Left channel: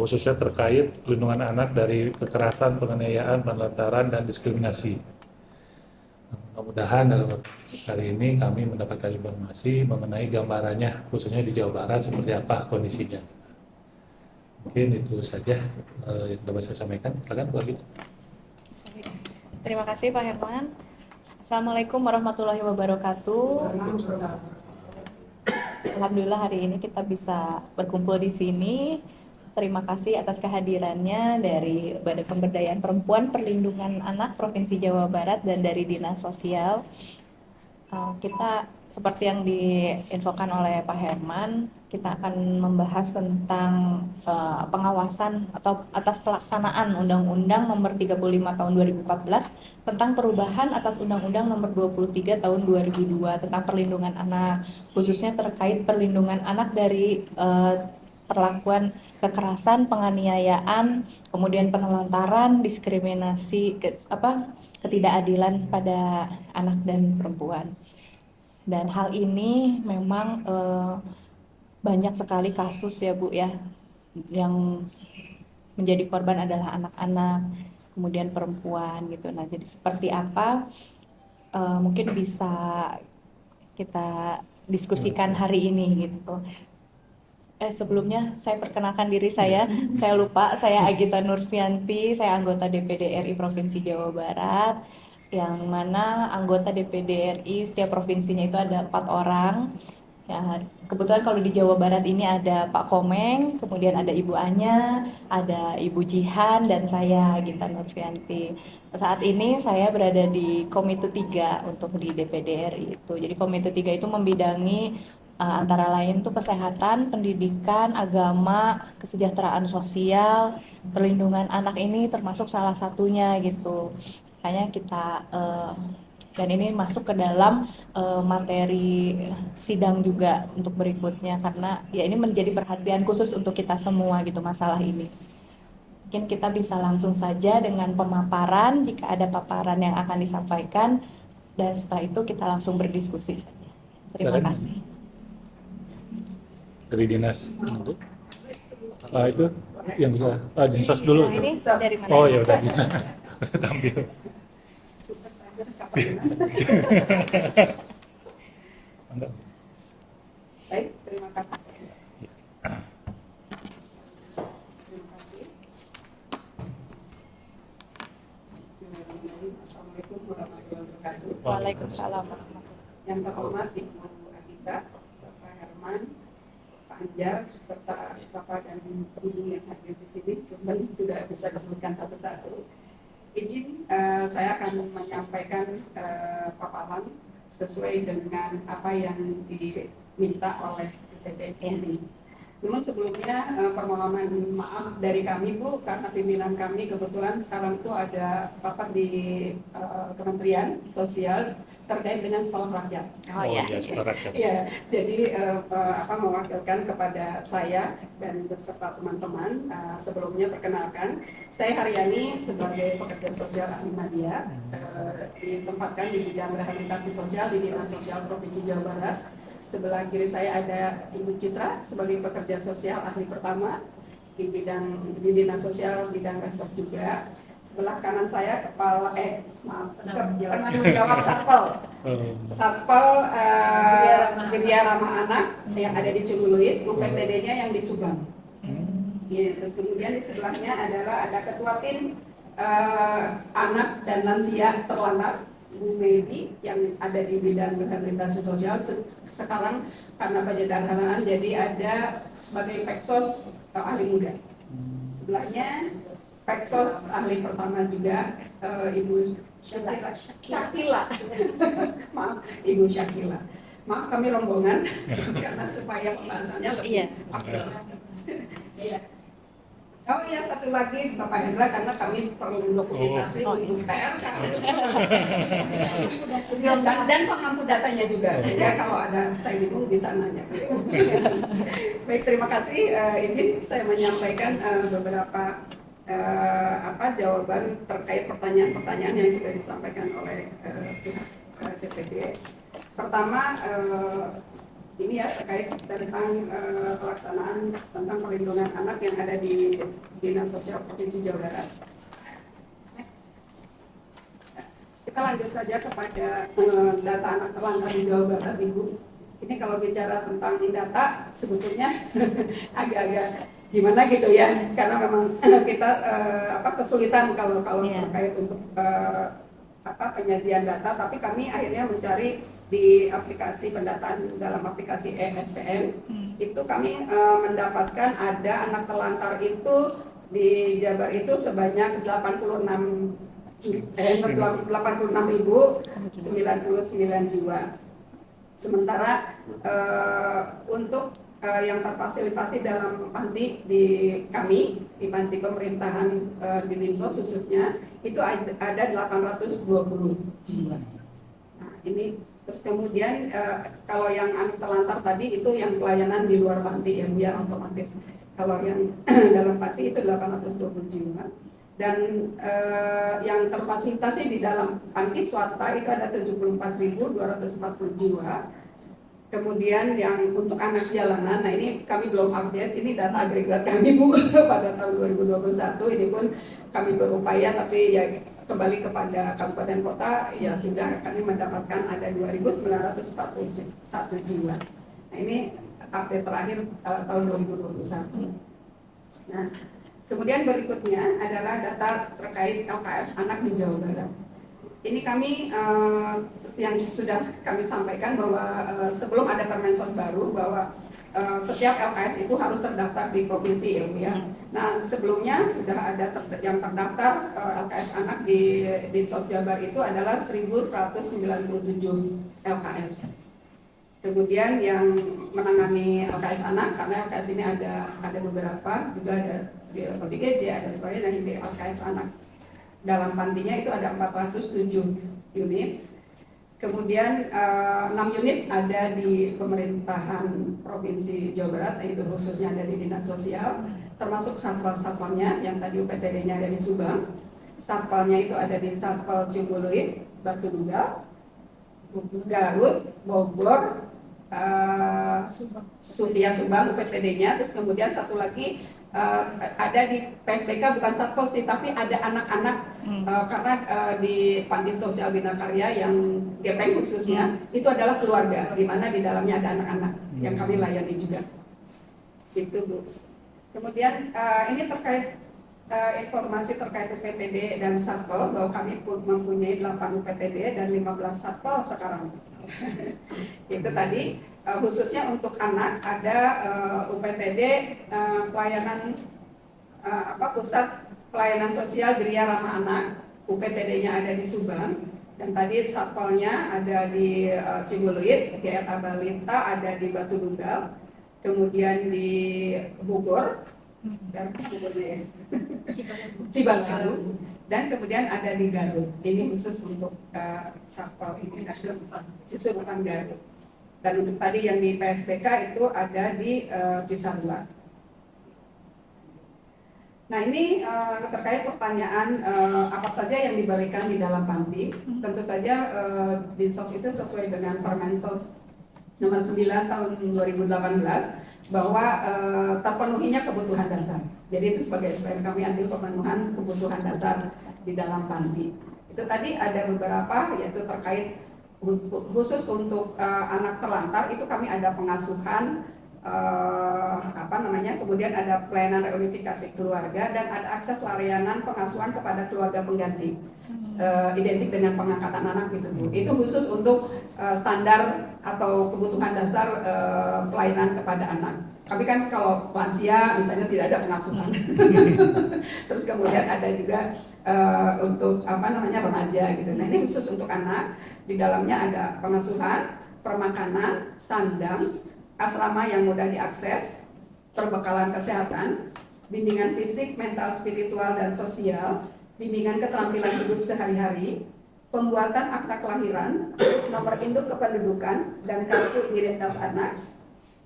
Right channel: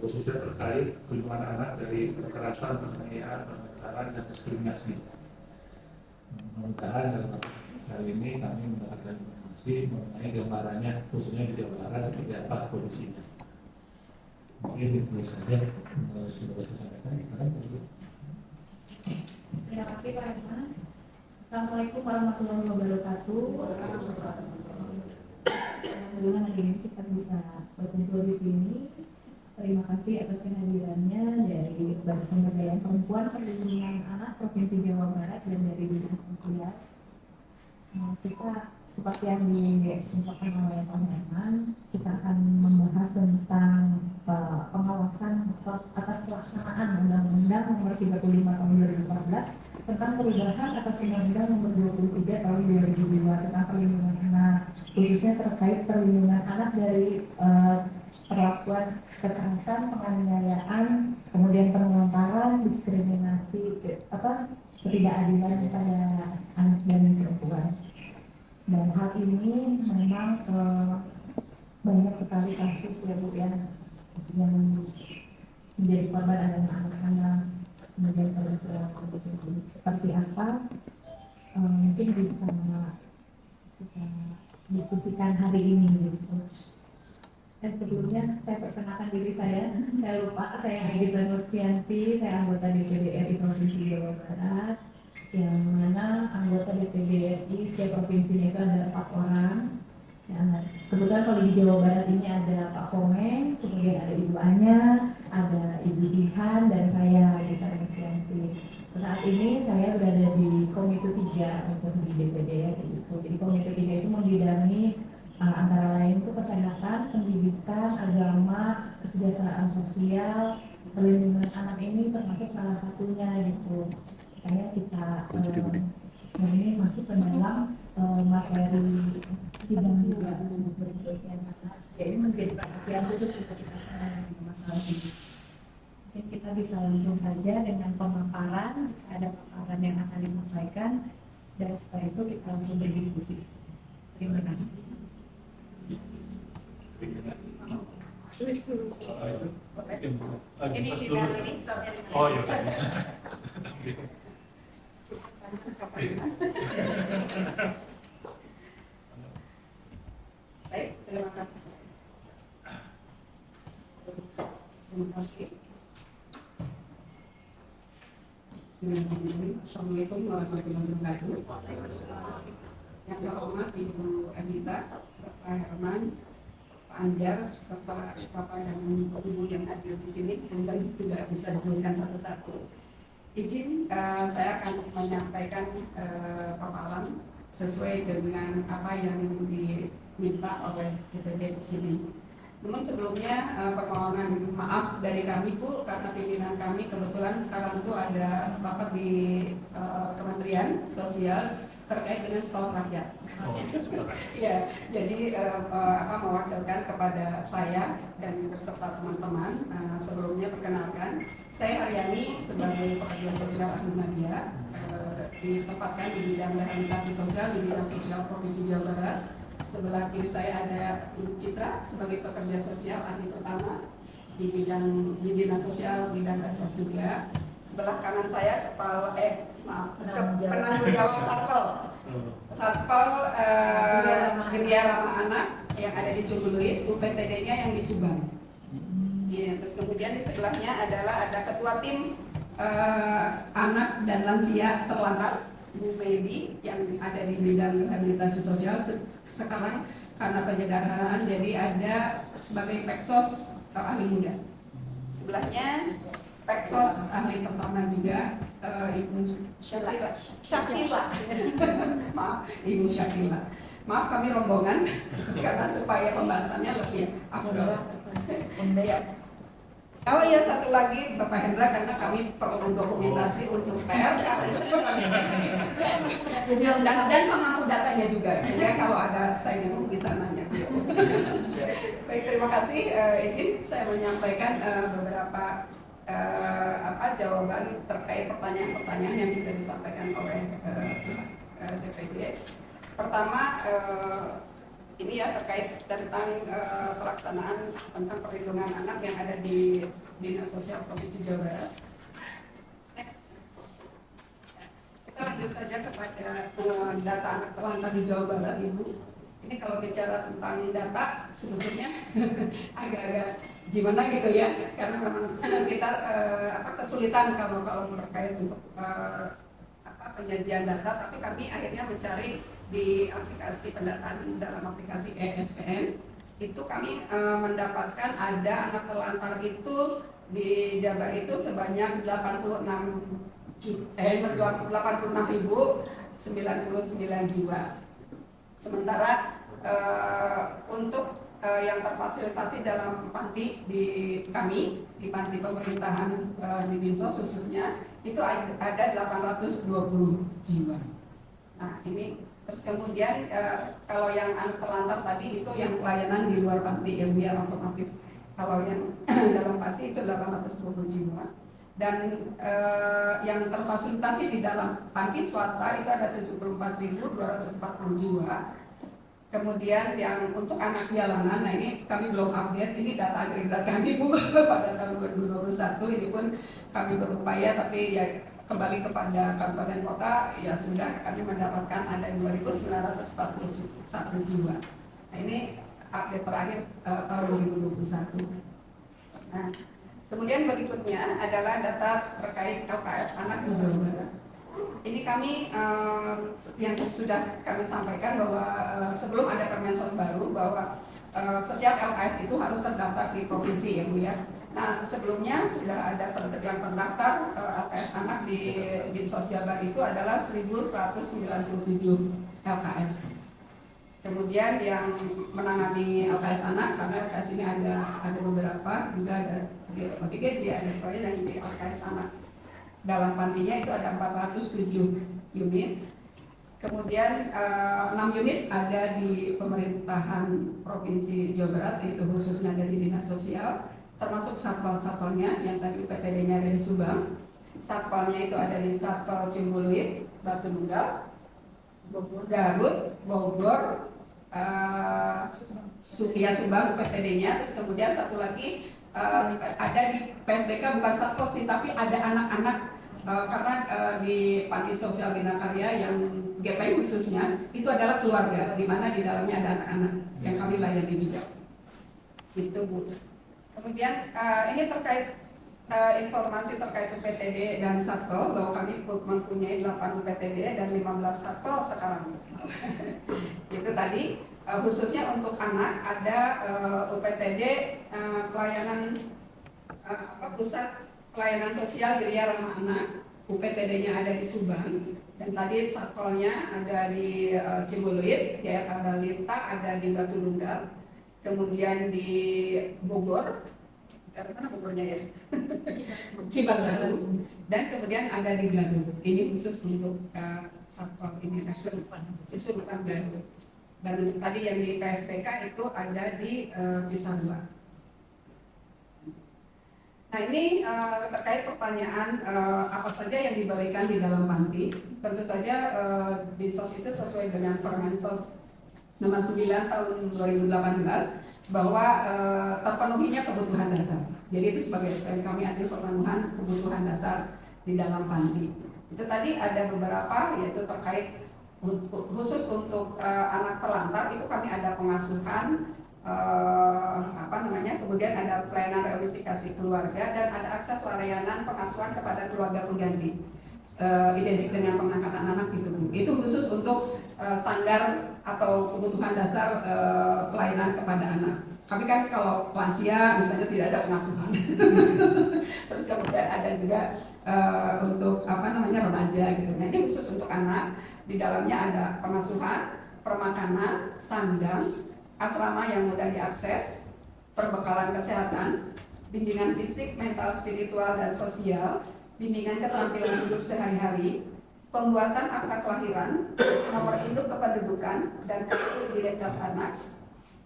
khususnya terkait perlindungan anak dari kekerasan, penganiayaan, penelantaran, dan diskriminasi. Mudah-mudahan dalam kali ini kami mendapatkan informasi mengenai gambarannya, khususnya di Jawa Barat seperti apa kondisinya. Mungkin itu saja yang dapat saya sampaikan. Silakan Bu Abid. Terima kasih Pak Herman. Assalamualaikum warahmatullahi wabarakatuh. Alhamdulillah hari ini kita bisa berkumpul di sini. Terima kasih atas kehadirannya dari Badan Pemberdayaan Perempuan Perlindungan Anak Provinsi Jawa Barat dan dari Dinas Sosial. Kita seperti yang diinfokan oleh Pak Herman, kita akan membahas tentang pengawasan atau atas pelaksanaan Undang-Undang Nomor 35 Tahun 2014 tentang perubahan atas Undang-Undang Nomor 23 Tahun 2002 tentang perlindungan anak, khususnya terkait perlindungan anak dari perlakuan kekerasan, penganiayaan, kemudian penelantaran, diskriminasi, ketidakadilan pada anak dan perempuan. Dan hal ini memang banyak sekali kasus ya Bu ya, yang menjadi korban adalah anak-anak, kemudian perempuan gitu. Nah jadi seperti apa mungkin bisa kita diskusikan hari ini gitu. Sebelumnya saya perkenalkan diri saya lupa, saya Agita Nurfianti, saya anggota DPD RI Provinsi Jawa Barat, yang mana anggota DPD RI setiap provinsinya itu ada 4 orang. Ya, kebetulan kalau di Jawa Barat ini ada Pak Komeng, kemudian ada Ibu Anya, ada Ibu Jihan, dan saya Agita Nurfianti. Saat ini saya berada di Komite 3 untuk di DPD RI itu. Jadi Komite 3 itu membidangi antara lain tuh kesehatan, pendidikan, agama, kesejahteraan sosial, perlindungan anak ini termasuk salah satunya gitu. Makanya kita dan ini masuk ke dalam materi sidang juga untuk berikutnya karena ya ini menjadi perhatian khusus untuk kita semua gitu masalah ini. Mungkin kita bisa langsung saja dengan pemaparan jika ada paparan yang akan disampaikan dan setelah itu kita langsung berdiskusi saja. Terima kasih. Dari dinas itu yang bisa dinsos dulu. Ini dari mana? Oh ya udah bisa. Saya tampil. Baik, terima kasih. Terima kasih. Bismillahirrahmanirrahim. Assalamualaikum warahmatullahi wabarakatuh. Waalaikumsalam. Yang terhormat Ibu Agita, Bapak Herman, Pak Anjar, serta Bapak dan Ibu yang hadir di sini, mungkin tidak bisa disebutkan satu-satu. Izin saya akan menyampaikan paparan sesuai dengan apa yang diminta oleh DPD di sini. Namun sebelumnya permohonan maaf dari kami Bu, karena pimpinan kami kebetulan sekarang itu ada rapat di Kementerian Sosial terkait dengan sekolah rakyat. Oh ya. Sekolah rakyat. Ya, jadi mewakilkan kepada saya dan beserta teman-teman. Sebelumnya perkenalkan, saya Haryani sebagai pekerja sosial Ahmadiyah, ditempatkan di bidang rehabilitasi sosial di Dinas Sosial Provinsi Jawa Barat. Sebelah kiri saya ada Ibu Citra sebagai pekerja sosial ahli pertama di Dinas Sosial bidang Resos juga. Sebelah kanan saya penanggung jawab Satpol Geria Ramah Anak yang ada di Cibuluit, UPTD-nya yang di Subang. Ya, terus kemudian di sebelahnya adalah ada ketua tim anak dan lansia terlantar Bu Baby yang ada di bidang rehabilitasi sosial. Sekarang karena penyederhanaan jadi ada sebagai Peksos ahli muda. Sebelahnya Peksos ahli pertama juga Ibu Syakila. Maaf, Ibu Syakila. Maaf kami rombongan karena supaya pembahasannya lebih ya. Oh iya, satu lagi Bapak Hendra, karena kami perlu dokumentasi untuk PR dan pengampu datanya juga, sehingga kalau ada saya bingung bisa nanya. Baik, terima kasih. Izin saya menyampaikan beberapa jawaban terkait pertanyaan-pertanyaan yang sudah disampaikan oleh pihak DPD. Pertama, ini ya terkait tentang pelaksanaan tentang perlindungan anak yang ada di Dinas Sosial Provinsi Jawa Barat. Next. Kita lanjut saja kepada data anak terlantar di Jawa Barat, Ibu. Ini kalau bicara tentang data sebetulnya agak-agak gimana gitu ya, karena memang kita kesulitan kalau terkait untuk penyajian data, tapi kami akhirnya mencari di aplikasi pendataan dalam aplikasi ESPM. Itu kami mendapatkan ada anak terlantar itu di Jabar itu sebanyak 86.099 jiwa. Sementara untuk yang terfasilitasi dalam panti di kami, di panti pemerintahan di Dinsos khususnya, itu ada 820 jiwa. Nah ini, terus kemudian kalau yang anak terlantar tadi itu yang pelayanan di luar panti ya Bu ya, otomatis. Kalau yang dalam panti itu 820 jiwa. Dan yang terfasilitasi di dalam panti swasta itu ada 74.240 jiwa. Kemudian yang untuk anak jalanan, nah ini kami belum update, ini data agregat kami Bu pada tahun 2021, ini pun kami berupaya, tapi ya kembali kepada kabupaten kota, ya sudah kami mendapatkan ada 2.941 jiwa. Nah ini update terakhir tahun 2021. Nah, kemudian berikutnya adalah data terkait LKS anak di Jawa Barat. Ini kami yang sudah kami sampaikan bahwa sebelum ada Permensos baru bahwa setiap LKS itu harus terdaftar di provinsi ya Bu ya. Nah sebelumnya sudah ada yang terdaftar LKS anak di Dinsos Jabar itu adalah 1.197 LKS. Kemudian yang menangani LKS anak, karena LKS ini ada beberapa, juga ada di ODGJ, ada sebagainya, dan di LKS anak dalam pantinya itu ada 407 unit. Kemudian 6 unit ada di pemerintahan Provinsi Jawa Barat, yaitu khususnya ada di Dinas Sosial, termasuk satpal-satpalnya yang tadi UPTD-nya ada di Subang. Satpalnya itu ada di Satpal Ciumbuluit, Batu Nunggal, Garut, Bogor, Subang UPTD-nya. Terus kemudian satu lagi ada di PSBK, bukan satpol sih, tapi ada anak-anak karena di Panti Sosial Bina Karya yang GPI khususnya itu adalah keluarga, di mana di dalamnya ada anak-anak yang kami layani juga. Itu Bu. Kemudian ini terkait informasi terkait UPTD dan satpol, bahwa kami pun mempunyai 8 UPTD dan 15 satpol sekarang. Itu tadi khususnya untuk anak ada UPTD pelayanan Pusat Pelayanan Sosial Geria Ramah Anak, UPTD-nya ada di Subang, dan tadi satpolnya ada di Ciumbuluit, Jaya Tabalita ada di Batu Nunggal, kemudian di Bogor, Bogornya ya, Cibalgaru, dan kemudian ada di Garut. Ini khusus untuk satpol ini, justru bukan Garut. Dan untuk tadi yang di PSBK itu ada di Cisarua. Nah ini terkait pertanyaan apa saja yang diberikan di dalam panti. Tentu saja Dinsos itu sesuai dengan Permensos nomor 9 tahun 2018 bahwa terpenuhinya kebutuhan dasar. Jadi itu sebagai SPM kami ambil pemenuhan kebutuhan dasar di dalam panti. Itu tadi ada beberapa, yaitu terkait khusus untuk anak terlantar itu kami ada pengasuhan, kemudian ada pelayanan reunifikasi keluarga, dan ada akses layanan pengasuhan kepada keluarga pengganti, identik dengan pengangkatan anak gitu Bu. Itu khusus untuk standar atau kebutuhan dasar pelayanan kepada anak. Kami kan kalau lansia misalnya tidak ada pengasuhan. Terus kemudian ada juga untuk remaja gitu. Nah ini khusus untuk anak. Di dalamnya ada pengasuhan, permakanan, sandang, asrama yang mudah diakses, perbekalan kesehatan, bimbingan fisik, mental, spiritual, dan sosial, bimbingan keterampilan hidup sehari-hari, pembuatan akta kelahiran, nomor induk kependudukan, dan kartu identitas anak,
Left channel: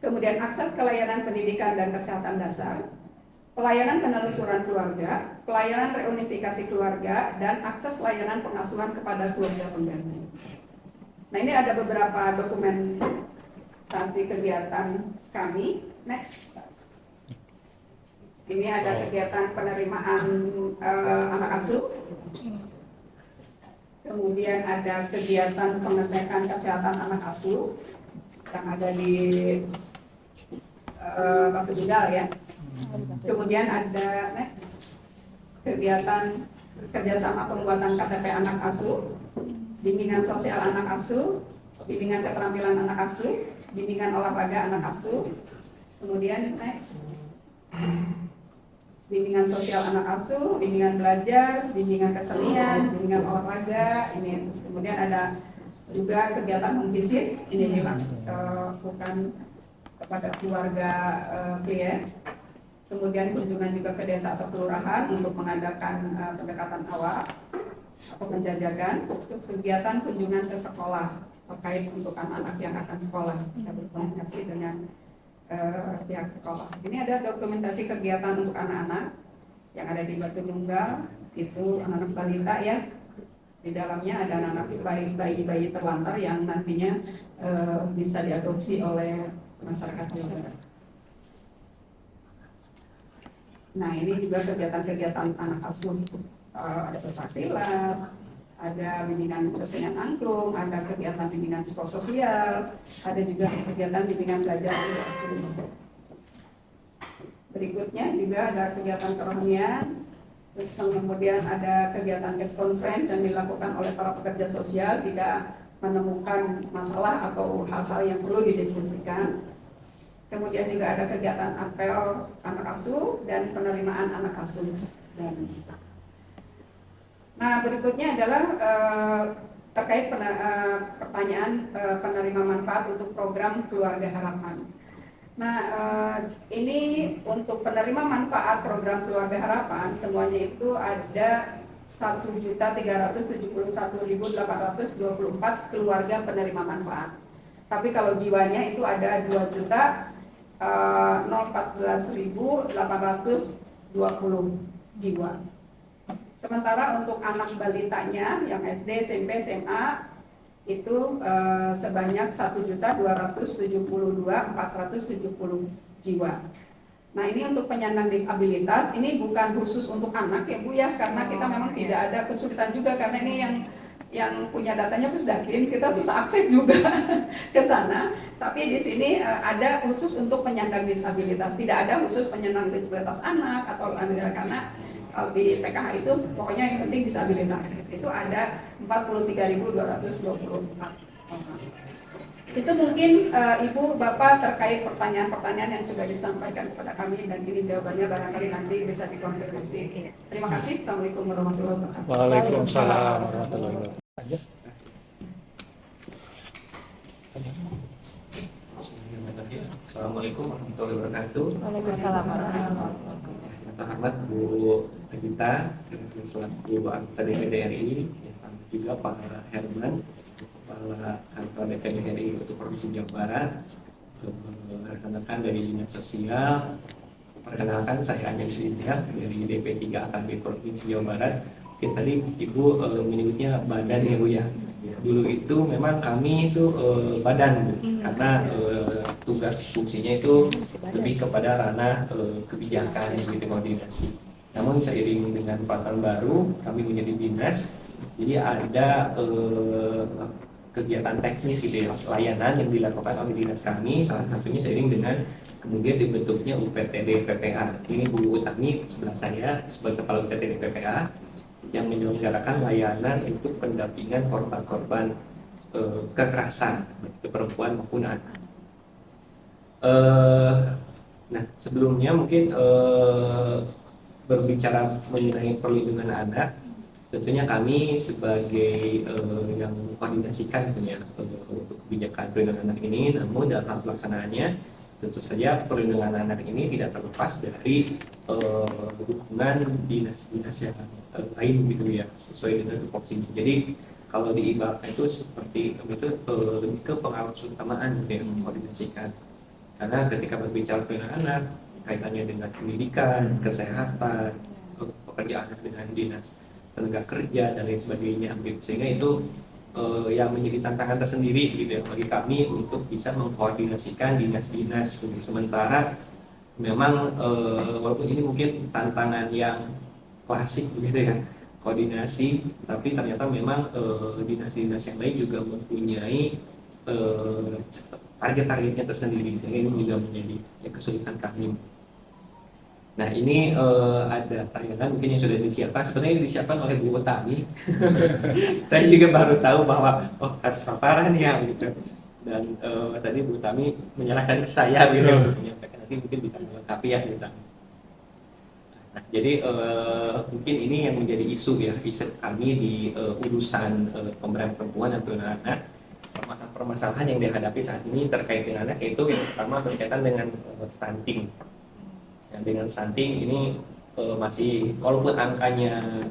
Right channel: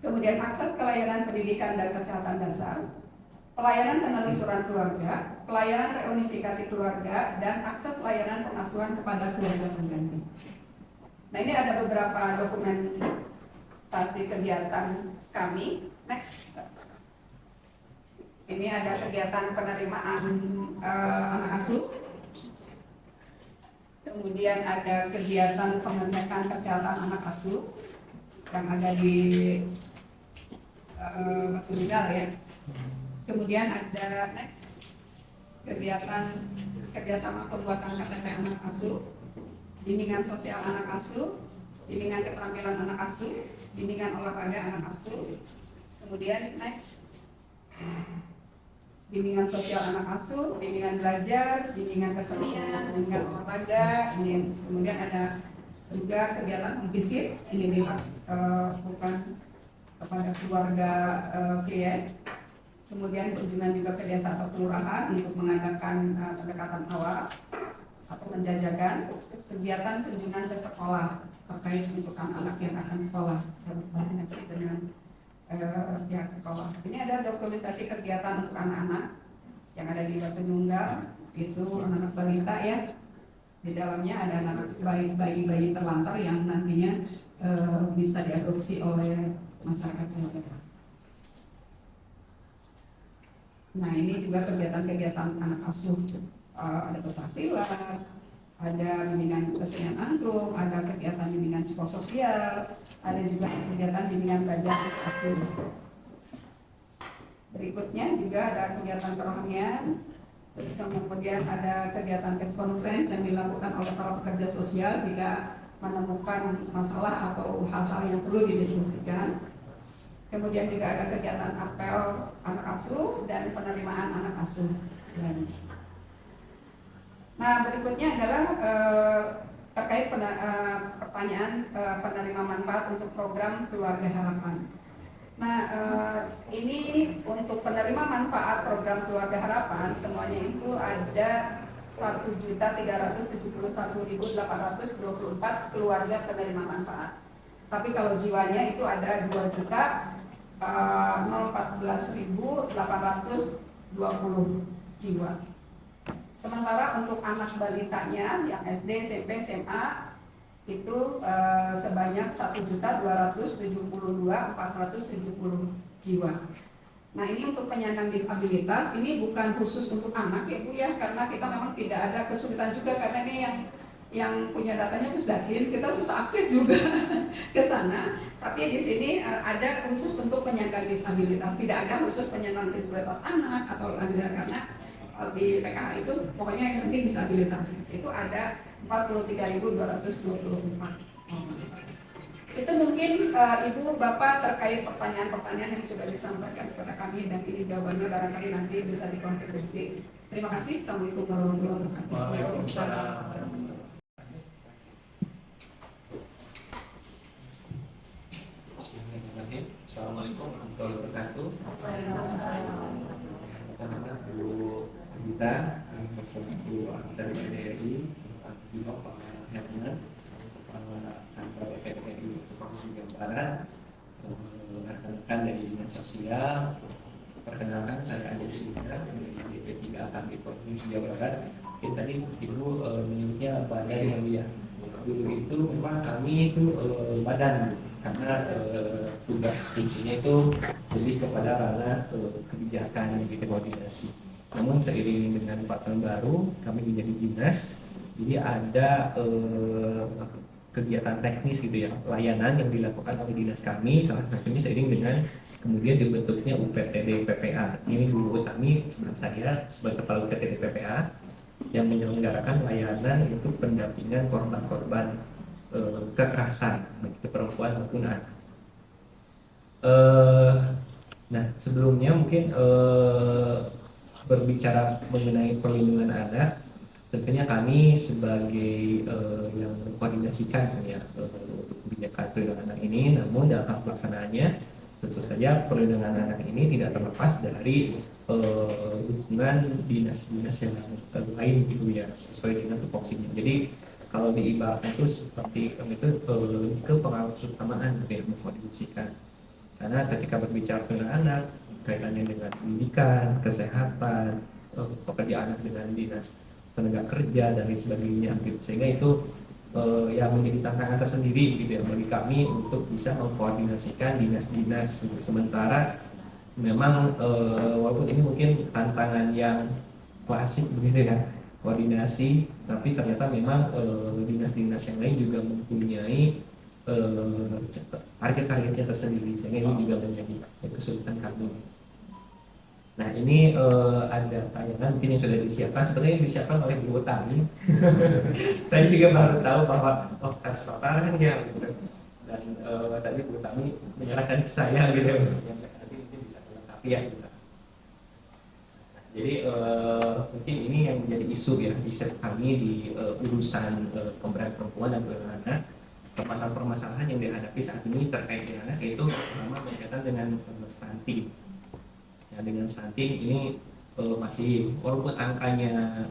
kemudian akses ke layanan pendidikan dan kesehatan dasar, pelayanan penelusuran keluarga, pelayanan reunifikasi keluarga, dan akses layanan pengasuhan kepada keluarga pengganti. Nah ini ada beberapa dokumen dokumentasi kegiatan kami. Next. Ini ada kegiatan penerimaan anak asuh. Kemudian ada kegiatan pengecekan kesehatan anak asuh yang ada di Batu Tinggal ya. Kemudian ada next kegiatan kerjasama pembuatan KTP anak asuh, bimbingan sosial anak asuh, bimbingan keterampilan anak asuh, bimbingan olahraga anak asuh. Kemudian next bimbingan sosial anak asuh, bimbingan belajar, bimbingan kesenian, bimbingan olahraga. Ini kemudian ada juga kegiatan home visit. Ini dilakukan kepada keluarga klien. Kemudian kunjungan juga ke desa atau kelurahan untuk mengadakan pendekatan awal atau penjajakan. Terus kegiatan kunjungan ke sekolah terkait untukan anak yang akan sekolah. Kita berkoordinasi dengan pihak sekolah. Ini ada dokumentasi kegiatan untuk anak-anak yang ada di Batu Nunggal, itu anak-anak balita ya. Di dalamnya ada anak-anak bayi terlantar yang nantinya bisa diadopsi oleh masyarakat Jawa. Nah, ini juga kegiatan-kegiatan anak asuh, ada pencaksilat, ada bimbingan kesenian angklung, ada kegiatan bimbingan psikososial, ada juga kegiatan bimbingan belajar anak asuh. Berikutnya juga ada kegiatan kerohanian, terus kemudian ada kegiatan case conference yang dilakukan oleh para pekerja sosial jika menemukan masalah atau hal-hal yang perlu didiskusikan. Kemudian juga ada kegiatan apel anak asuh dan penerimaan anak asuh. Nah, berikutnya adalah terkait pertanyaan penerima manfaat untuk program Keluarga Harapan. Nah, ini untuk penerima manfaat program Keluarga Harapan semuanya itu ada 1.371.824 keluarga penerima manfaat. Tapi kalau jiwanya itu ada 2.014.820 jiwa. Sementara untuk anak balitanya yang SD, SMP, SMA itu sebanyak 1.272.470 jiwa. Nah, ini untuk penyandang disabilitas, ini bukan khusus untuk anak ya Bu ya, karena kita memang tidak ada kesulitan juga karena ini yang punya datanya Pusdakin, kita susah akses juga ke sana. Tapi di sini ada khusus untuk penyandang disabilitas, tidak ada khusus penyandang disabilitas anak atau karena kalau di PKH itu pokoknya yang penting disabilitas. Itu ada 43.224 orang. Itu mungkin Ibu Bapak terkait pertanyaan-pertanyaan yang sudah disampaikan kepada kami dan ini jawabannya barangkali nanti bisa dikonfirmasi. Terima kasih. Assalamualaikum warahmatullahi wabarakatuh. Waalaikumsalam warahmatullahi wabarakatuh. Assalamualaikum warahmatullahi wabarakatuh. Waalaikumsalam. Selamat Bu Agita, selaku anggota DPD RI, juga Pak Herman, Kepala Kantor DPD RI untuk Provinsi Jawa Barat, rekan-rekan dari Dinas Sosial. Perkenalkan, saya Anjay Sidiak dari DP3 AKB Provinsi Jawa Barat. Tadi Ibu menyebutnya badan ya Bu ya. Dulu itu memang kami itu badan karena tugas fungsinya itu lebih kepada ranah kebijakan gitu, koordinasi. Namun seiring dengan tahun baru kami menjadi dinas, jadi ada kegiatan teknis gitu ya, layanan yang dilakukan oleh dinas kami, salah satunya seiring dengan kemudian dibentuknya UPTD PPA. Ini Bu Utami sebelah saya sebagai kepala UPTD PPA yang menyelenggarakan layanan untuk pendampingan korban-korban kekerasan baik itu perempuan maupun anak. Nah, sebelumnya mungkin berbicara mengenai perlindungan anak, tentunya kami sebagai yang mengkoordinasikan ya untuk kebijakan perlindungan anak ini, namun dalam hal pelaksanaannya tentu saja perlindungan anak ini tidak terlepas dari dukungan dinas-dinas yang lain gitu ya, sesuai dengan tupoksinya. Jadi kalau diibaratkan itu seperti itu lebih ke pengawas utamaan gitu yang mengkoordinasikan. Karena ketika berbicara perlindungan anak, kaitannya dengan pendidikan, kesehatan, pekerjaan anak dengan dinas tenaga kerja dan lain sebagainya, sehingga itu yang menjadi tantangan tersendiri gitu ya bagi kami untuk bisa mengkoordinasikan dinas-dinas. Sementara memang walaupun ini mungkin tantangan yang klasik begitu ya, koordinasi, tapi ternyata memang dinas-dinas yang lain juga mempunyai target-targetnya tersendiri, sehingga ini juga menjadi kesulitan kami. Nah ini ada tayangan mungkin yang sudah disiapkan, sebenarnya disiapkan oleh Bu Utami. Saya juga baru tahu bahwa harus paparan ya gitu. Dan tadi Bu Utami menyalahkan saya gitu, menyampaikan nanti mungkin bisa melengkapi ya gitu. Nah, jadi mungkin ini yang menjadi isu ya, isu kami di urusan pemberdayaan perempuan dan perlindungan anak. Permasalahan yang dihadapi saat ini terkait dengan anak yaitu pertama berkaitan dengan stunting. Ya, dengan stunting ini masih walaupun angkanya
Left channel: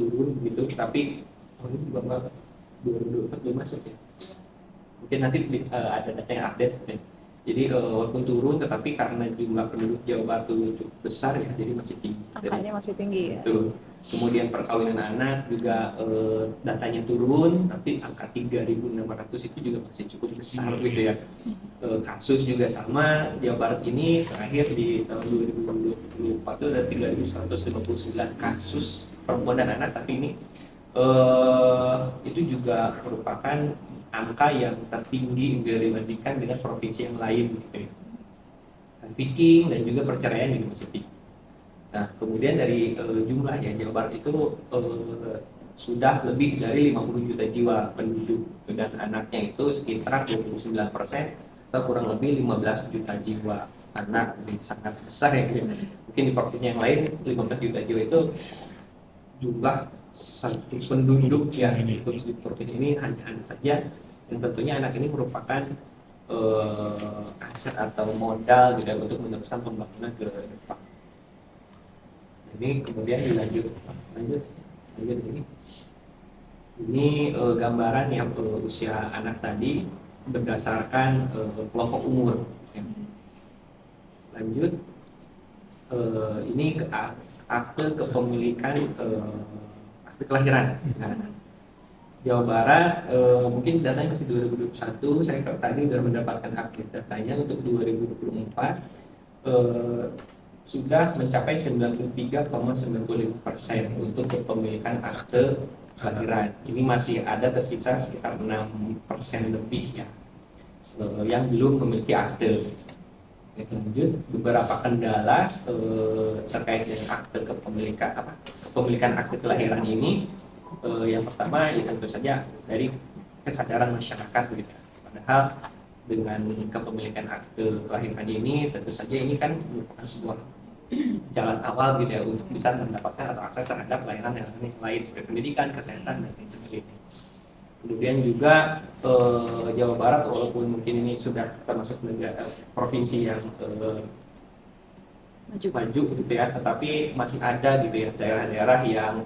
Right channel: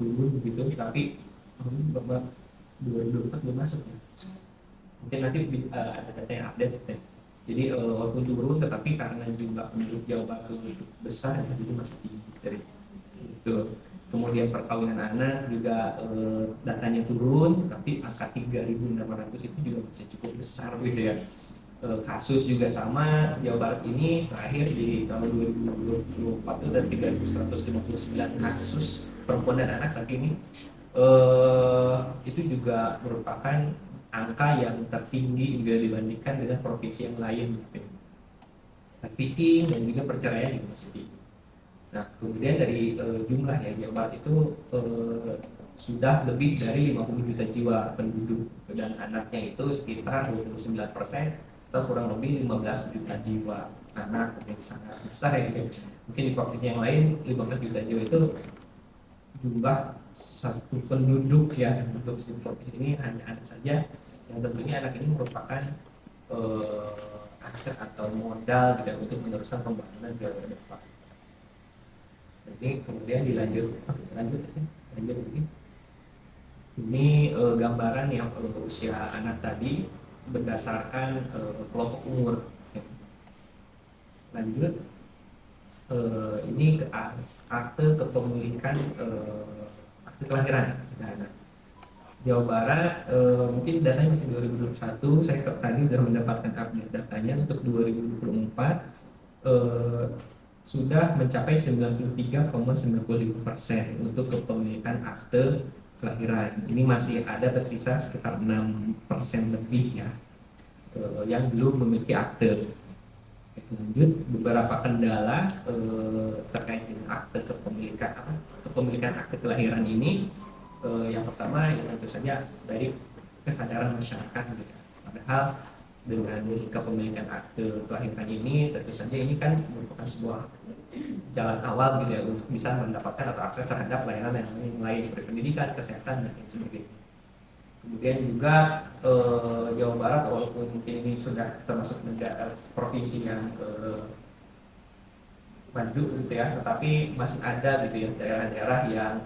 turun gitu, tapi ini Bapak 2024 belum masuk ya. Mungkin nanti ada data yang update ya. Jadi walaupun turun, tetapi karena jumlah penduduk Jawa Barat itu besar ya, jadi masih tinggi. Angkanya masih tinggi ya. Betul. Kemudian perkawinan anak juga datanya turun, tapi angka 3.600 itu juga masih cukup besar gitu ya. Kasus juga sama, Jawa Barat ini terakhir di tahun 2024 itu ada 3.159 kasus perempuan dan anak, tapi ini itu juga merupakan angka yang tertinggi bila dibandingkan dengan provinsi yang lain gitu ya. Trafficking dan juga perceraian juga masih tinggi. Nah, kemudian dari jumlah ya, Jawa Barat itu sudah lebih dari 50 juta jiwa penduduk, dan anaknya itu sekitar 29%, atau kurang lebih 15 juta jiwa anak. Jadi sangat besar ya. Mungkin di provinsi yang lain 15 juta jiwa itu jumlah satu penduduk ya. Untuk di provinsi ini hanya anak saja, yang tentunya anak ini merupakan aset atau modal gitu, untuk meneruskan pembangunan ke depan. Ini kemudian lanjut ini. Ini gambaran yang usia anak tadi berdasarkan kelompok umur. Lanjut, ini akte kepemilikan akte kelahiran. Nah, Jawa Barat mungkin datanya masih 2021. Saya tadi sudah mendapatkan update datanya untuk 2024. Sudah mencapai 93,95% untuk kepemilikan akte kelahiran. Ini masih ada tersisa sekitar 6% lebih ya yang belum memiliki akte. Lanjut, beberapa kendala terkait dengan akte kepemilikan akte kelahiran ini. Yang pertama ya tentu saja dari kesadaran masyarakat gitu. Padahal dengan kepemilikan akte kelahiran ini tentu saja ini kan merupakan sebuah jalan awal gitu ya untuk bisa mendapatkan atau akses terhadap layanan yang lain seperti pendidikan, kesehatan dan lain sebagainya. Kemudian juga Jawa Barat walaupun mungkin ini sudah termasuk negara provinsi yang maju gitu ya, tetapi masih ada gitu ya daerah-daerah yang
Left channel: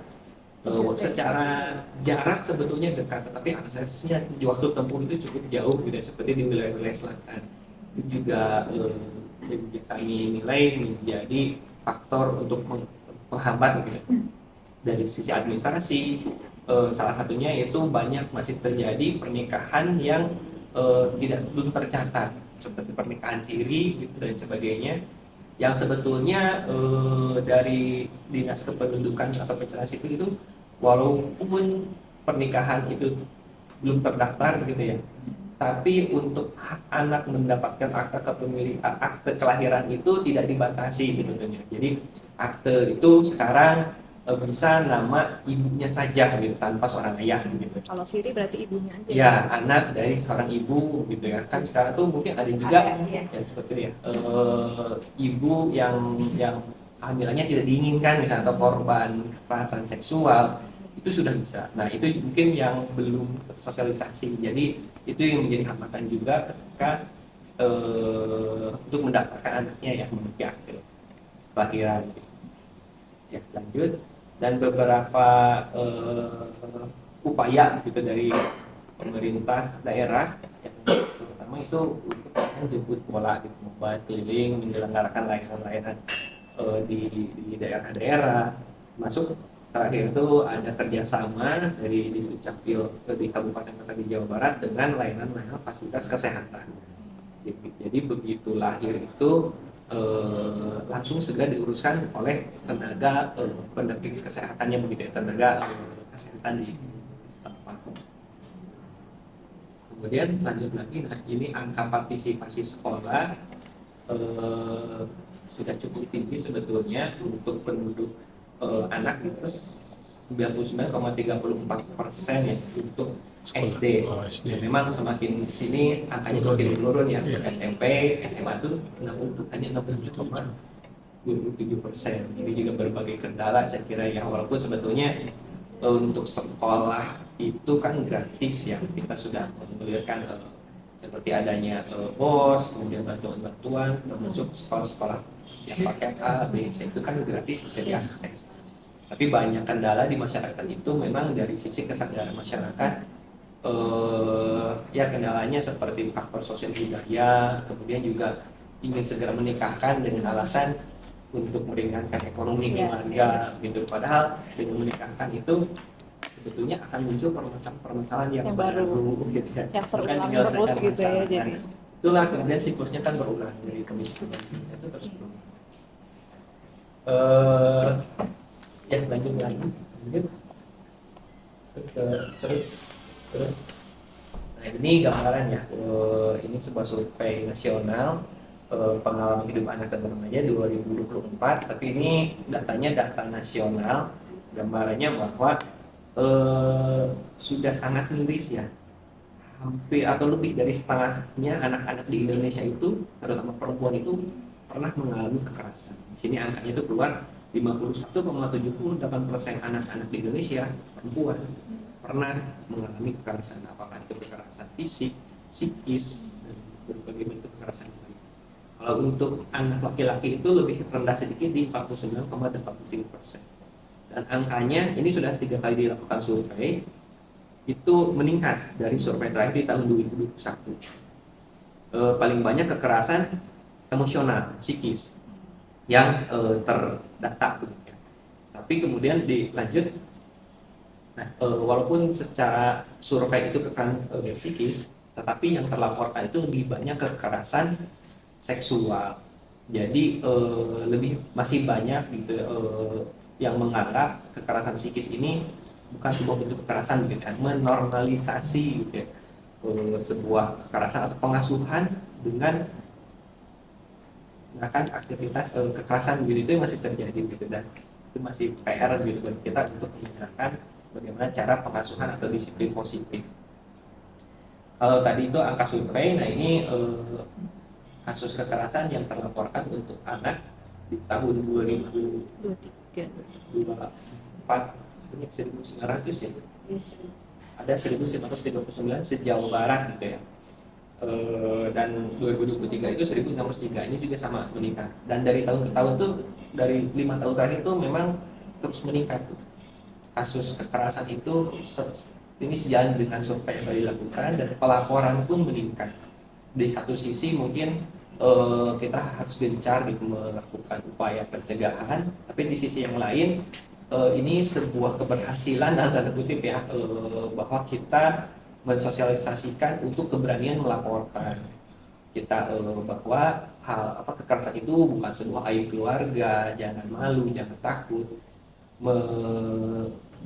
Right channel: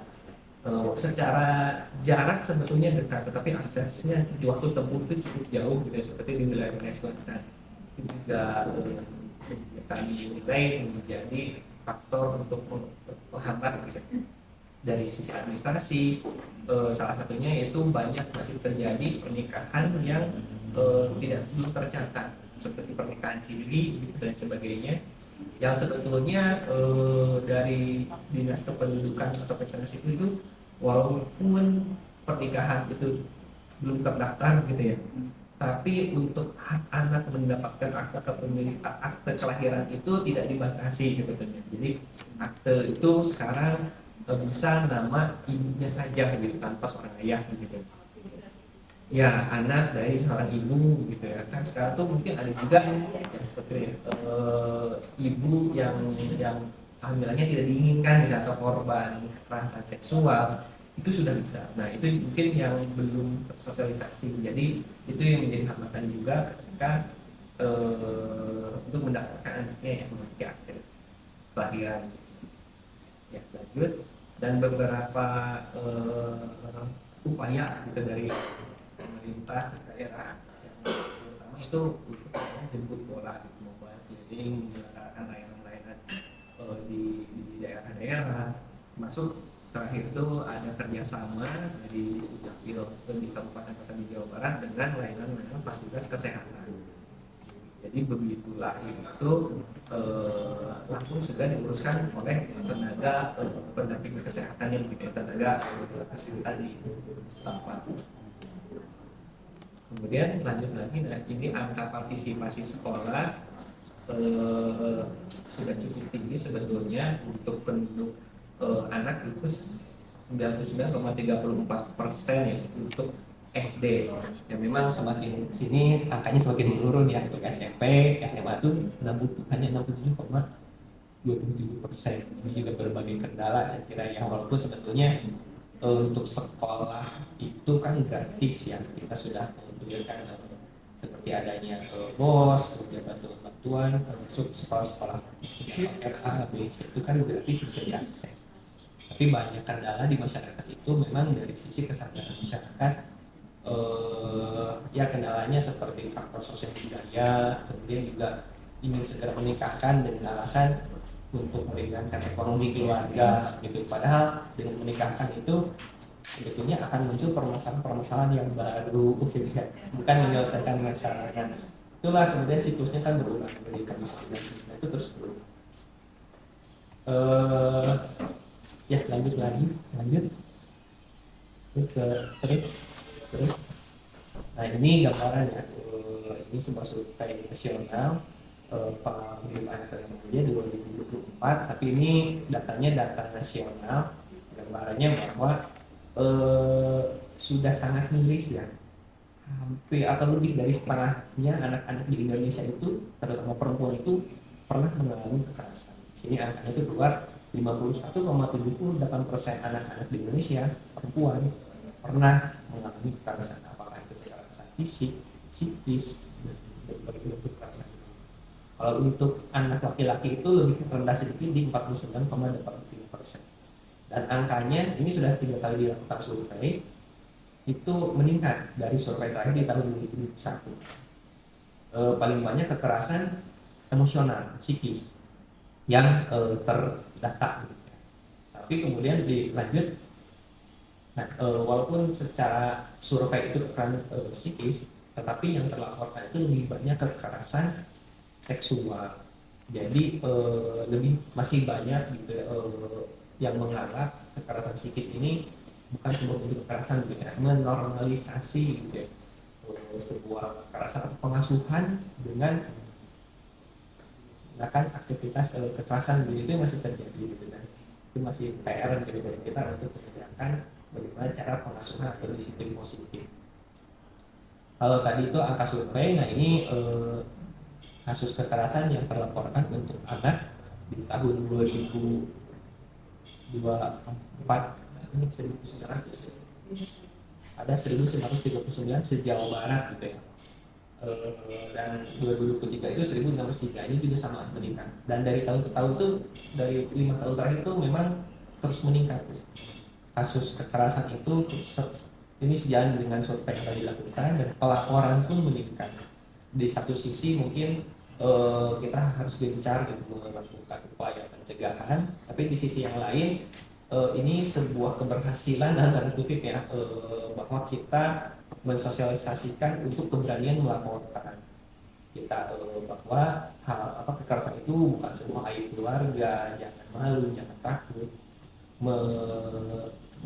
secara jarak sebetulnya dekat, tetapi aksesnya di waktu tempuh itu cukup jauh gitu ya, seperti di wilayah-wilayah selatan. Itu juga kami nilai menjadi faktor untuk menghambat gitu. Dari sisi administrasi, salah satunya yaitu banyak masih terjadi pernikahan yang belum tercatat, seperti pernikahan siri gitu, dan sebagainya, yang sebetulnya dari Dinas Kependudukan atau Pencatatan Sipil itu walaupun pernikahan itu belum terdaftar gitu ya, tapi untuk hak anak mendapatkan akte kepemilikan, akte kelahiran itu tidak dibatasi sebetulnya. Jadi akte itu sekarang bisa nama ibunya saja gitu, tanpa seorang ayah gitu. Kalau siri berarti ibunya aja. Ya, anak dari seorang ibu gitu ya. Kan sekarang tuh mungkin ada juga ya seperti ya ibu yang kehamilannya tidak diinginkan misalnya, atau korban kekerasan seksual, itu sudah bisa. Nah, itu mungkin yang belum tersosialisasi. Jadi itu yang menjadi hambatan juga ketika untuk mendaftarkan anaknya yang memiliki akte kelahiran. Ya, lanjut. Dan beberapa upaya gitu dari pemerintah daerah, yang pertama itu untuk jemput bola gitu, mobile keliling menyelenggarakan layanan-layanan di daerah-daerah, masuk terakhir itu ada kerjasama dari Disdukcapil di Kabupaten Kota di Jawa Barat dengan layanan-layanan fasilitas kesehatan. Jadi begitu lahir itu langsung segera diuruskan oleh tenaga pendamping kesehatannya begitu ya, tenaga kesehatan di setempat. Kemudian lanjut lagi, nah ini angka partisipasi sekolah sudah cukup tinggi sebetulnya untuk penduduk anak itu 99,34% ya untuk SD. Ya, memang semakin sini angkanya semakin turun ya. SMP, SMA itu hanya 67,27%. Ini juga berbagai kendala saya kira ya, walaupun sebetulnya untuk sekolah itu kan gratis ya, kita sudah memberikan seperti adanya BOS, kemudian bantuan-bantuan, termasuk sekolah-sekolah yang paket A, B, C itu kan gratis bisa diakses. Tapi banyak kendala di masyarakat itu memang dari sisi kesadaran masyarakat. Ya kendalanya seperti faktor sosial budaya, kemudian juga ingin segera menikahkan dengan alasan untuk meringankan ekonomi keluarga gitu. Padahal dengan menikahkan itu sebetulnya akan muncul permasalahan-permasalahan yang baru gitu ya, yang bukan menyelesaikan terus gitu ya, masalah. jadi. Nah, itulah kemudian siklusnya kan berulang dari kemiskinan itu terus berulang. Ya lanjut. Terus. Nah ini gambarannya. Ini sebuah survei nasional pengalaman hidup anak dan remajanya 2024. Tapi ini datanya data nasional. Gambarannya bahwa sudah sangat miris ya. Hampir atau lebih dari setengahnya anak-anak di Indonesia itu, terutama perempuan itu pernah mengalami kekerasan. Di sini angkanya itu keluar 51,78% anak-anak di Indonesia perempuan pernah mengalami kekerasan, apakah itu kekerasan fisik, psikis, berbagai bentuk kekerasan. Kalau untuk anak laki-laki itu lebih rendah sedikit di 49,83%. Dan angkanya ini sudah 3 kali dilakukan survei, itu meningkat dari survei terakhir di tahun 2021. Paling banyak kekerasan emosional, psikis yang terdata. Tapi kemudian dilanjut, walaupun secara survei itu kekerasan psikis, tetapi yang terlaporkan itu lebih banyak kekerasan seksual. Jadi lebih masih banyak gitu yang menganggap kekerasan psikis ini bukan sebuah bentuk kekerasan gitu ya, menormalisasi gitu ya, sebuah kekerasan atau pengasuhan dengan menggunakan aktivitas kekerasan gitu, itu masih terjadi gitu, dan itu masih PR gitu bagi kita untuk menggunakan bagaimana cara pengasuhan atau disiplin positif. Kalau tadi itu angka survei, nah ini kasus kekerasan yang terlaporkan untuk anak di tahun 2024 ini 1.900 ya, ada 1.939 sejauh barat gitu ya, dan 2023 itu 1.063, ini juga sama meningkat, dan dari tahun ke tahun tuh, dari 5 tahun terakhir itu memang terus meningkat kasus kekerasan itu. Ini sejalan dengan survei yang dilakukan dan pelaporan pun meningkat. Di satu sisi mungkin kita harus gencar melakukan upaya pencegahan, tapi di sisi yang lain ini sebuah keberhasilan dalam tanda kutip ya, bahwa kita mensosialisasikan untuk keberanian melaporkan kita bahwa hal kekerasan itu bukan sebuah aib keluarga, jangan malu, jangan takut,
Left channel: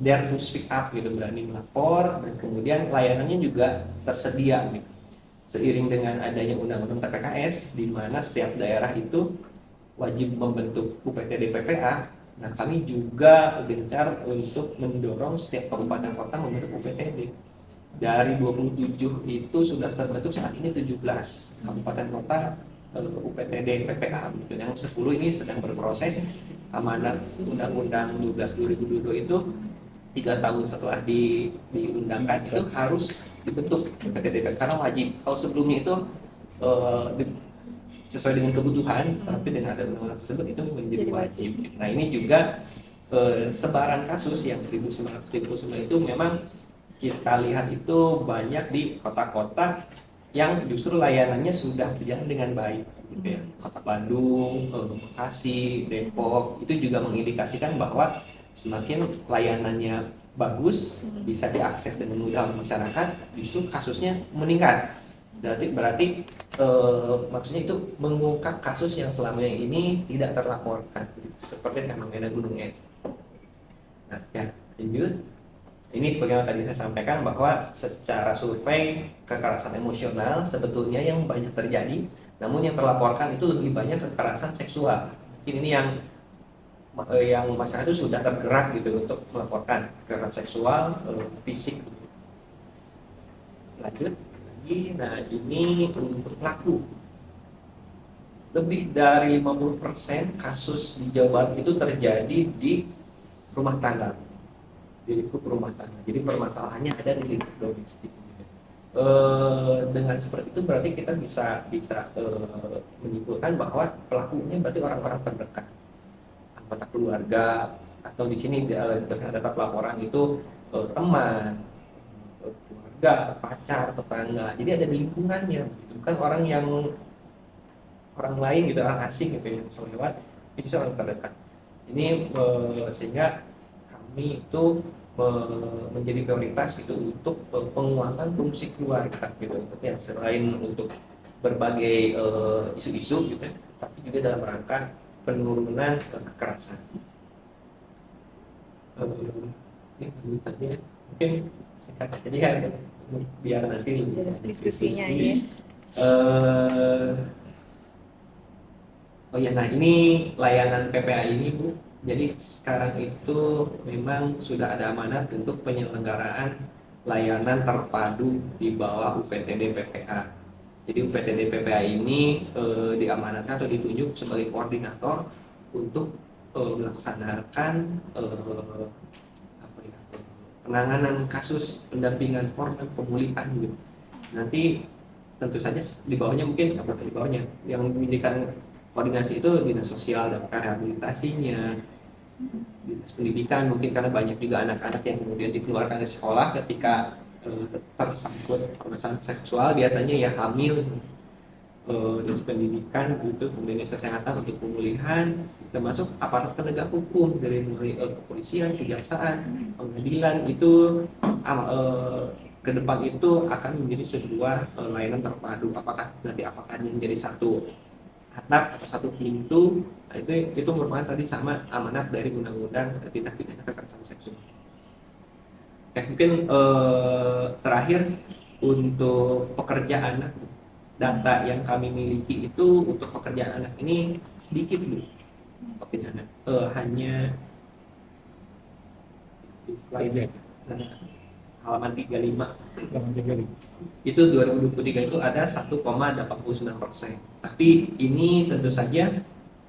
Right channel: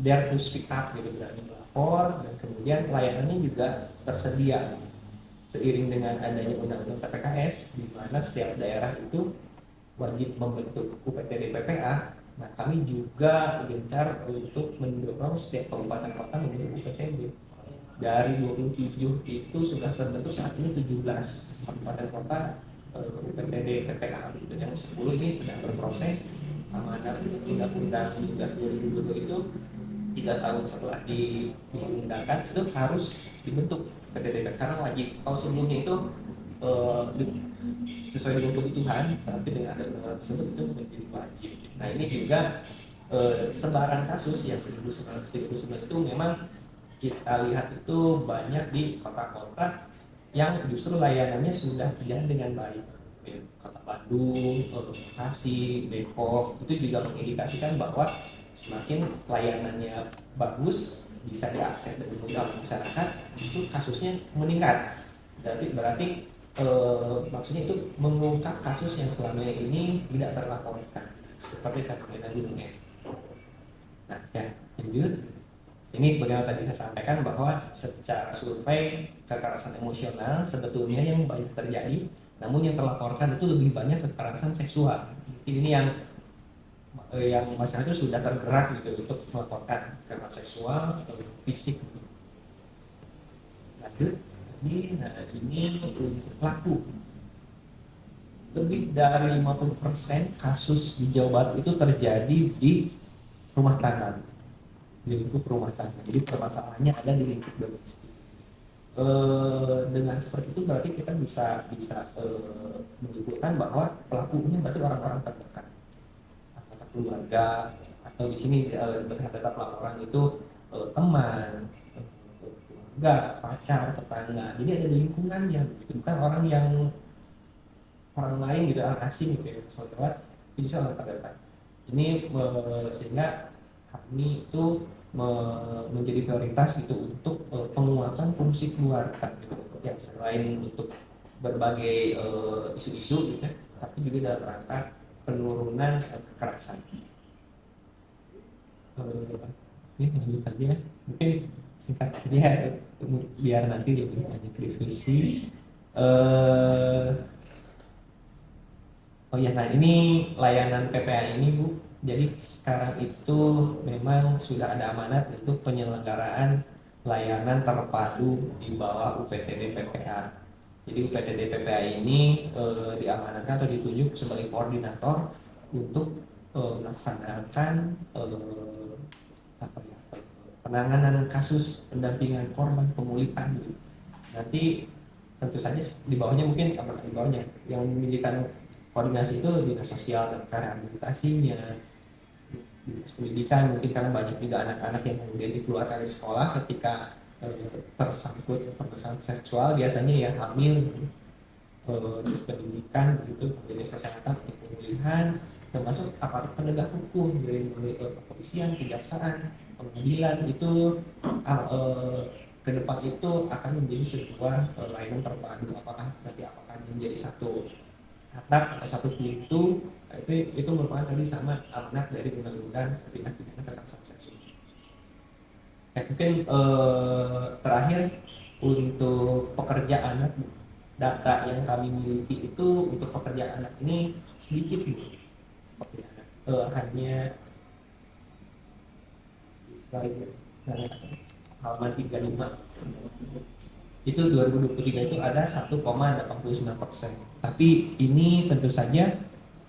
dare to speak up gitu, berani melapor, dan kemudian layanannya juga tersedia gitu. Seiring dengan adanya undang-undang TPKS di mana setiap daerah itu wajib membentuk UPTD PPA. Nah, kami juga gencar untuk mendorong setiap kabupaten kota membentuk UPTD. Dari 27 itu sudah terbentuk saat ini 17 kabupaten kota UPTD PPA gitu. Yang 10 ini sedang berproses. Amanat Undang-Undang 12 2022 itu 3 tahun setelah diundangkan itu harus dibentuk UPTD karena wajib. Kalau sebelumnya itu sesuai dengan kebutuhan, tapi dengan ada undang-undang tersebut itu menjadi wajib. Nah ini juga sebaran kasus yang 1.939 itu memang kita lihat itu banyak di kota-kota yang justru layanannya sudah berjalan dengan baik. Gitu ya. Kota Bandung, Bekasi, Depok itu juga mengindikasikan bahwa semakin layanannya bagus, bisa diakses dengan mudah oleh masyarakat, justru kasusnya meningkat. Berarti maksudnya itu mengungkap kasus yang selama ini tidak terlaporkan, seperti fenomena gunung es. Nah, ya, lanjut. Ini sebagaimana tadi saya sampaikan bahwa secara survei kekerasan emosional sebetulnya yang banyak terjadi, namun yang terlaporkan itu lebih banyak kekerasan seksual. Mungkin ini yang masyarakat itu sudah tergerak gitu untuk melaporkan kekerasan seksual, fisik. Lanjut. Nah, ini untuk pelaku. Lebih dari 50% kasus di Jawa Barat itu terjadi di rumah tangga, di lingkup rumah tangga. Jadi permasalahannya ada di lingkup domestik. Dengan seperti itu berarti kita bisa menyimpulkan bahwa pelakunya berarti orang-orang terdekat, anggota keluarga, atau di sini terdapat laporan itu teman, keluarga, pacar, tetangga. Jadi ada di lingkungannya, gitu. Bukan orang lain gitu, orang asing gitu yang lewat, itu bisa orang terdekat. Ini sehingga kami itu menjadi prioritas itu untuk penguatan fungsi keluarga gitu, ya, selain untuk berbagai isu-isu gitu, tapi juga dalam rangka penurunan kekerasan. Ya, lanjutannya mungkin singkat aja biar nanti lebih Diskusinya diskusi. ya. Oh ya, nah ini layanan PPA ini Bu. Jadi sekarang itu memang sudah ada amanat untuk penyelenggaraan layanan terpadu di bawah UPTD PPA. Jadi UPTD PPA ini diamanatkan atau ditunjuk sebagai koordinator untuk melaksanakan penanganan kasus pendampingan korban pemulihan gitu. Nanti tentu saja di bawahnya mungkin di bawahnya yang memiliki koordinasi itu dinas sosial dan rehabilitasinya, dinas pendidikan, mungkin karena banyak juga anak-anak yang kemudian dikeluarkan dari sekolah ketika tersangkut permasalahan seksual, biasanya ya hamil, dinas pendidikan gitu, kemudian dinas kesehatan untuk pemulihan, termasuk aparat penegak hukum dari mulai kepolisian, kejaksaan, pengadilan itu ke depan itu akan menjadi sebuah layanan terpadu. Apakah ini menjadi satu atap atau satu pintu, itu merupakan tadi sama amanat dari undang-undang tindak pidana kekerasan seksual. Oke, mungkin terakhir untuk pekerja anak, data yang kami miliki itu untuk pekerja anak ini sedikit Bu. Pekerja anak hanya halaman 35 itu 2023 itu ada 1,89%. Tapi ini tentu saja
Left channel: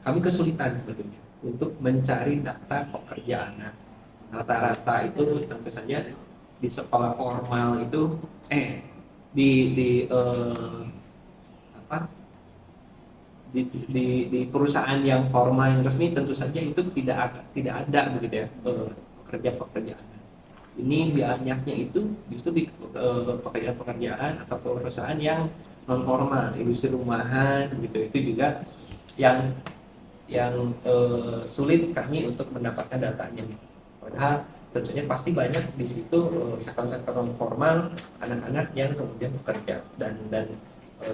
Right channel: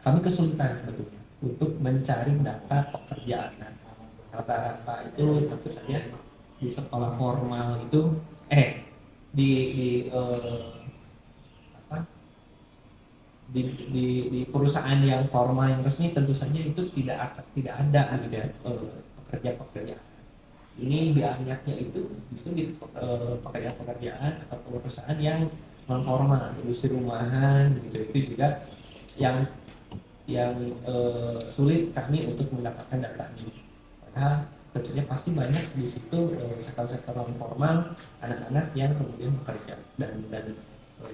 kami kesulitan sebetulnya untuk mencari data pekerja anak. Rata-rata itu tentu saja di sekolah formal itu di perusahaan yang formal yang resmi tentu saja itu tidak ada gitu ya pekerja-pekerja. Ini banyaknya itu justru di pekerjaan-pekerjaan atau perusahaan yang non formal, industri rumahan gitu, itu juga yang sulit kami untuk mendapatkan datanya. Padahal tentunya pasti banyak di situ sektor-sektor non formal, anak-anak yang kemudian bekerja dan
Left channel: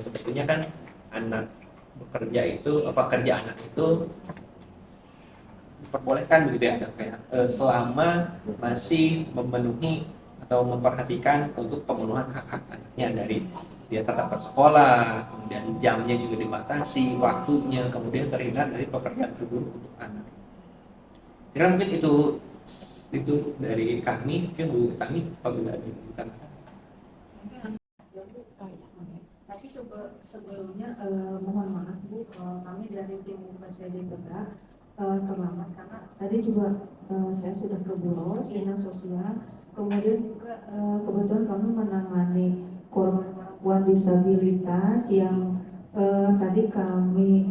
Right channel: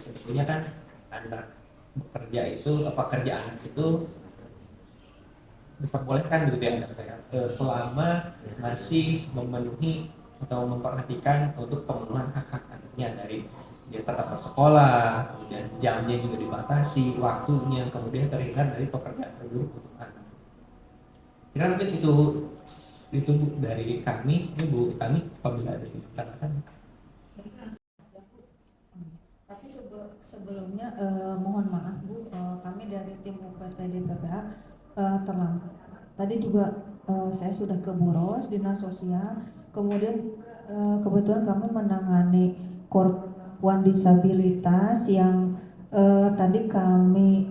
sebetulnya kan anak bekerja itu pekerja anak itu diperbolehkan gitu ya anaknya selama masih memenuhi atau memperhatikan untuk pemenuhan hak-hak anaknya, dari dia tetap bersekolah, kemudian jamnya juga dibatasi, waktunya, kemudian terhindar dari pekerjaan buruk untuk anak. Kira mungkin itu dari kami, Bu, kami apabila dikatakan. Tapi sebelumnya mohon maaf Bu, kami dari tim UPTD PPA terlambat karena tadi juga saya sudah ke Buros, dinas sosial, kemudian juga kebetulan kami menangani korban perempuan disabilitas yang tadi kami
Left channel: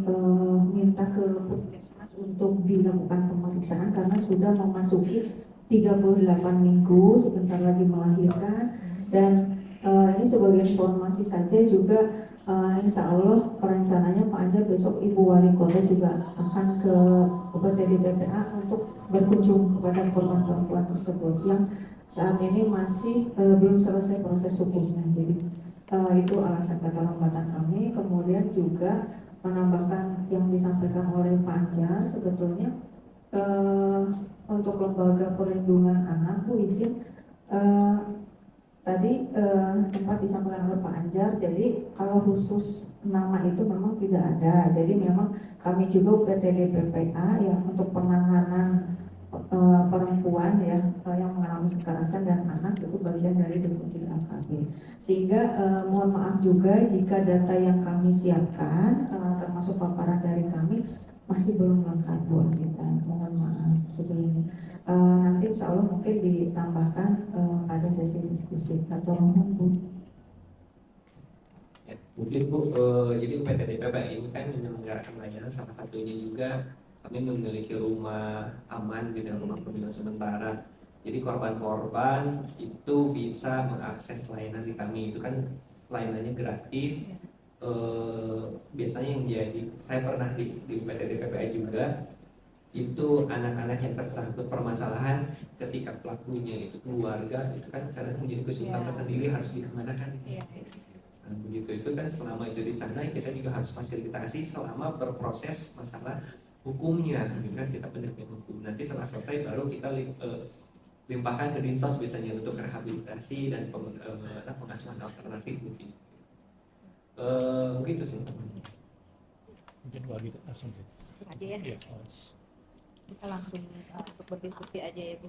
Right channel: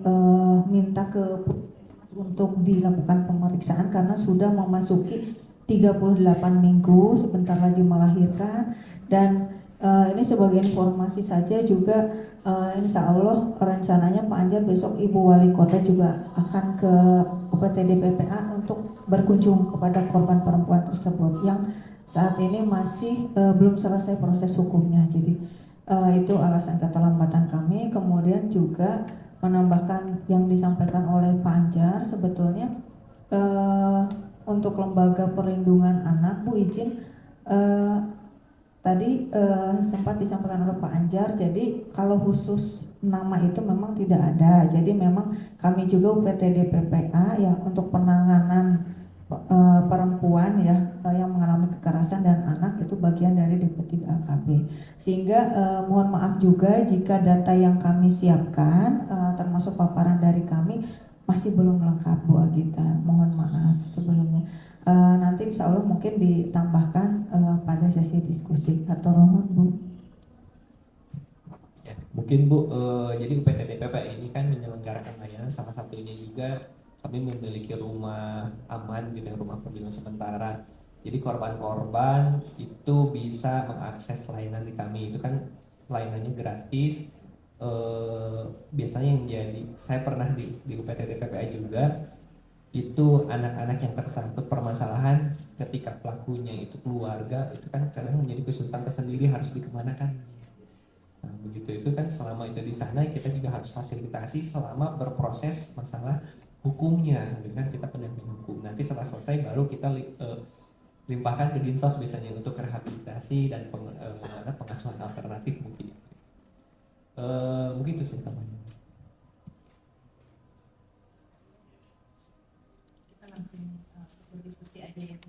minta ke Puskesmas untuk dilakukan pemeriksaan karena sudah memasuki 38 minggu, sebentar lagi melahirkan. Dan ini sebagai informasi saja juga, insya Allah rencananya Pak Anjar besok Ibu Wali Kota juga akan ke UPTD PPA untuk berkunjung kepada korban perempuan tersebut yang saat ini masih belum selesai proses hukumnya. Jadi itu alasan keterlambatan kami. Kemudian juga menambahkan yang disampaikan oleh Pak Anjar, sebetulnya untuk lembaga perlindungan anak, Bu izin tadi sempat disampaikan oleh Pak Anjar, jadi kalau khusus nama itu memang tidak ada. Jadi memang kami juga UPTD PPA ya untuk penanganan perempuan ya yang mengalami kekerasan dan anak itu bagian dari Deputi AKP. Sehingga mohon maaf juga jika data yang kami siapkan termasuk paparan dari kami masih belum lengkap Bu Agita. Mohon maaf sebelumnya. Nanti insya Allah mungkin ditambahkan pada sesi diskusi atau mohon Bu. Ya, mungkin Bu, jadi UPTD PPA ini kan menyelenggarakan layanan, salah satunya juga kami memiliki rumah aman gitu, rumah perlindungan sementara. Jadi korban-korban itu bisa mengakses layanan di kami, itu kan layanannya gratis. Biasanya yang jadi, saya pernah di UPTD PPA juga, itu anak-anak yang tersangkut permasalahan ketika pelakunya itu keluarga, itu kan kadang menjadi kesulitan tersendiri harus dikemanakan. Nah, begitu itu kan selama itu di sana kita juga harus fasilitasi selama berproses masalah hukumnya, gitu kan, kita pendamping hukum. Nanti setelah selesai baru kita limpahkan ke Dinsos biasanya untuk rehabilitasi dan pengasuhan alternatif mungkin. Mungkin itu sih teman-teman. Mungkin bagi langsung aja ya. Iya. Kita langsung untuk berdiskusi aja ya Bu.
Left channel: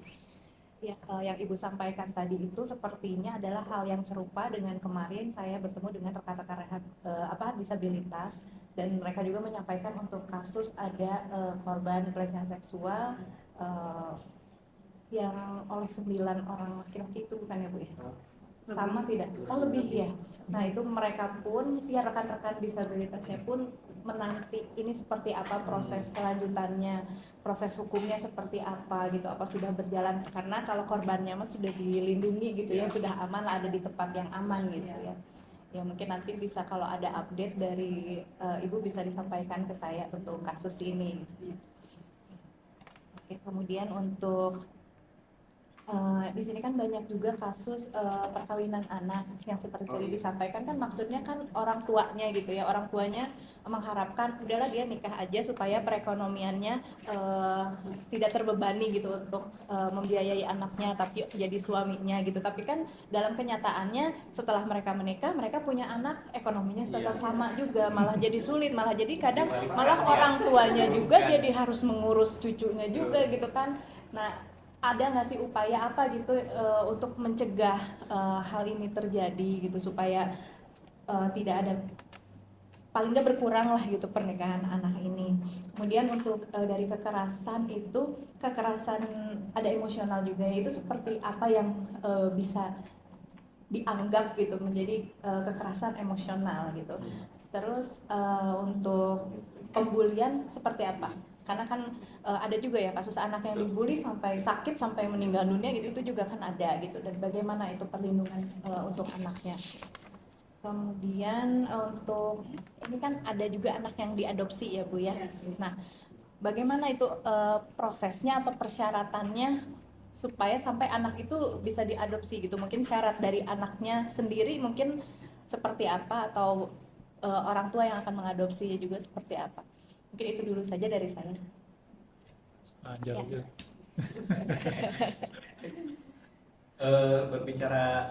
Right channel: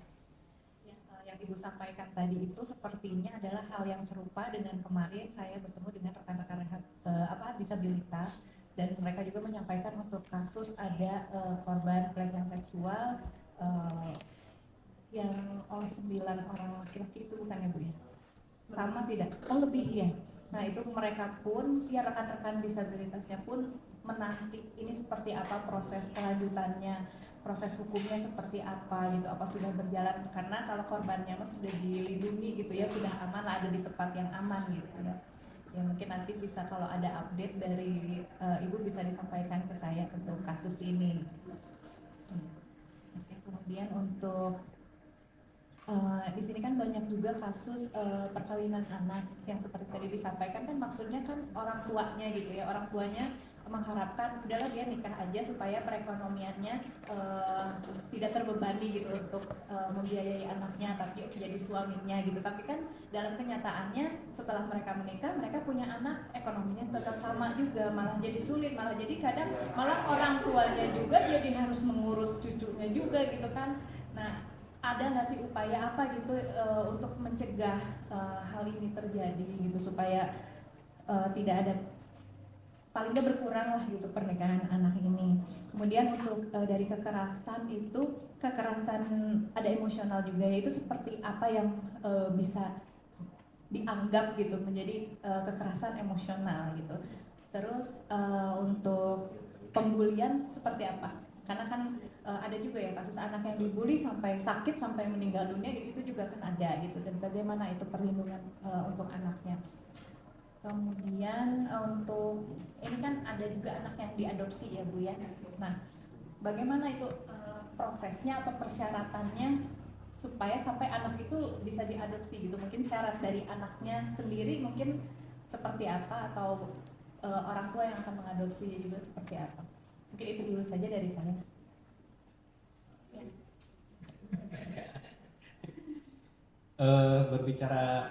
Ya, yang Ibu sampaikan tadi itu sepertinya adalah hal yang serupa dengan kemarin saya bertemu dengan rekan-rekan disabilitas, dan mereka juga menyampaikan untuk kasus ada korban pelecehan seksual yang oleh 9 orang laki-laki itu, bukan ya Bu ya? Sama tidak? Oh lebih ya. Nah itu mereka pun, ya rekan-rekan disabilitasnya pun menanti ini seperti apa proses kelanjutannya, proses hukumnya seperti apa gitu, apa sudah berjalan, karena kalau korbannya mah sudah dilindungi gitu ya, sudah aman lah, ada di tempat yang aman gitu ya. Ya mungkin nanti bisa kalau ada update dari Ibu bisa disampaikan ke saya untuk kasus ini. Oke, kemudian untuk di sini kan banyak juga kasus perkawinan anak yang seperti tadi disampaikan, kan maksudnya kan orang tuanya gitu ya, orang tuanya mengharapkan udahlah dia nikah aja supaya perekonomiannya tidak terbebani gitu untuk membiayai anaknya, tapi jadi suaminya gitu. Tapi kan dalam kenyataannya setelah mereka menikah, mereka punya anak, ekonominya tetap sama juga, malah jadi sulit, malah jadi kadang malah orang tuanya juga jadi harus mengurus cucunya juga gitu kan. Nah, ada nggak sih upaya apa gitu untuk mencegah hal ini terjadi gitu, supaya tidak ada, paling nggak berkurang lah gitu pernikahan anak ini. Kemudian untuk dari kekerasan itu, kekerasan ada emosional juga, itu seperti apa yang bisa dianggap gitu menjadi kekerasan emosional gitu. Terus untuk pembulian seperti apa? Karena kan ada juga ya kasus anak yang dibully sampai sakit sampai meninggal dunia gitu, itu juga kan ada gitu, dan bagaimana itu perlindungan untuk anaknya. Kemudian untuk ini kan ada juga anak yang diadopsi ya Bu ya. Nah, bagaimana itu prosesnya atau persyaratannya supaya sampai anak itu bisa diadopsi gitu? Mungkin syarat dari anaknya sendiri mungkin seperti apa, atau orang tua yang akan mengadopsi juga seperti apa? Mungkin itu dulu saja dari saya. Panjang Ya. aja. Berbicara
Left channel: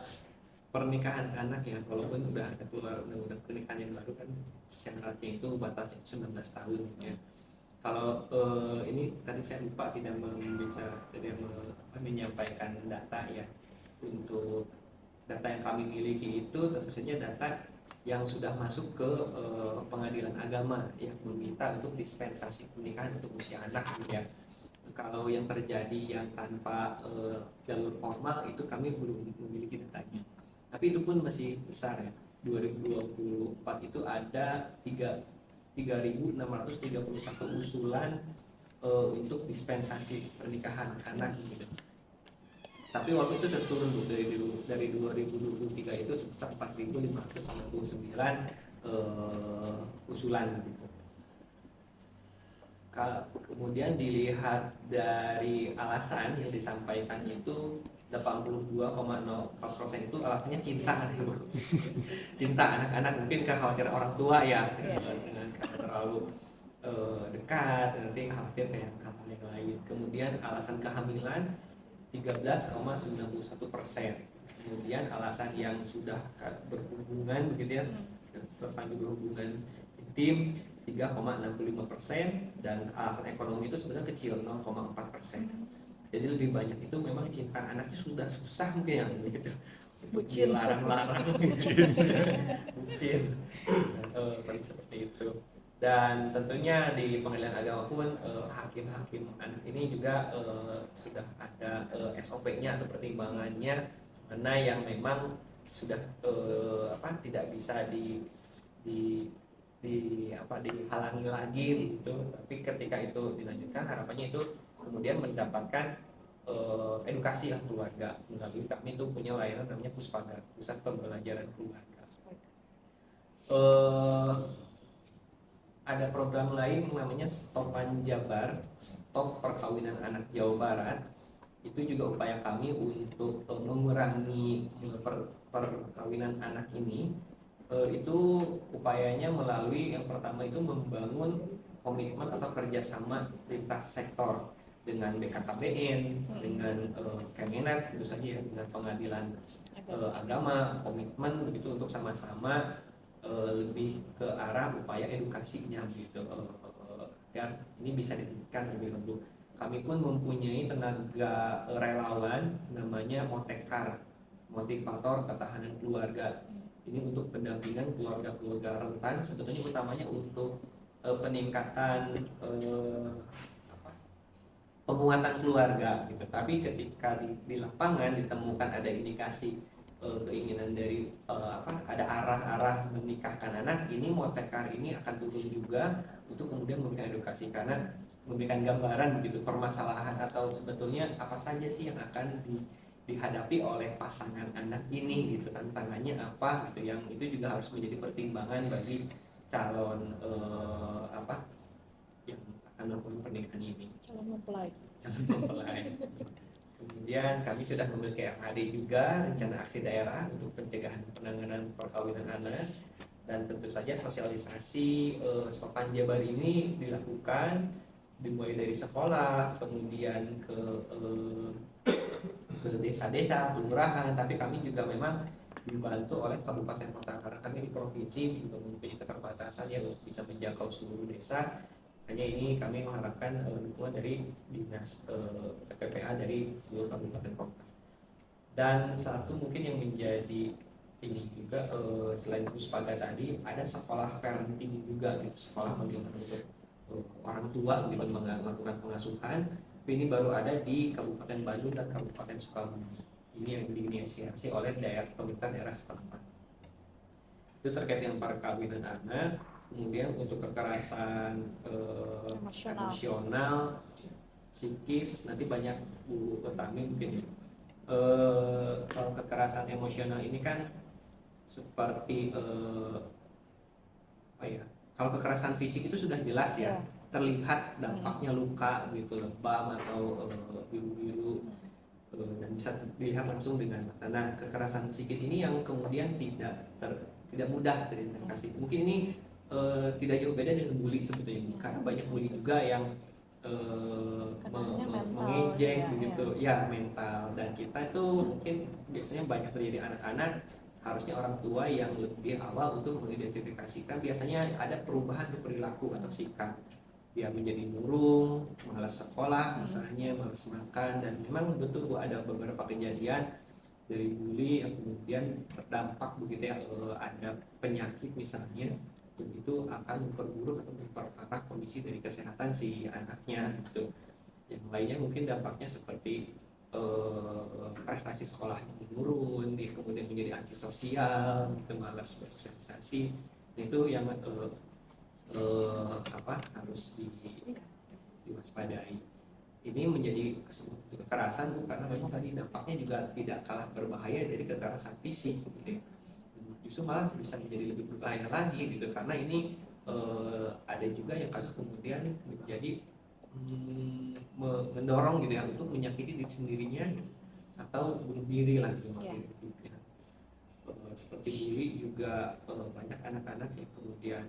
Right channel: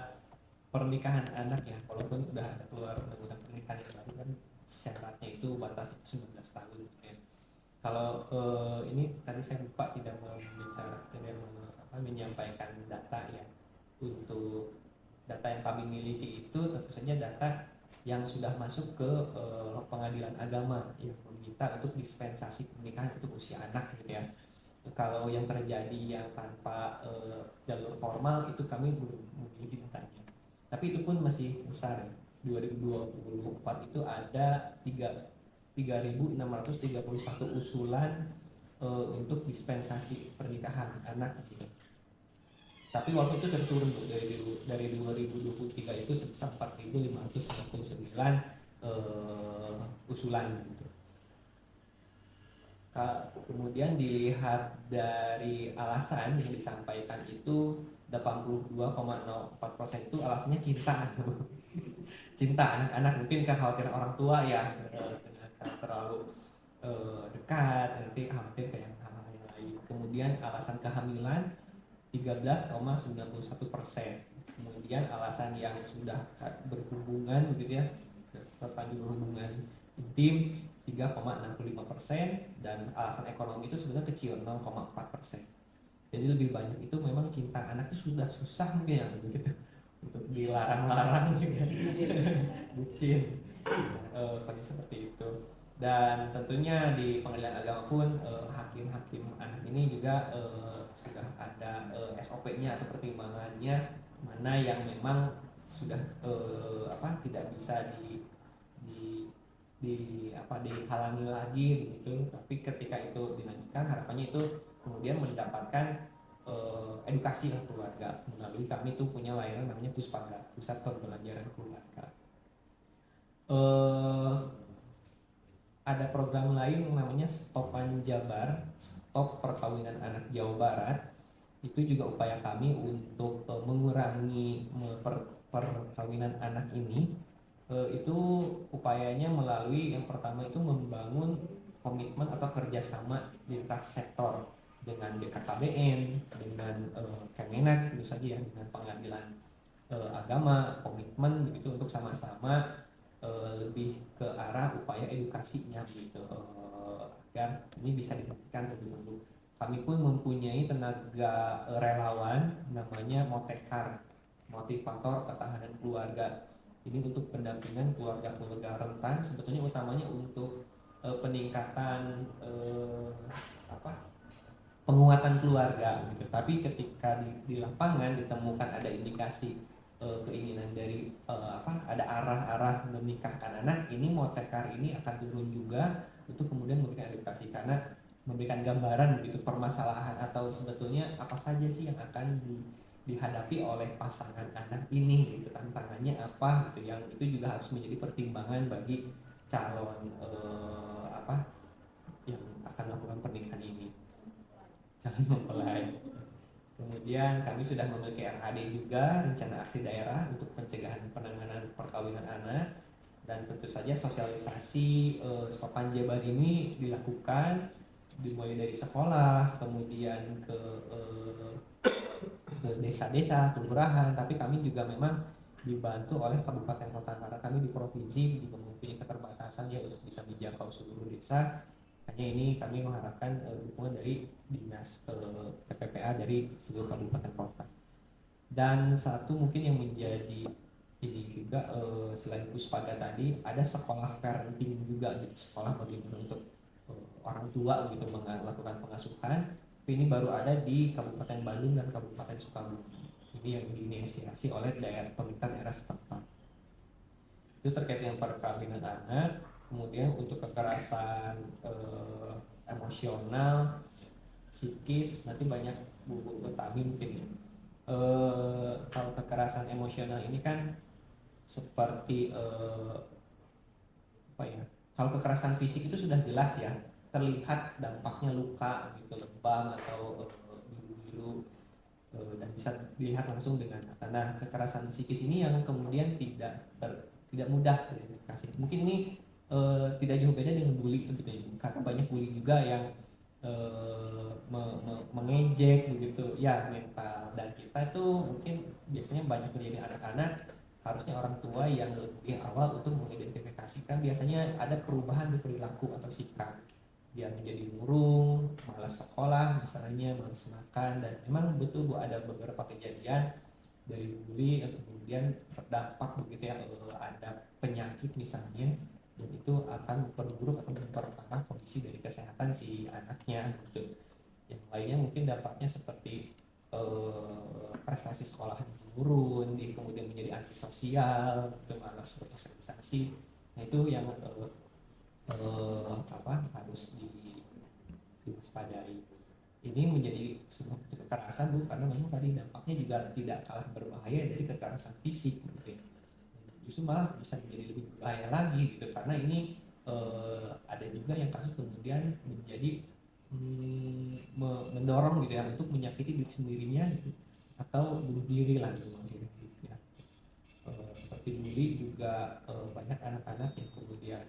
pernikahan anak ya, walaupun udah ada keluar undang-undang pernikahan yang baru kan, syaratnya itu batasnya 19 tahun ya. Kalau ini tadi saya lupa tidak menyampaikan data ya. Untuk data yang kami miliki itu tentu saja data yang sudah masuk ke pengadilan agama yang meminta untuk dispensasi pernikahan untuk usia anak gitu ya. Kalau yang terjadi yang tanpa jalur formal itu kami belum memiliki datanya. Tapi itu pun masih besar ya. 2024 itu ada 3.631 usulan untuk dispensasi pernikahan anak gitu. Tapi waktu itu sudah turun dari 2023 itu sebesar 4.599 usulan gitu. Kemudian dilihat dari alasan yang disampaikan itu 82,04% itu alasannya cinta. Cinta anak-anak, mungkin kekhawatiran orang tua ya, dengan terlalu dekat, nanti khawatir kayak hal yang lain. Kemudian alasan kehamilan 13,91%. Kemudian alasan yang sudah berhubungan begitu ya, terpadu berhubungan intim 3,65%, dan alasan ekonomi itu sebenarnya kecil 0,4%. Jadi lebih banyak itu memang cinta anak itu sudah susah mungkin ya begitu untuk dilarang-larang, bucin, kalau seperti itu. Dan tentunya di pengadilan agama pun hakim-hakim anak ini juga sudah ada SOP-nya atau pertimbangannya mana yang memang sudah tidak bisa dihalangi lagi begitu. Tapi ketika itu dilanjutkan, harapannya itu kemudian mendapatkan edukasi keluarga melalui kami itu punya layanan namanya Puspaga, Pusat Pembelajaran Keluarga. Ada program lain namanya Stopan Jabar, Stop Perkawinan Anak Jawa Barat. Itu juga upaya kami untuk mengurangi perkawinan anak ini. Itu upayanya melalui yang pertama itu membangun komitmen atau kerjasama lintas sektor dengan BKKBN, dengan Kemenak, tentu saja ya, dengan pengadilan agama, komitmen begitu untuk sama-sama lebih ke arah upaya edukasinya gitu, agar ini bisa dihentikan lebih dahulu. Kami pun mempunyai tenaga relawan namanya Motekar, motivator ketahanan keluarga. Ini untuk pendampingan keluarga-keluarga rentan, sebetulnya utamanya untuk peningkatan penguatan keluarga gitu. Tapi ketika di lapangan ditemukan ada indikasi keinginan dari ada arah-arah menikahkan anak, ini Motekar ini akan turun juga untuk kemudian memberikan edukasi, karena memberikan gambaran begitu permasalahan atau sebetulnya apa saja sih yang akan dihadapi oleh pasangan anak ini gitu, tantangannya apa gitu, yang itu juga harus menjadi pertimbangan bagi calon yang akan melakukan pernikahan ini, calon mempelai. Kemudian kami sudah memiliki RAD juga, rencana aksi daerah untuk pencegahan penanganan perkawinan anak, dan tentu saja sosialisasi Stopan Jabar ini dilakukan dimulai dari sekolah, kemudian ke desa-desa, kelurahan. Tapi kami juga memang dibantu oleh kabupaten kota, karena kami di provinsi juga mempunyai keterbatasan ya untuk bisa menjangkau seluruh desa. Hanya ini kami mengharapkan dukungan dari dinas PPPA dari seluruh kabupaten kota. Dan satu mungkin yang menjadi ini juga selain Puspaga tadi, ada sekolah parenting juga, sekolah untuk orang tua untuk melakukan pengasuhan. Ini baru ada di Kabupaten Bandung dan Kabupaten Sukabumi. Ini yang diinisiasi oleh pemerintah daerah setempat. Itu terkait dengan perkawinan anak. Kemudian untuk kekerasan emosional, psikis, nanti banyak Bu Utami mungkin ya. Kalau kekerasan emosional ini kan seperti kalau kekerasan fisik itu sudah jelas ya, terlihat dampaknya luka gitu, lebam atau biru-biru, dan bisa dilihat langsung dengan mata. Nah, kekerasan psikis ini yang kemudian tidak mudah teridentifikasi. Mungkin ini tidak jauh beda dengan bully sebetulnya, karena banyak bully juga yang mengejek begitu ya, mental. Dan kita tuh mungkin biasanya banyak terjadi anak-anak, harusnya orang tua yang lebih awal untuk mengidentifikasikan. Biasanya ada perubahan di perilaku atau sikap, dia menjadi murung, malas sekolah misalnya, malas makan. Dan memang betul Bu, ada beberapa kejadian dari bully yang kemudian terdampak begitu ya, ada penyakit misalnya, dan itu akan memperburuk atau memperparah kondisi dari kesehatan si anaknya gitu. Yang lainnya mungkin dampaknya seperti prestasi sekolahnya menurun, dia kemudian menjadi antisosial, gitu, malas bersosialisasi. Itu yang harus diwaspadai. Ini menjadi sebuah kekerasan karena memang tadi dampaknya juga tidak kalah berbahaya dari kekerasan fisik gitu. Justru malah bisa menjadi lebih berbahaya lagi gitu, karena ini ada juga yang kasus kemudian menjadi jadi mendorong gitu ya untuk menyakiti diri sendirinya gitu, atau bunuh diri lah gitu. Ya. Seperti diri juga banyak anak-anak yang kemudian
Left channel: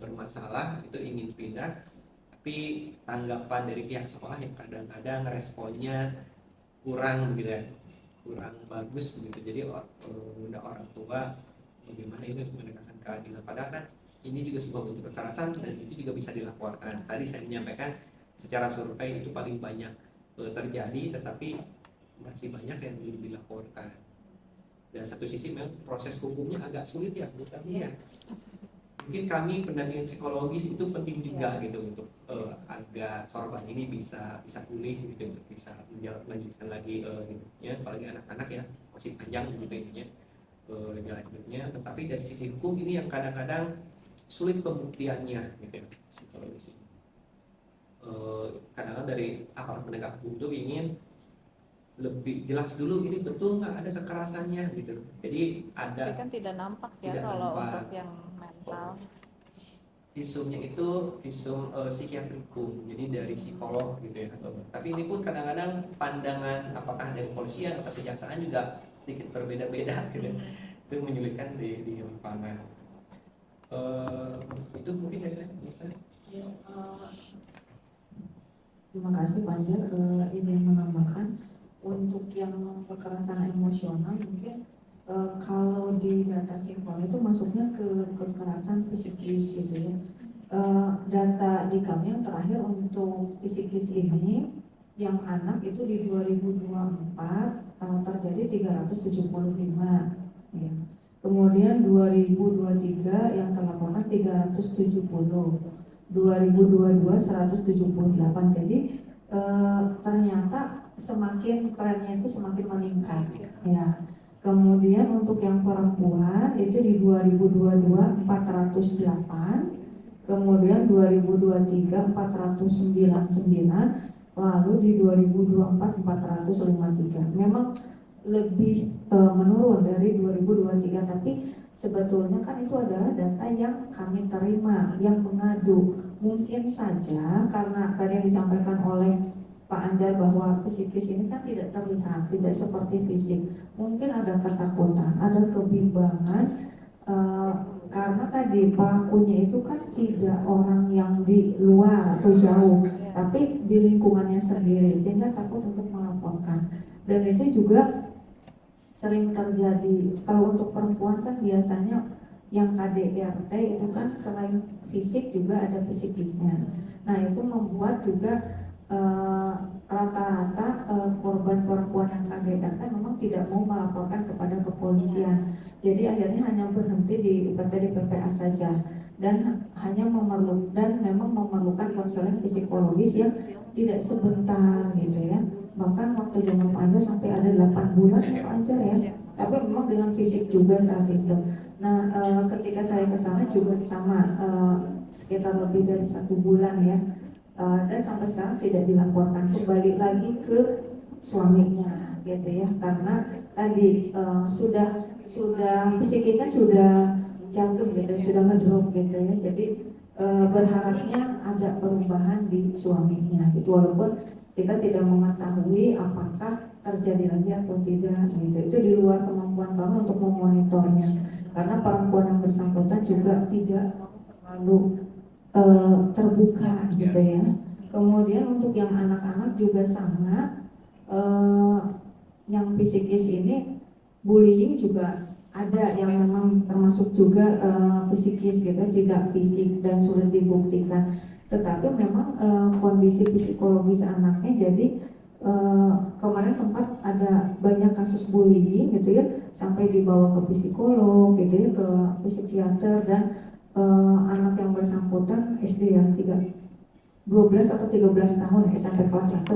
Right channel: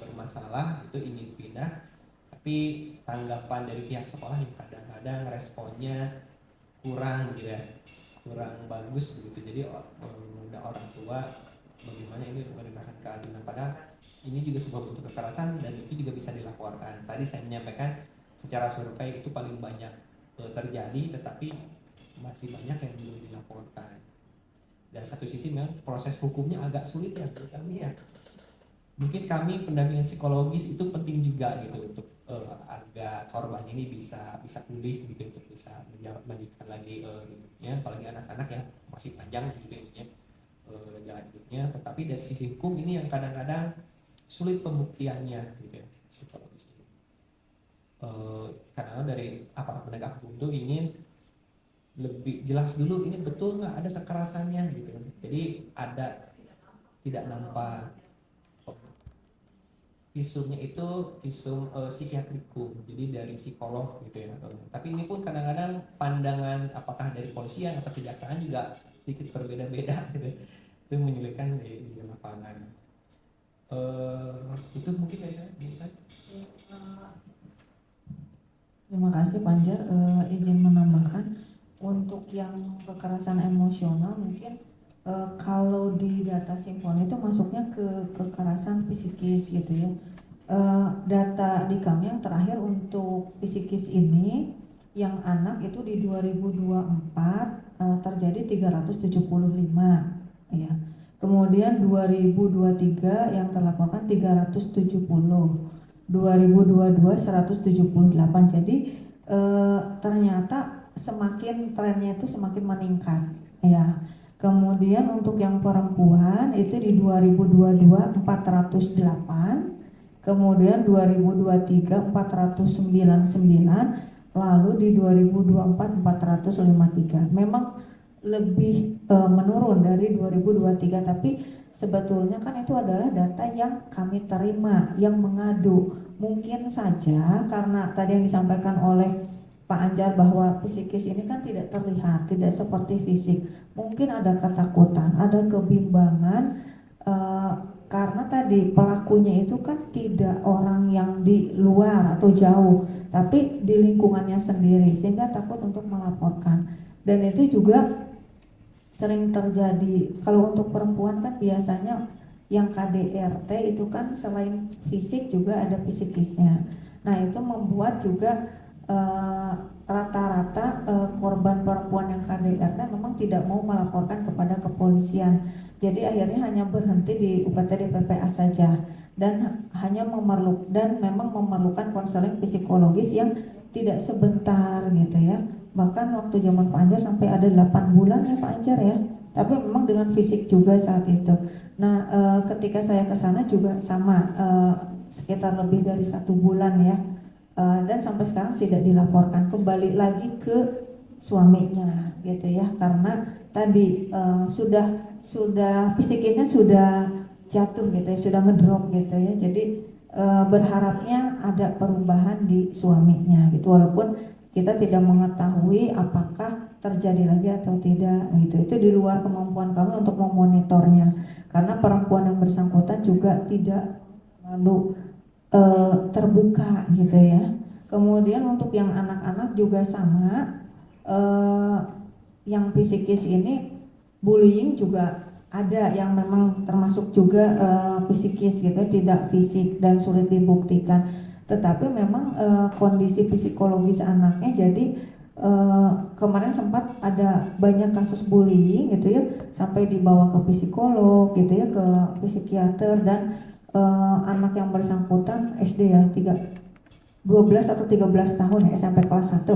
bermasalah itu ingin pindah, tapi tanggapan dari pihak sekolah yang kadang-kadang responnya kurang gitu ya, kurang bagus begitu. Jadi udah orang tua bagaimana ini menegakkan keadilan, padahal kan ini juga sebuah bentuk kekerasan dan itu juga bisa dilaporkan. Tadi saya menyampaikan secara survei itu paling banyak terjadi, tetapi masih banyak yang belum dilaporkan. Dan satu sisi memang proses hukumnya agak sulit ya menurut kami ya. Mungkin kami pendampingan psikologis itu penting juga gitu untuk agar korban ini bisa pulih gitu, untuk bisa melanjutkan lagi gitu, ya, apalagi anak-anak ya masih panjang gitu ininya jalan hidupnya. Tetapi dari sisi hukum ini yang kadang-kadang sulit pembuktiannya gitu ya, psikologis ini. Kadang-kadang dari aparat penegak hukum itu ingin lebih jelas dulu ini betul nggak ada kekerasannya gitu. Jadi ada Tapi kan tidak nampak ya tidak kalau nampak. untuk yang mental. Visumnya itu visum psikiatrikum, jadi dari psikolog gitu ya. Tapi ini pun kadang-kadang pandangan apakah dari polisian atau kejaksaan juga sedikit berbeda-beda gitu. Itu menyulitkan di lapangan. Itu mungkin dari saya. Terima kasih Panjar, izin menambahkan untuk yang kekerasan emosional mungkin kalau di data Simpon itu masuknya ke kekerasan psikis gitu ya. Data di kami yang terakhir untuk psikis ini yang anak itu di 2024 terjadi 375 ya. Kemudian 2023 yang terlaporkan 370, 2022 178. Jadi ternyata semakin trennya itu semakin meningkat ya. Kemudian untuk yang perempuan itu di 2022 408, kemudian 2023 499, lalu di 2024 453. Memang lebih menurun dari 2023, tapi sebetulnya kan itu adalah data yang kami terima yang mengadu. Mungkin saja karena tadi yang disampaikan oleh Pak Anjar bahwa psikis ini kan tidak terlihat, tidak seperti fisik. Mungkin ada ketakutan, ada kebimbangan karena tadi pelakunya itu kan tidak orang yang di luar atau jauh, tapi di lingkungannya sendiri, sehingga takut untuk melaporkan. Dan itu juga sering terjadi. Kalau untuk perempuan kan biasanya yang KDRT itu kan selain fisik juga ada psikisnya. Nah itu membuat juga rata-rata korban perempuan yang KDRT memang tidak mau melaporkan kepada kepolisian. Jadi akhirnya hanya berhenti di UPT PPA saja dan hanya memang memerlukan konseling psikologis yang tidak sebentar gitu ya. Bahkan waktu zaman Pak Anjar sampai ada 8 bulan ya Pak Anjar ya. Tapi memang dengan fisik juga saat itu. Nah ketika saya ke sana juga sama sekitar lebih dari 1 bulan ya. Dan sampai sekarang tidak dilaporkan, kembali lagi ke suaminya gitu ya, karena tadi sudah psikisnya sudah jatuh gitu ya, sudah ngedrop gitu ya. Jadi berharapnya ada perubahan di suaminya gitu, walaupun kita tidak mengetahui apakah terjadi lagi atau tidak gitu. Itu di luar kemampuan kami untuk memonitornya, karena perempuan yang bersangkutan juga tidak terlalu terbuka gitu ya. Kemudian untuk yang anak-anak juga sama, yang psikis ini bullying juga ada yang memang termasuk juga psikis gitu, tidak fisik dan sulit dibuktikan. Tetapi memang kondisi psikologis anaknya, jadi kemarin sempat ada banyak kasus bullying gitu ya, sampai dibawa ke psikolog gitu ya, ke psikiater. Dan anak yang bersangkutan SD ya, 12 atau 13 tahun ya, sampai kelas 1.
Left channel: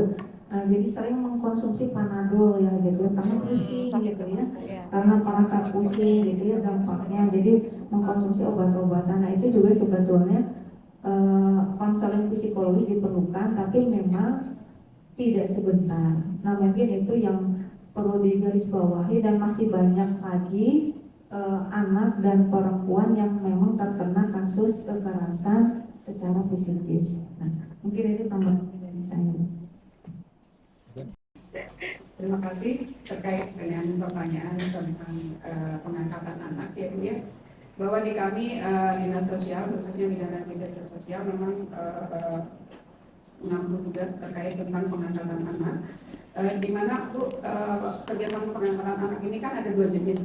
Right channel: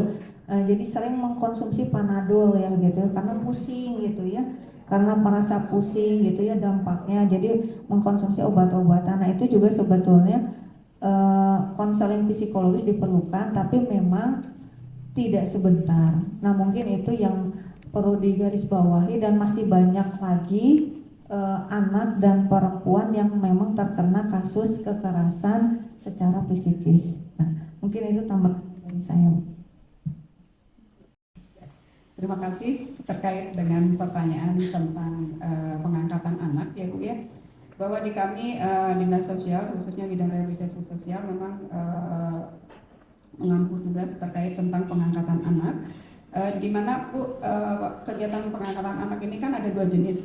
Jadi sering mengkonsumsi Panadol ya gitu ya, karena pusing gitu ya, karena merasa pusing gitu ya dampaknya, jadi mengkonsumsi obat-obatan. Nah itu juga sebetulnya konseling psikologis diperlukan, tapi memang tidak sebentar. Nah mungkin itu yang perlu digarisbawahi, dan masih banyak lagi anak dan perempuan yang memang terkena kasus kekerasan secara psikis. Nah, mungkin itu tambahan dari saya. Terima kasih terkait dengan pertanyaan tentang pengangkatan anak ya Bu ya. Bahwa di kami Dinas Sosial, khususnya bidang rehabilitasi sosial memang mengambil tugas terkait tentang pengangkatan anak. Di mana Bu kegiatan pengangkatan anak ini kan ada dua jenis.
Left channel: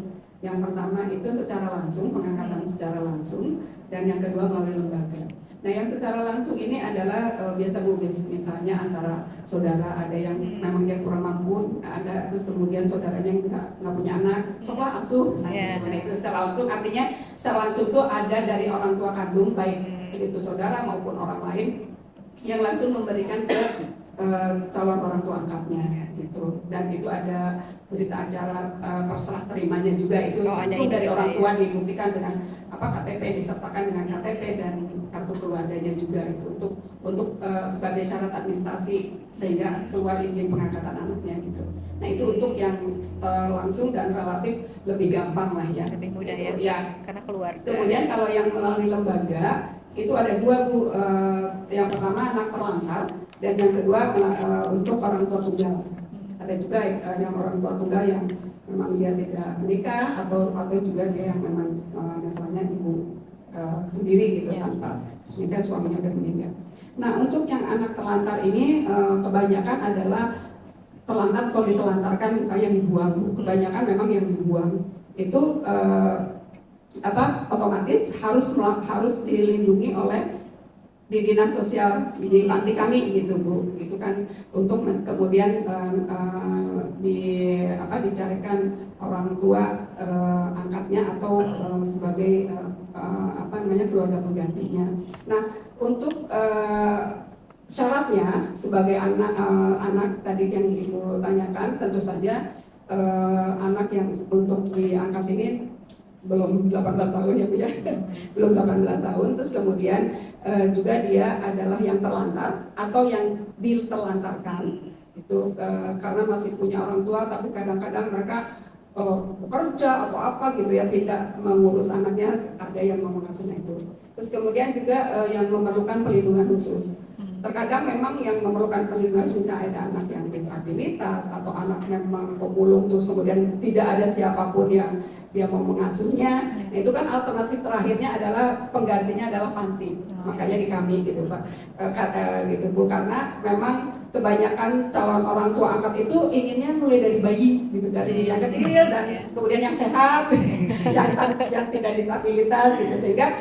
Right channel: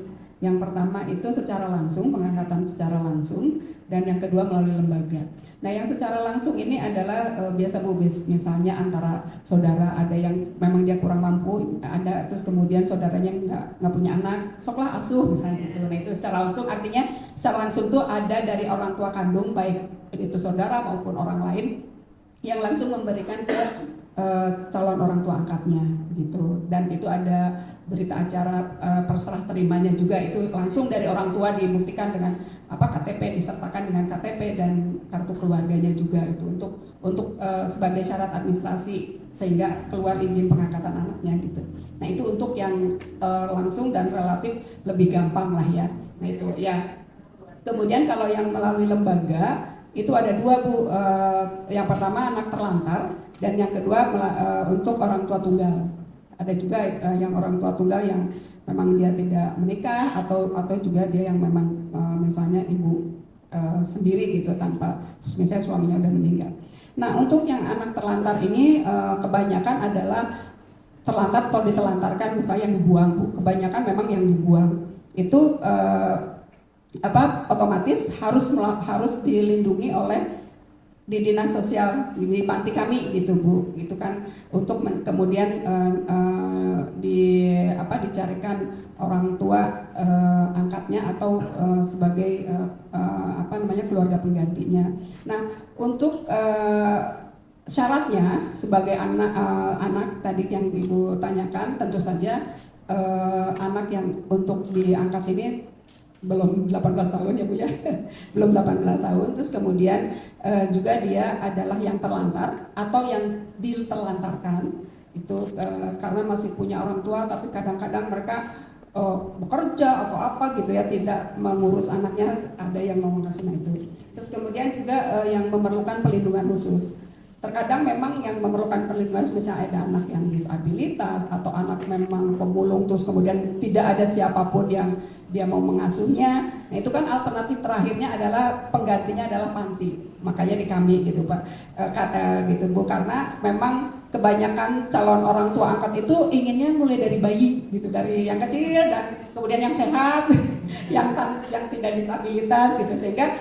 Yang pertama itu secara langsung, pengangkatan secara langsung, dan yang kedua melalui lembaga. Nah, yang secara langsung ini adalah biasa Bu, misalnya antara saudara, ada yang memang dia kurang mampu, ada terus kemudian saudaranya nggak punya anak, soklah asuh misalnya. Nah, itu secara langsung, artinya secara langsung itu ada dari orang tua kandung, baik itu saudara maupun orang lain yang langsung memberikan ke calon orang tua angkatnya gitu, dan itu ada berita acara perserah terimanya juga, itu langsung dari orang tua dibuktikan dengan KTP, disertakan dengan KTP dan kartu keluarganya juga, itu untuk sebagai syarat administrasi sehingga keluar izin pengangkatan anaknya gitu. Nah, itu untuk yang langsung dan relatif lebih gampang lah ya. Lebih mudah gitu, ya. Karena keluarga. Kemudian kalau yang melalui lembaga itu ada dua Bu, yang pertama anak terlantar dan yang kedua untuk orang tua tunggal. Ada juga yang orang tua tunggal yang memang dia tidak menikah atau juga dia yang memang misalnya ibu sendiri gitu tanpa misalnya suaminya udah meninggal. Nah, untuk yang anak terlantar ini kebanyakan adalah terlantar atau ditelantarkan misalnya yang dibuang Bu. Kebanyakan memang yang dibuang itu otomatis harus dilindungi oleh di dinas sosial di panti kami gitu Bu, gitu kan, untuk kemudian dicarikan orang tua angkatnya atau sebagai keluarga penggantinya. Nah, untuk syaratnya sebagai anak tadi yang Ibu tanyakan, tentu saja anak yang untuk diangkat ini belum 18 tahun ya Bu ya, belum 18 tahun. Terus kemudian juga dia adalah yang terlantar atau yang diterlantarkan itu karena masih punya orang tua tapi kadang-kadang mereka bekerja atau apa gitu ya, tidak mengurus anaknya, ada yang mengurusnya itu. Terus kemudian juga yang memerlukan perlindungan khusus. Terkadang memang yang memerlukan perlindungan, misalnya ada anak yang disabilitas atau anak memang pemulung terus kemudian tidak ada siapapun yang dia mau mengasuhnya. Nah, itu kan alternatif terakhirnya adalah penggantinya adalah panti. Makanya di kami gitu Pak, kata gitu Bu, karena memang kebanyakan calon orang tua angkat itu inginnya mulai dari bayi gitu, dari yang kecil dan kemudian yang sehat, yang tidak disabilitas gitu, sehingga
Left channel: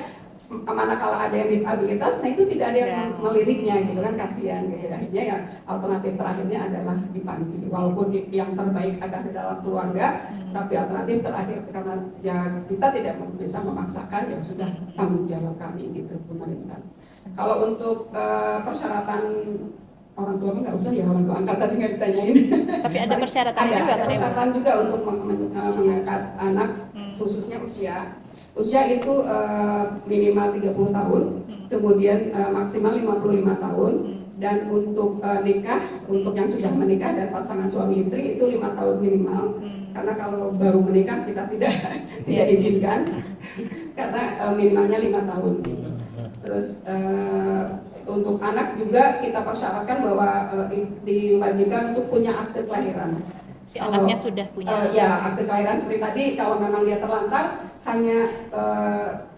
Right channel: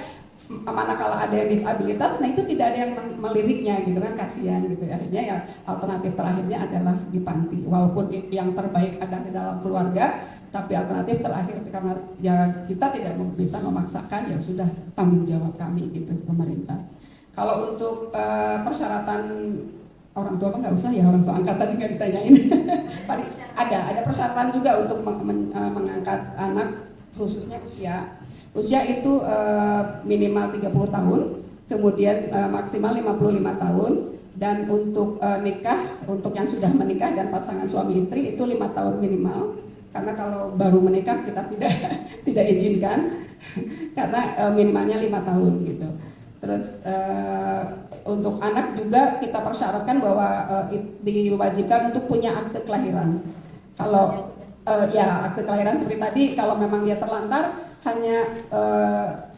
manakala ada yang disabilitas, nah itu tidak ada yang meliriknya gitu kan, kasihan gitu. Akhirnya ya alternatif terakhirnya adalah di panti. Walaupun yang terbaik ada di dalam keluarga, tapi alternatif terakhir karena ya kita tidak bisa memaksakan, ya sudah tanggung jawab kami gitu pemerintah. Kalau untuk persyaratan orang tua nggak usah ya, orang tua angkatan nggak ditanyain. Tapi ada persyaratan juga. Ada persyaratan juga untuk mengangkat anak, khususnya usia itu minimal 30 tahun, kemudian maksimal 55 tahun, dan untuk nikah, untuk yang sudah menikah dan pasangan suami istri itu 5 tahun minimal. Karena kalau baru menikah kita tidak izinkan, karena minimalnya 5 tahun gitu. Terus untuk anak juga kita persyaratkan bahwa diwajibkan untuk punya akte kelahiran. Si anaknya sudah punya. Ya, akte kelahiran seperti tadi, kalau memang dia terlantar hanya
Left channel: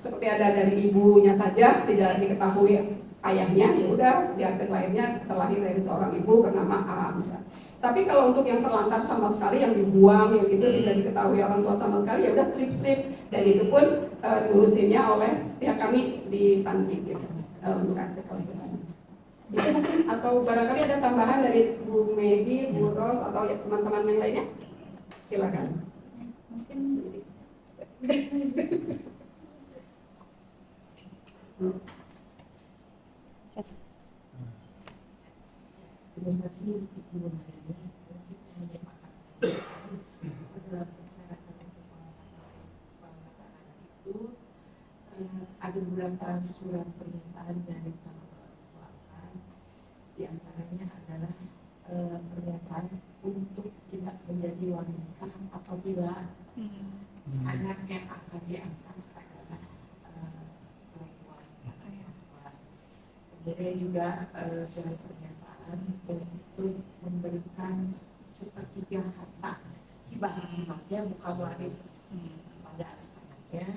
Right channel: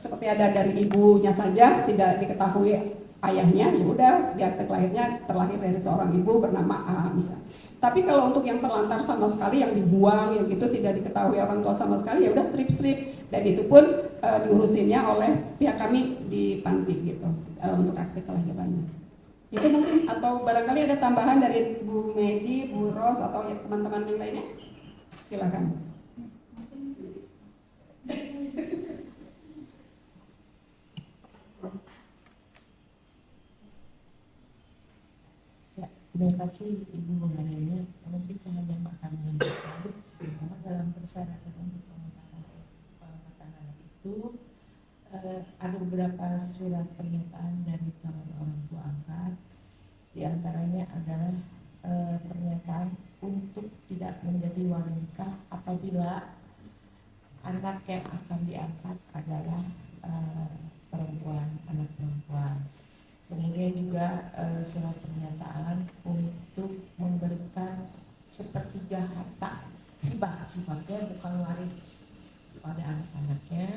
seperti ada dari ibunya saja, tidak diketahui ayahnya, ya udah di akte lahirnya terlahir dari seorang ibu bernama A misalnya. Tapi kalau untuk yang terlantar sama sekali, yang dibuang, yang gitu tidak diketahui orang tua sama sekali, ya udah strip, dan itu pun diurusinnya oleh pihak kami di panti gitu, untuk akte kelahirannya. Itu mungkin, atau barangkali ada tambahan dari Bu Medi, Bu Ros, atau ya, teman-teman yang lainnya, silakan. Ya, terima kasih Ibu Harani. Mungkin saya akan menyampaikan bahwa dalam persyaratan untuk pengangkatan anak itu ada beberapa surat permintaan dari calon orang tua angkat. Di antaranya adalah pernyataan untuk tidak menjadi wali nikah apabila anak yang surat pernyataan untuk memberikan sepertiga harta hibah sifatnya bukan waris kepada anak-anaknya,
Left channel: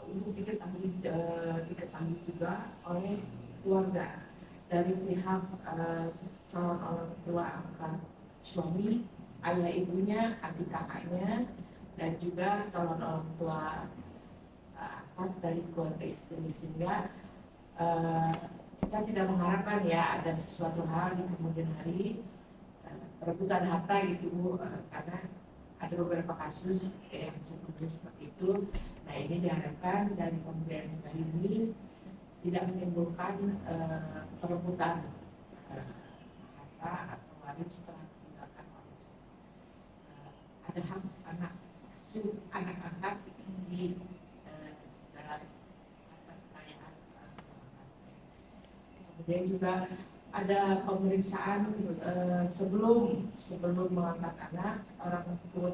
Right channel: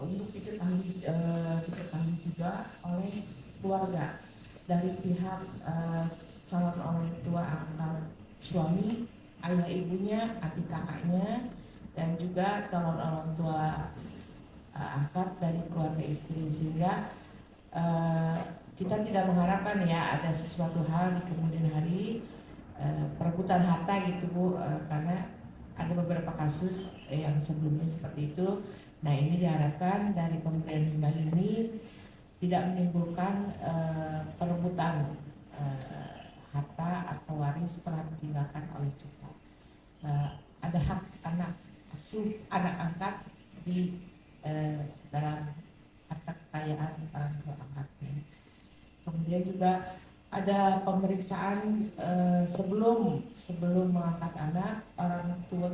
untuk diketahui juga oleh keluarga dari pihak calon orang tua angkat suami, ayah ibunya, adik kakaknya, dan juga calon orang tua angkat dari keluarga istri, sehingga kita tidak mengharapkan ya ada sesuatu hal di kemudian hari perebutan harta gitu Bu, karena ada beberapa kasus yang sebelumnya seperti itu. Nah, ini diharapkan dari pemberian hibah ini tidak menimbulkan perebutan harta atau waris setelah ditinggalkan oleh cucu. Ada hak anak asuh, anak angkat di dalam harta kekayaan orang tua angkatnya. Kemudian juga ada pemeriksaan sebelum mengangkat anak,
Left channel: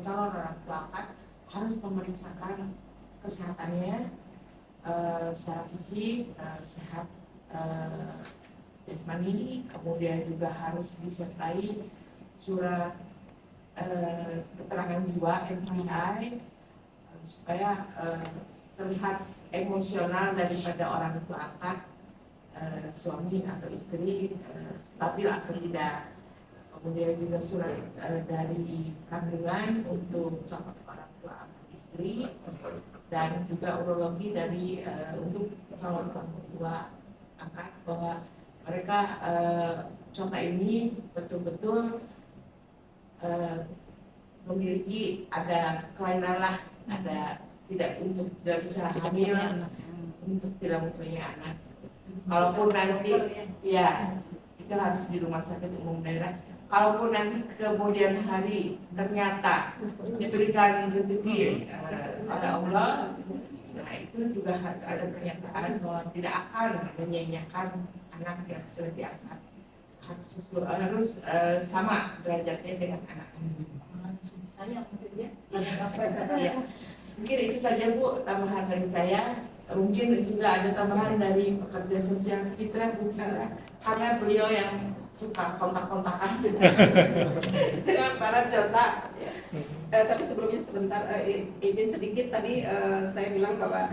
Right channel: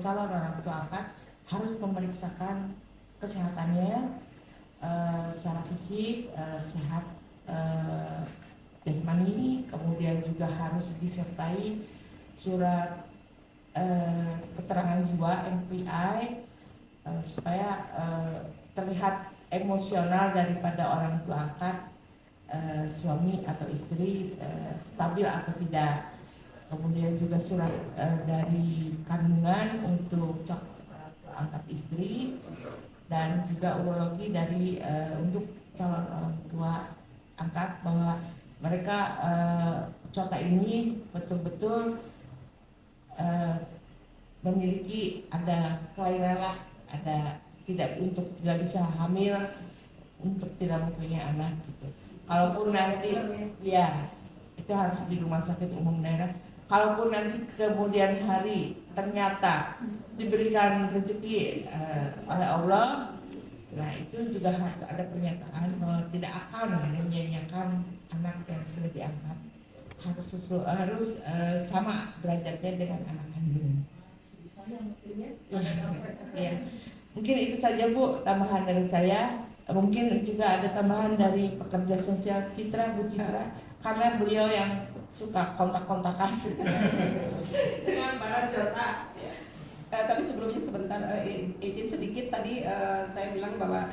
calon orang tua angkat harus memeriksakan kesehatannya secara fisik, sehat jasmani, kemudian juga harus disertai surat keterangan jiwa MPI supaya terlihat emosional daripada orang tua angkat, suami atau istri stabil atau tidak. Kemudian juga surat dari kandungan untuk orang tua angkat istri, dan juga urologi dari untuk calon orang tua angkat bahwa mereka cota ini betul-betul memiliki ada kelainan lah, ada tidak bisa hamil, untuk tidak mempunyai anak gitu. Kalaupun nanti ya itu harus di rumah sakit umum daerah. Kalaupun nanti kemudian hari ternyata diberikan rezeki oleh Allah, nah itu juga harus ada pernyataan bahwa tidak akan menyanyiakan anak yang sudah diangkat, harus sama derajatnya dengan anak kandung. Ya. Mungkin itu saja Bu tambahan dari saya. Mungkin juga ada tambahan dari pekerja sosial Bu Citra, karena beliau yang suka kontak-kontakan dengan para jota. Tapi sebelumnya sebentar izin sedikit, tadi saya bilang bahwa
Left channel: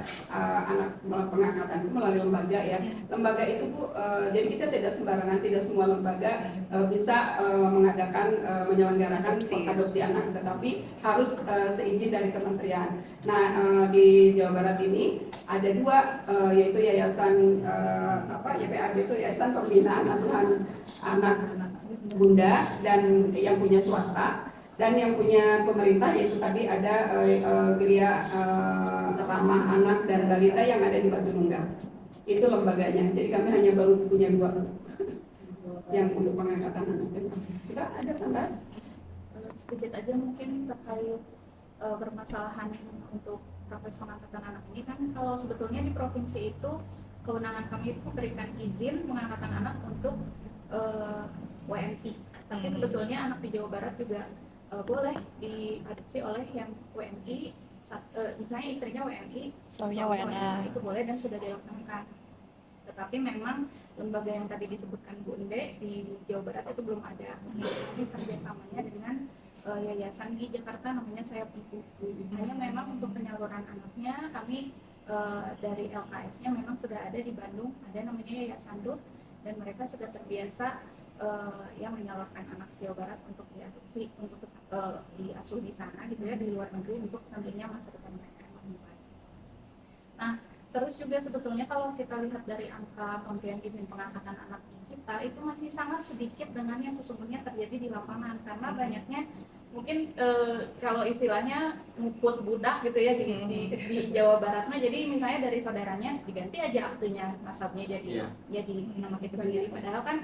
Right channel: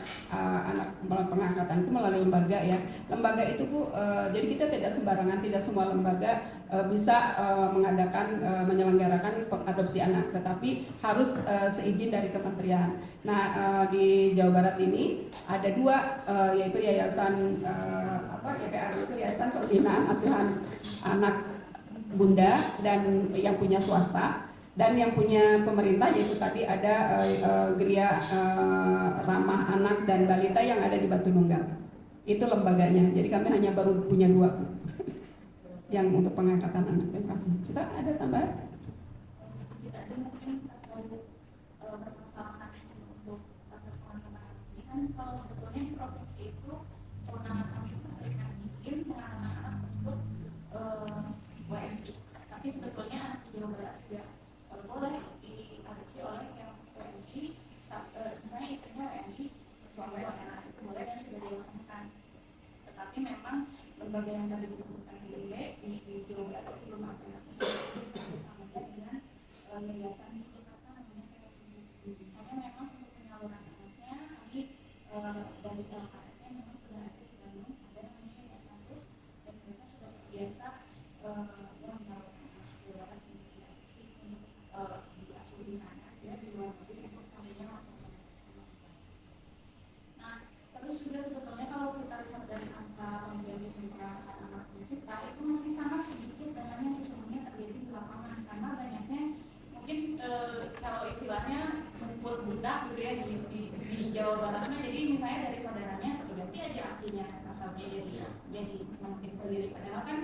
anak pengangkatan itu melalui lembaga ya. Lembaga itu Bu, jadi kita tidak sembarangan, tidak semua lembaga bisa mengadakan menyelenggarakan adopsi anak, tetapi harus seizin dari kementerian. Nah, di Jawa Barat ini ada dua, yaitu yayasan YPAD itu Yayasan Pembinaan Asuhan Anak Bunda, dan yang punya swasta, dan yang punya pemerintah yaitu tadi ada Geria Ramah Anak dan Balita yang ada di Batu Nunggal. Itu lembaganya. Jadi kami hanya baru punya dua yang untuk pengangkatan anak. Terima kasih. Sudah ada tambahan? Sedikit aja mungkin terkait permasalahan untuk proses pengangkatan anak ini, kan kalau sebetulnya di provinsi itu kewenangan kami itu memberikan izin pengangkatan anak untuk WNI, tapi sebetulnya anak di Jawa Barat juga boleh diadopsi oleh yang WNI, misalnya istrinya WNI, suaminya WNA, itu boleh dan sudah dilaksanakan. Tetapi memang lembaga yang tadi disebutkan Bunde di Jawa Barat itu belum ada kerjasamanya dengan yayasan di Jakarta namanya Sayap Ibu. Hanya memang untuk penyaluran anaknya kami dari LKS-nya memang sudah ada di Bandung, ada namanya Yayasan DUT, dan mereka sudah terbiasa yang menyalurkan anak Jawa Barat untuk diadopsi, untuk diasuh di sana gitu ya, di luar negeri, untuk nantinya masa depan mereka yang lebih baik. Nah, terus juga sebetulnya kalau kita lihat dari angka pemberian izin pengangkatan anak kita itu masih sangat sedikit dengan yang sesungguhnya terjadi di lapangan, karena banyaknya mungkin kalau istilahnya nguput budak gitu ya di Jawa Barat mah, jadi misalnya dari saudaranya diganti aja aktunya, nasabnya jadi nama kita sendiri, padahal kan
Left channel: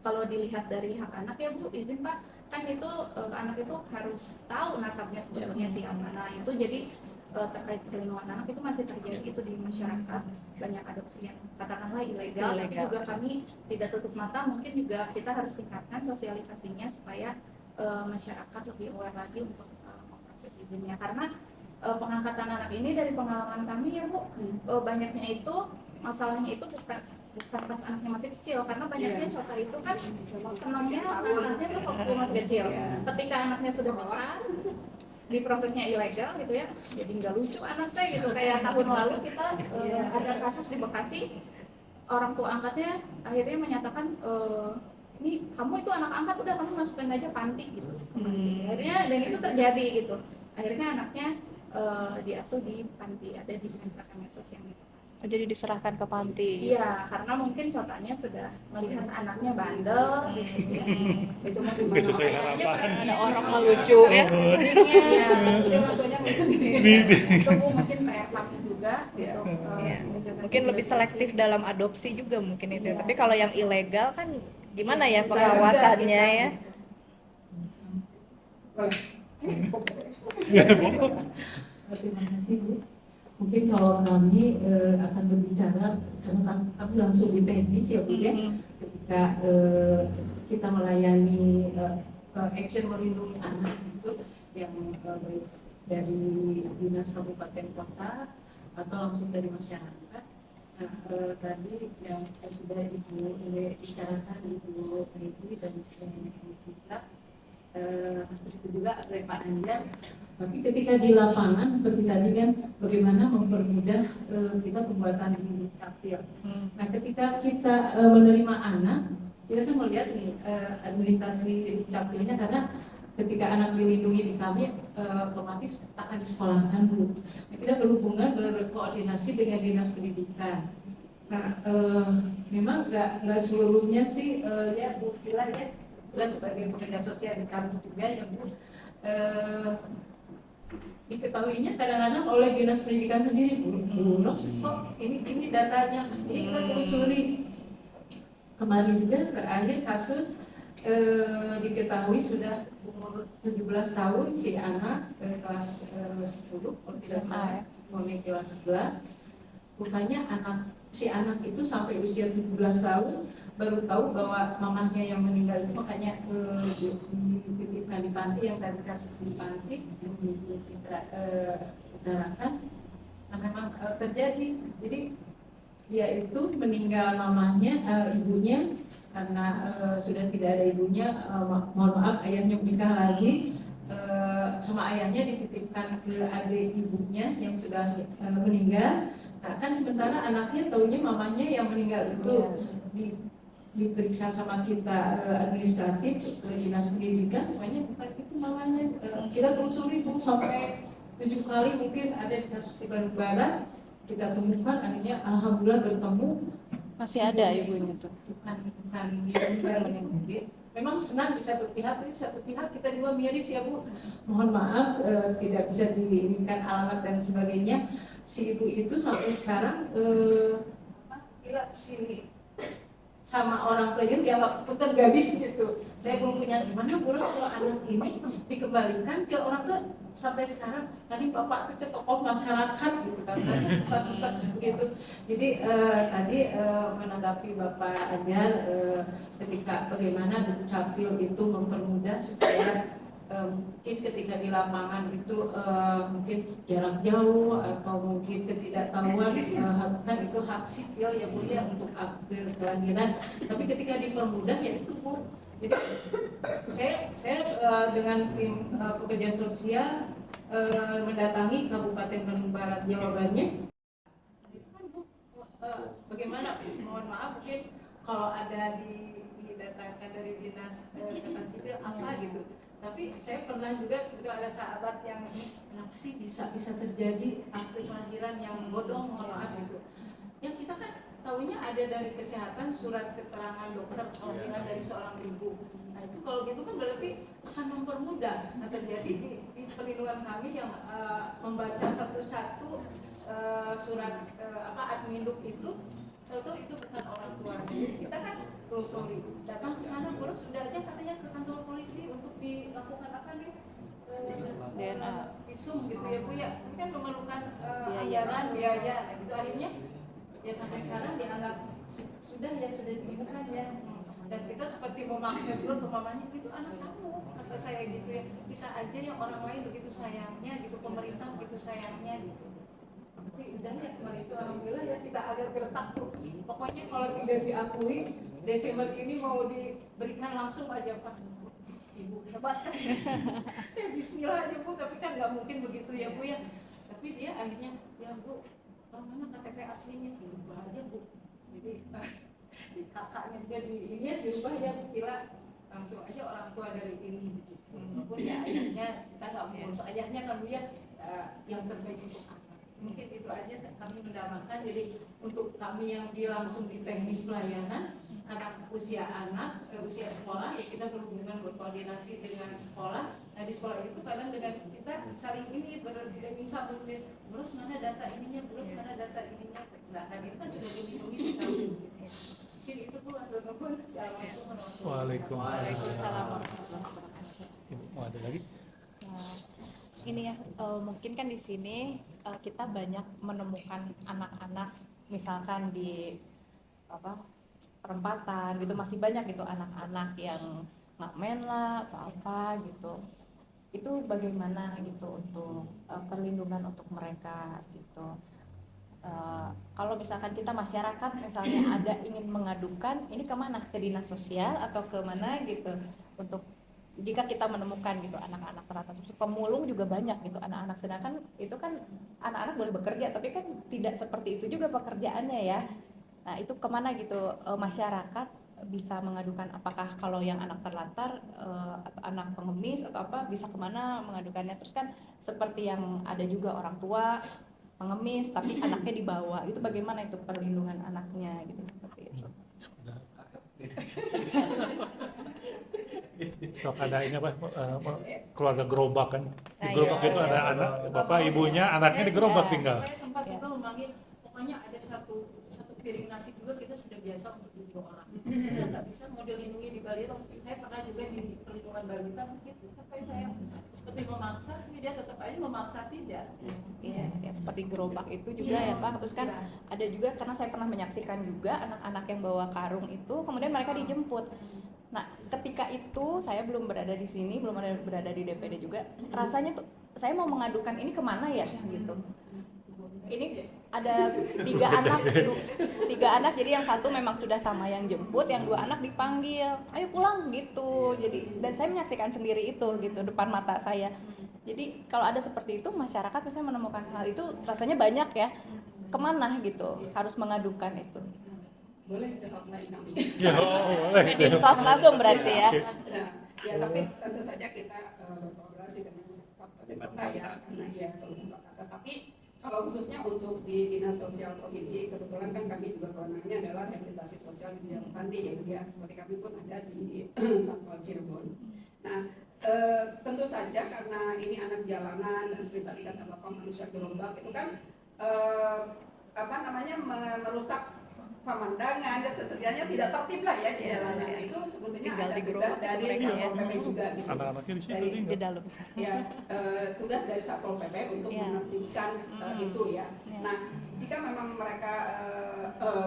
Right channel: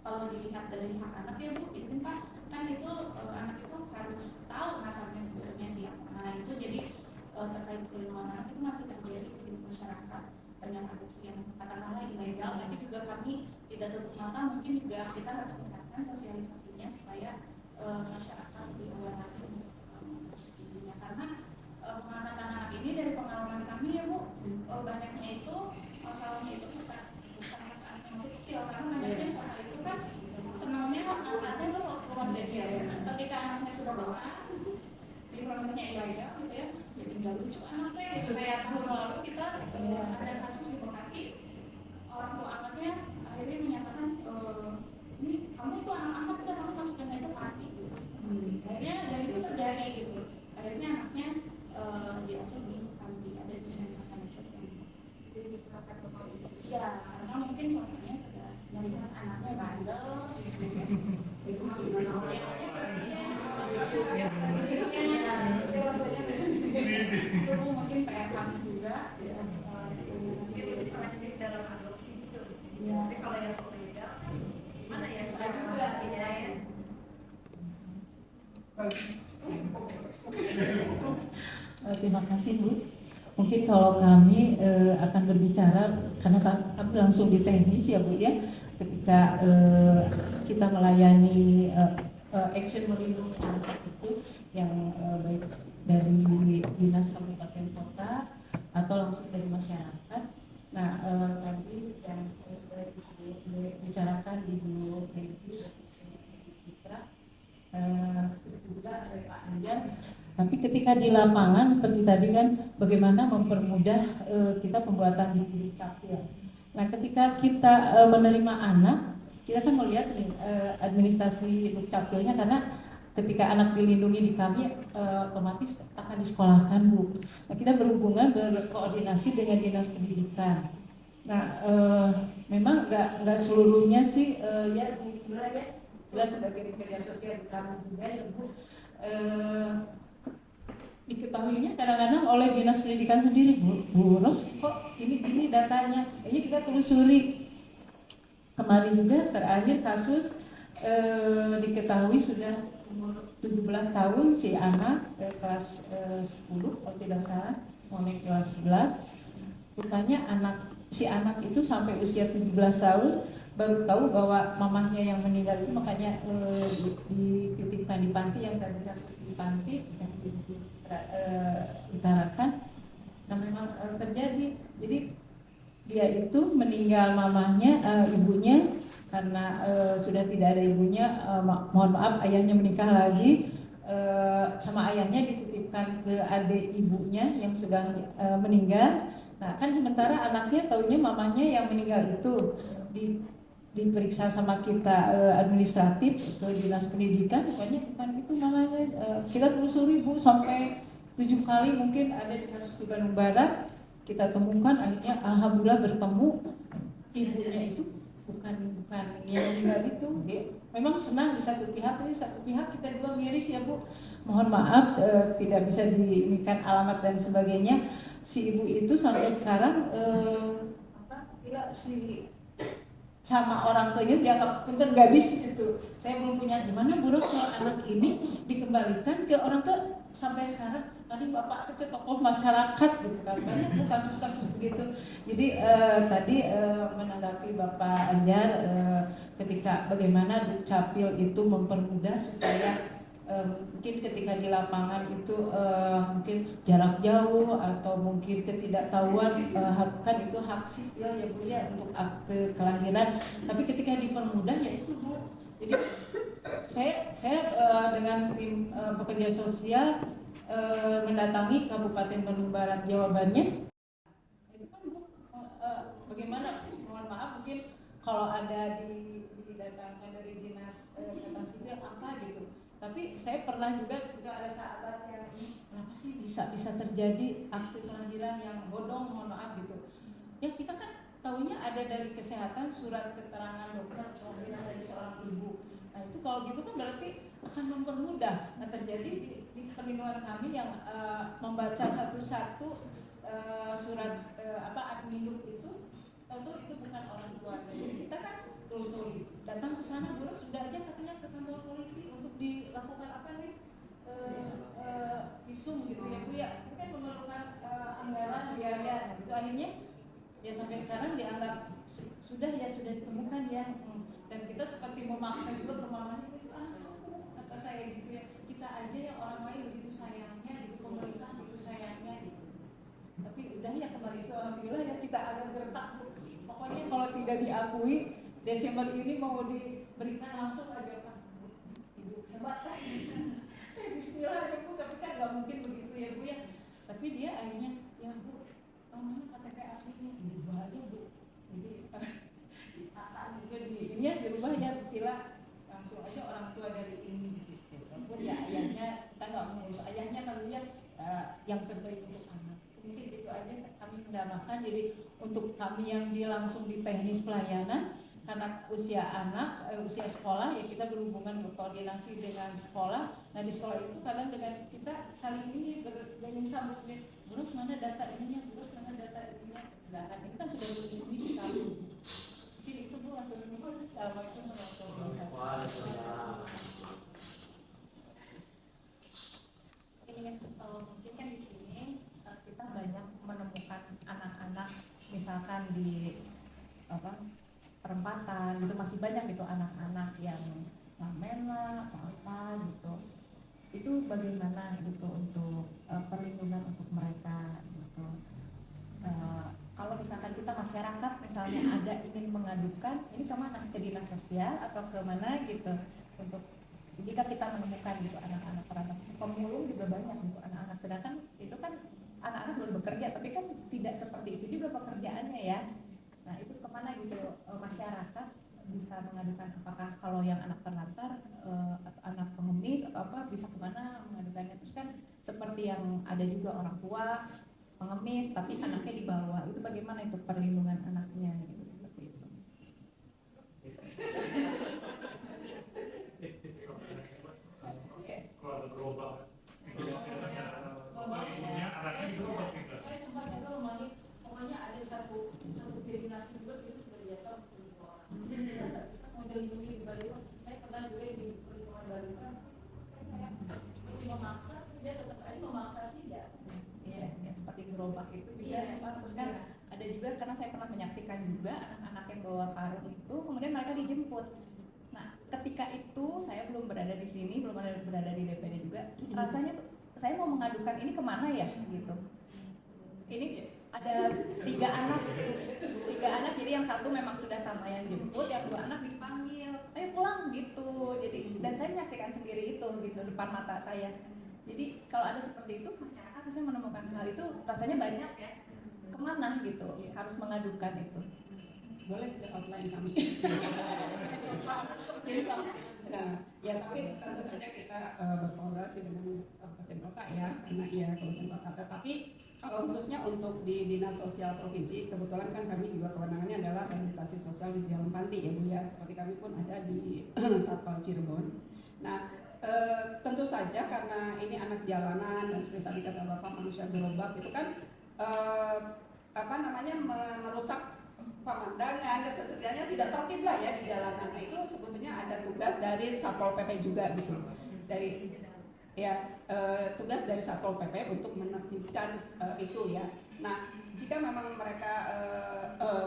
kalau dilihat dari hak anak ya Bu, izin Pak, kan itu anak itu harus tahu nasabnya sebetulnya si yang mana. Itu jadi terkait perlindungan anak itu masih terjadi itu di masyarakat, banyak adopsi yang katakanlah ilegal. Tapi juga kami tidak tutup mata, mungkin juga kita harus tingkatkan sosialisasinya supaya masyarakat lebih aware lagi untuk proses izinnya, karena pengangkatan anak ini dari pengalaman kami ya Bu, banyaknya itu masalahnya itu bukan pas anaknya masih kecil, karena banyaknya cota itu kan senangnya anaknya tuh waktu masih kecil. Ketika anaknya sudah besar, di prosesnya ilegal gitu ya, jadi nggak lucu anaknya gitu. Kayak tahun lalu kita ada kasus di Bekasi, orang tua angkatnya akhirnya menyatakan ini kamu itu anak angkat, udah kamu masukin aja panti gitu. Akhirnya dan itu terjadi gitu. Akhirnya anaknya diasuh di panti, ada di sentra Kemensos yang Jadi diserahkan ke panti. iya, karena mungkin cotanya sudah melihat anaknya bandel gitu. Itu masih Nggak sesuai harapan. Ada orang melucu ya. Iya, dia orang tuanya nggak sendiri. Itu Bu, mungkin PR kami juga untuk Mungkin lebih selektif dalam adopsi juga mungkin itu. Iya. Tapi kalau yang ilegal kan gimana ya Bisa pengawasannya juga ya? Terima kasih Bu. Mungkin kalau kami akan berbicara karena kami langsung di teknis ya Bu ya. Ketika kita melayani action melindungi anak itu yang baik dari dinas kabupaten kota atau langsung dari masyarakat. Nah tadi yang sudah Ibu bicarakan Ibu Medi dan Ibu Citra, itu juga oleh Pak Anjar. Tapi ketika di lapangan seperti tadi kan bagaimana mempermudah kita pembuatan di Dukcapil. Nah ketika kita menerima anak, kita kan melihat nih administrasi Dukcapilnya, karena ketika anak dilindungi di kami otomatis akan disekolahkan Bu. Nah kita berhubungan berkoordinasi dengan dinas pendidikan. Nah memang nggak seluruhnya sih ya Bu Vila ya, Vila sebagai pekerja sosial di kami juga ya Bu. Diketahuinya kadang-kadang oleh dinas pendidikan sendiri, Bu Ros kok ini datanya, ini kita telusuri. Kemarin juga terakhir kasus diketahui sudah umur 17 tahun si anak kelas 10 kalau tidak salah, mulai kelas 11. Rupanya si anak itu sampai usia 17 tahun baru tahu bahwa mamahnya yang meninggal itu, makanya dititipkan di panti, yang tadi kasus di panti yang utarakan. Nah memang terjadi, jadi dia itu meninggal mamahnya, ibunya karena sudah tidak ada ibunya, mohon maaf ayahnya menikah lagi, sama ayahnya dititipkan ke adik ibunya yang sudah meninggal. Nah kan sementara anaknya taunya mamahnya yang meninggal itu. Diperiksa sama kita administratif ke dinas pendidikan, pokoknya bukan itu malah kita telusuri Bu sampai 7 kali mungkin ada di kasus di Bandung Barat kita temukan, akhirnya alhamdulillah bertemu. Masih ada ibu itu. Bukan yang meninggal itu. Memang senang di satu pihak, di satu pihak kita juga miris ya Bu. Mohon maaf tidak bisa diinikan alamat dan sebagainya. Si ibu itu sampai sekarang sama orang tuanya dianggap punten gadis gitu. Saya belum punya gimana Bu Ros kalau anak ini dikembalikan ke orang tua sampai sekarang. Tadi Bapak itu tokoh masyarakat gitu kan. Kasus-kasus begitu. Jadi tadi menanggapi Bapak Anjar ketika bagaimana Dukcapil itu mempermudah supaya mungkin ketika di lapangan itu mungkin jarak jauh atau mungkin ketidaktahuan, kan itu hak sipil ya Bu ya untuk akte kelahiran. Tapi ketika dipermudah ya itu Bu. Jadi saya dengan tim pekerja sosial mendatangi Kabupaten Bandung Barat jawabannya itu kan Bu, bagaimana mohon maaf mungkin kalau ada didatangkan dari dinas catatan sipil apa gitu. Tapi saya pernah juga itu ada sahabat yang kenapa sih bisa terjadi akte kelahiran yang bodong, mohon maaf gitu. Ya kita kan tahunya ada dari kesehatan surat keterangan dokter kelahiran dari seorang ibu. Nah itu kalau gitu kan berarti akan mempermudah. Nah terjadi di perlindungan kami yang membaca satu-satu surat adminuk itu, tahu itu bukan orang tuanya. Kita kan telusuri, datang ke sana, terus sudah aja katanya ke kantor polisi untuk dilakukan apa nih visum gitu ya Bu ya, mungkin memerlukan anggaran biaya. Nah itu akhirnya ya sampai sekarang dianggap sudah ditemukan ya. Dan kita seperti memaksa dulu ke mamanya, itu anak kamu kata saya gitu ya. Kita aja yang orang lain begitu sayangnya gitu, pemerintah begitu sayangnya gitu. Tapi udah ya kemarin itu alhamdulillah ya kita agak gertak Bu. pokoknya kalau tidak diakui Desember ini mau diberikan langsung aja Pak. Ibu hebat kan. Saya bismillah aja Bu, tapi kan nggak mungkin begitu ya Bu ya. Tapi dia akhirnya, ya Bu, mana KTP aslinya dirubah aja Bu. Jadi kakaknya dia ini dirubah aja, kira langsung aja orang tua dari ini gitu. Walaupun ya ayahnya kita nggak mengurus ayahnya kan Bu ya, yang terbaik untuk anak. Mungkin itu aja kami mendamaikan. Jadi untuk kami yang langsung di teknis pelayanan, karena usia anak, usia sekolah ya kita berhubungan berkoordinasi dengan sekolah. Nah di sekolah itu kadang dengan kita saling ini berganding sambut, terus mana data ininya, terus mana data ininya. Sedangkan ini kan sudah dilindungi di kami. Mungkin itu Bu, atau nuhun. Assalamualaikum warahmatullahi Waalaikumsalam. Ibu, mau ada lagi? Ini ya, mungkin kan di sini kita banyak menemukan anak-anak misalkan di perempatan gitu, masih banyak gitu anak-anak yang ngamen lah atau apa gitu. Itu bagaimana gitu untuk perlindungan untuk mereka gitu. Kalau misalkan kita masyarakat misalnya ada ingin mengadukan, ini kemana? Ke dinas sosial atau kemana gitu, untuk jika kita menemukan gitu anak-anak terlantar. Pemulung juga banyak gitu anak-anak, sedangkan itu kan anak-anak boleh bekerja tapi kan tidak seperti itu juga pekerjaannya ya. Nah itu kemana gitu masyarakat bisa mengadukan, apakah kalau yang anak terlantar atau anak pengemis atau apa bisa kemana mengadukannya. Terus kan seperti yang ada juga orang tua pengemis tapi anaknya dibawa, itu bagaimana itu perlindungan anaknya gitu, seperti itu. Sok ada ini apa, keluarga gerobak kan, di Nah, gerobak iya, itu iya. ada anak, bapak ibunya, anaknya di gerobak tinggal. Saya sempat juga memanggil, pokoknya ada satu piring nasi juga kita sudah biasa untuk 2 orang. Kita nggak bisa model lindungi di balita. Saya pernah juga di perlindungan balita begitu. Sampai saya seperti memaksa, tapi dia tetap aja memaksa tidak. Iya, yang seperti gerobak itu juga ya Pak. Terus kan Iya. ada juga, karena saya pernah menyaksikan juga anak-anak yang bawa karung itu, kemudian mereka dijemput. Nah, ketika itu saya belum berada di sini, belum berada di DPD juga. Rasanya tuh saya mau mengadukan ini kemana ya gitu. Ini ada 3 anak, jadi yang satu memang sudah sama yang jemput, yang 2 anak dipanggil, ayo pulang gitu. Jadi dan saya menyaksikan sendiri itu gitu depan mata saya. Jadi kalau ada seperti itu, masyarakat biasanya menemukan hal itu rasanya banyak ya. Kemana gitu harus mengadukan itu. Boleh ke hotline kami. Ya, boleh. Dinsos langsung berarti ya. Nah, ya tapi tentu saja kita berkolaborasi dengan kabupaten kota ya, karena ya kabupaten kota. Tetapi kalau khususnya untuk di Dinas Sosial Provinsi, kebetulan kan kami juga kewenangannya adalah rehabilitasi sosial di dalam panti ya Bu ya, seperti kami pun ada di Satpol Cirebon. Nah, tentu saja karena ini anak jalanan dan seperti tadi kata Bapak manusia gerobak itu kan merusak pemandangan dan setidaknya tidak tertib lah ya di jalanan. Nah, itu sebetulnya Tinggal ada di tugas gerobak dari mereka Satpol ya. PP juga gitu. Anak-anaknya di situ Dari Di dalam. ya tugas dari Satpol PP untuk Ya. menertibkan itu ya. Ya. Nah, jika memang mereka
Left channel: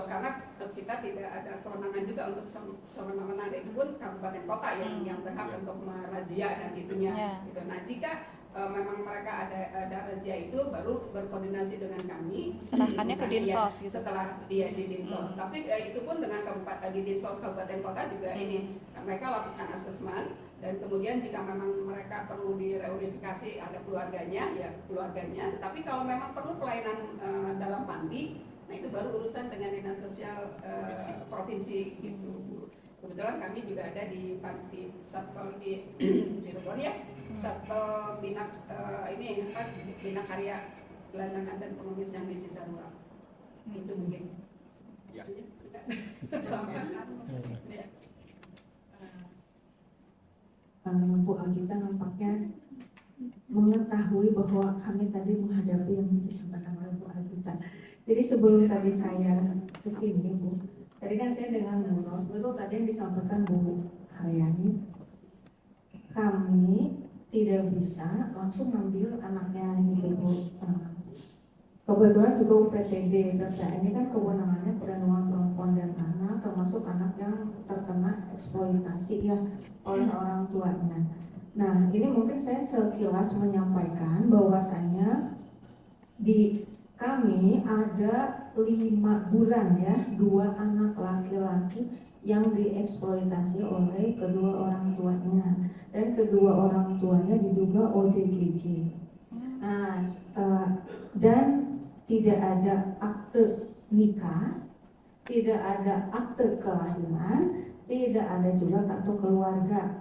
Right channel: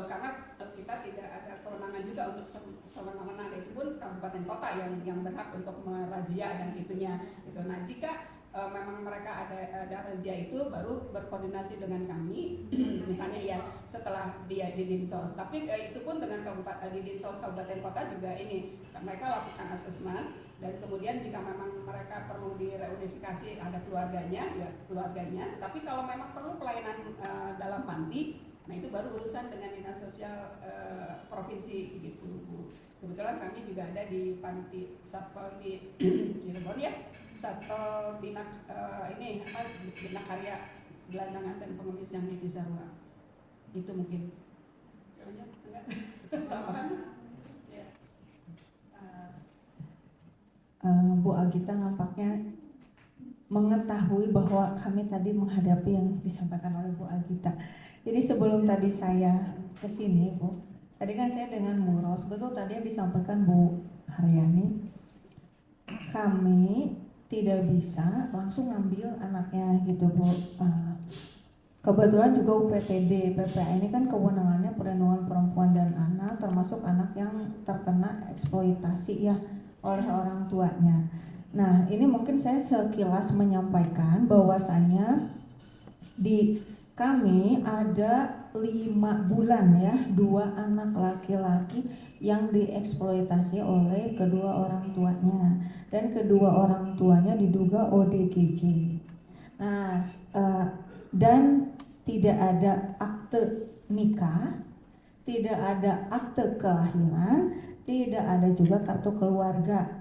karena kita tidak ada kewenangan juga untuk sewenang-wenang, itu pun kabupaten kota yang berhak untuk merazia dan itunya. Ya. Gitu. Nah, jika memang mereka ada razia itu, baru berkoordinasi dengan kami. Serahkannya ke Misalnya, Dinsos gitu. setelah dia di Dinsos. Tapi itu pun dengan di Dinsos kabupaten kota juga ini mereka lakukan asesmen, dan kemudian jika memang mereka perlu direunifikasi ada keluarganya ya keluarganya. Tetapi kalau memang perlu pelayanan dalam panti, nah itu baru urusan dengan Dinas Sosial Provinsi gitu Bu. Kebetulan kami juga ada di panti Satpol di Cirebon ya, Satpol Bina Bina Karya Gelandangan dan Pengemis yang di Cisarua. Itu mungkin. Ya. Enggak. Ya. Bu Agita nampaknya mengetahui bahwa kami tadi menghadapi yang disampaikan oleh Bu Agita. Jadi sebelum tadi saya ke sini, Bu, tadi kan saya dengan Muros, betul tadi yang disampaikan Bu Haryani, kami tidak bisa langsung ngambil anaknya gitu Bu. Kebetulan juga UPTD, PPA ini kan kewenangannya perlindungan perempuan dan anak, termasuk anak yang terkena eksploitasi ya oleh orang tuanya. Nah, ini mungkin saya sekilas menyampaikan bahwasanya di kami ada 5 bulan ya, 2 anak laki-laki yang dieksploitasi oleh kedua orang tuanya, dan kedua orang tuanya diduga ODGJ. Nah, dan tidak ada akte nikah, tidak ada akte kelahiran, tidak ada juga kartu keluarga.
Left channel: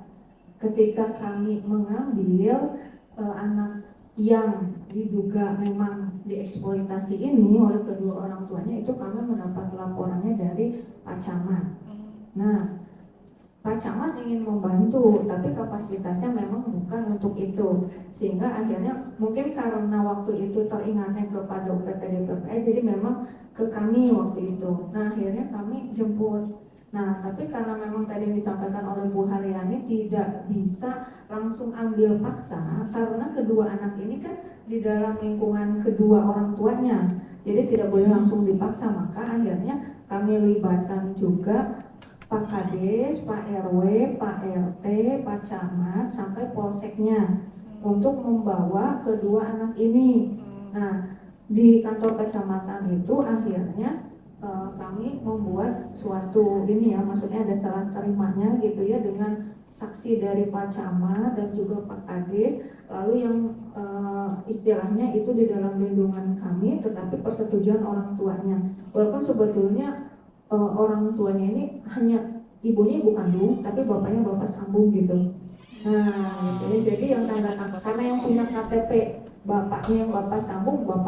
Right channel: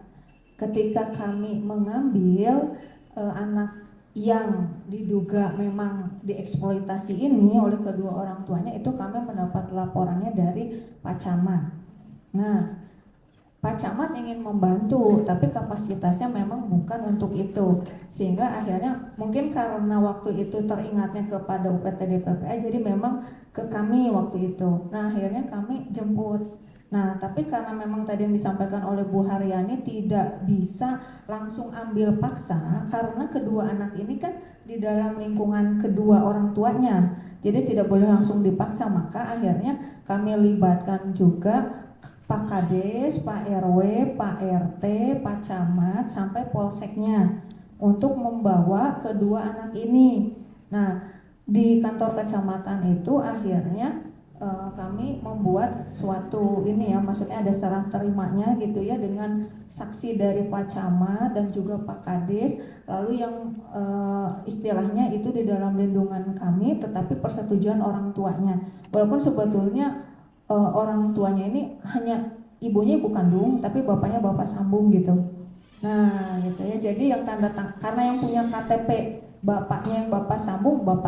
Ketika kami mengambil anak yang diduga memang dieksploitasi ini oleh kedua orang tuanya, itu kami mendapat laporannya dari Pak Camat. Nah, Pak Camat ingin membantu, tapi kapasitasnya memang bukan untuk itu, sehingga akhirnya mungkin karena waktu itu teringatnya kepada UPTD PPA, jadi memang ke kami waktu itu. Nah, akhirnya kami jemput. Nah, tapi karena memang tadi yang disampaikan oleh Bu Haryani tidak bisa langsung ambil paksa, karena kedua anak ini kan di dalam lingkungan kedua orang tuanya, jadi tidak boleh langsung dipaksa. Maka akhirnya kami libatkan juga Pak Kades, Pak RW, Pak RT, Pak Camat, sampai polseknya untuk membawa kedua anak ini. Nah, di kantor kecamatan itu akhirnya kami membuat suatu ini ya, maksudnya ada serah terimanya gitu ya, dengan saksi dari Pak Camat dan juga Pak Kades, lalu yang istilahnya itu di dalam lindungan kami, tetapi persetujuan orang tuanya. Walaupun sebetulnya orang tuanya ini hanya ibunya ibu kandung, tapi bapaknya bapak sambung gitu. Nah, gitu ya. Jadi yang tanda tangan, karena yang punya KTP bapaknya yang bapak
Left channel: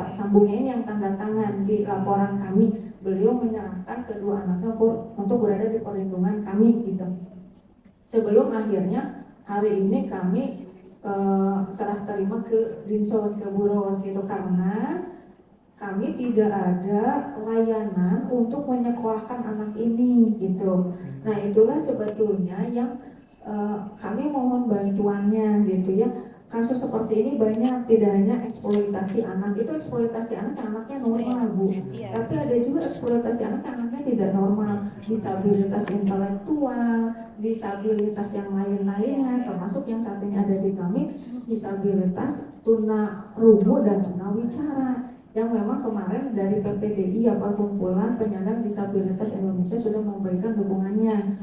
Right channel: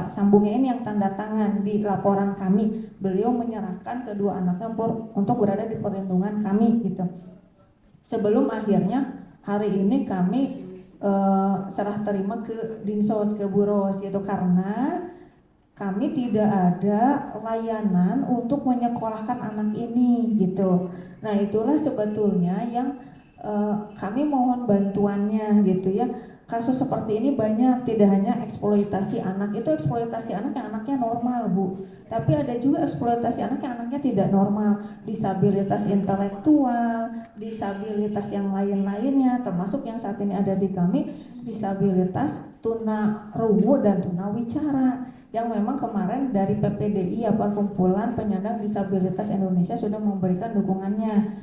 sambungnya ini yang tanda tangan di laporan kami. Beliau menyerahkan kedua anaknya untuk berada di perlindungan kami gitu. Sebelum akhirnya hari ini kami serah terima ke Dinsos, ke Buros gitu, karena kami tidak ada layanan untuk menyekolahkan anak ini gitu. Nah, itulah sebetulnya yang kami mohon bantuannya gitu ya. Kasus seperti ini banyak, tidak hanya eksploitasi anak. Itu eksploitasi anak yang anaknya normal, Bu. Tapi ada juga eksploitasi anak yang anaknya tidak normal, disabilitas intelektual, disabilitas yang lain-lainnya, termasuk yang saat ini ada di kami, disabilitas tuna rungu dan tuna wicara, yang memang kemarin dari PPDI, Perkumpulan Penyandang Disabilitas Indonesia, sudah memberikan dukungannya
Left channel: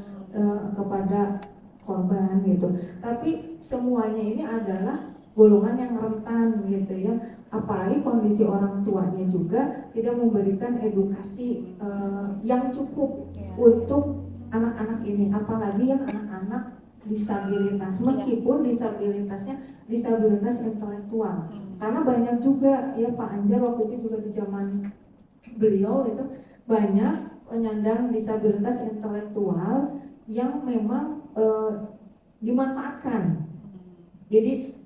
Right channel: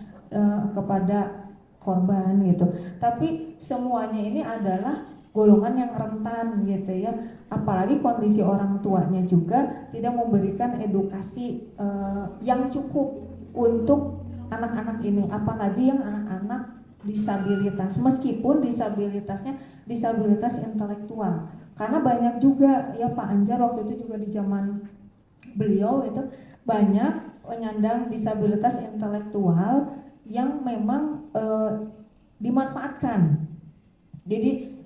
kepada korban gitu. Tapi semuanya ini adalah golongan yang rentan gitu ya. Apalagi kondisi orang tuanya juga tidak memberikan edukasi yang cukup untuk anak-anak ini, apalagi yang anak-anak disabilitas, meskipun disabilitasnya disabilitas intelektual. Karena banyak juga ya, Pak Anjar waktu itu juga di zaman beliau itu banyak penyandang disabilitas intelektual yang memang dimanfaatkan. Jadi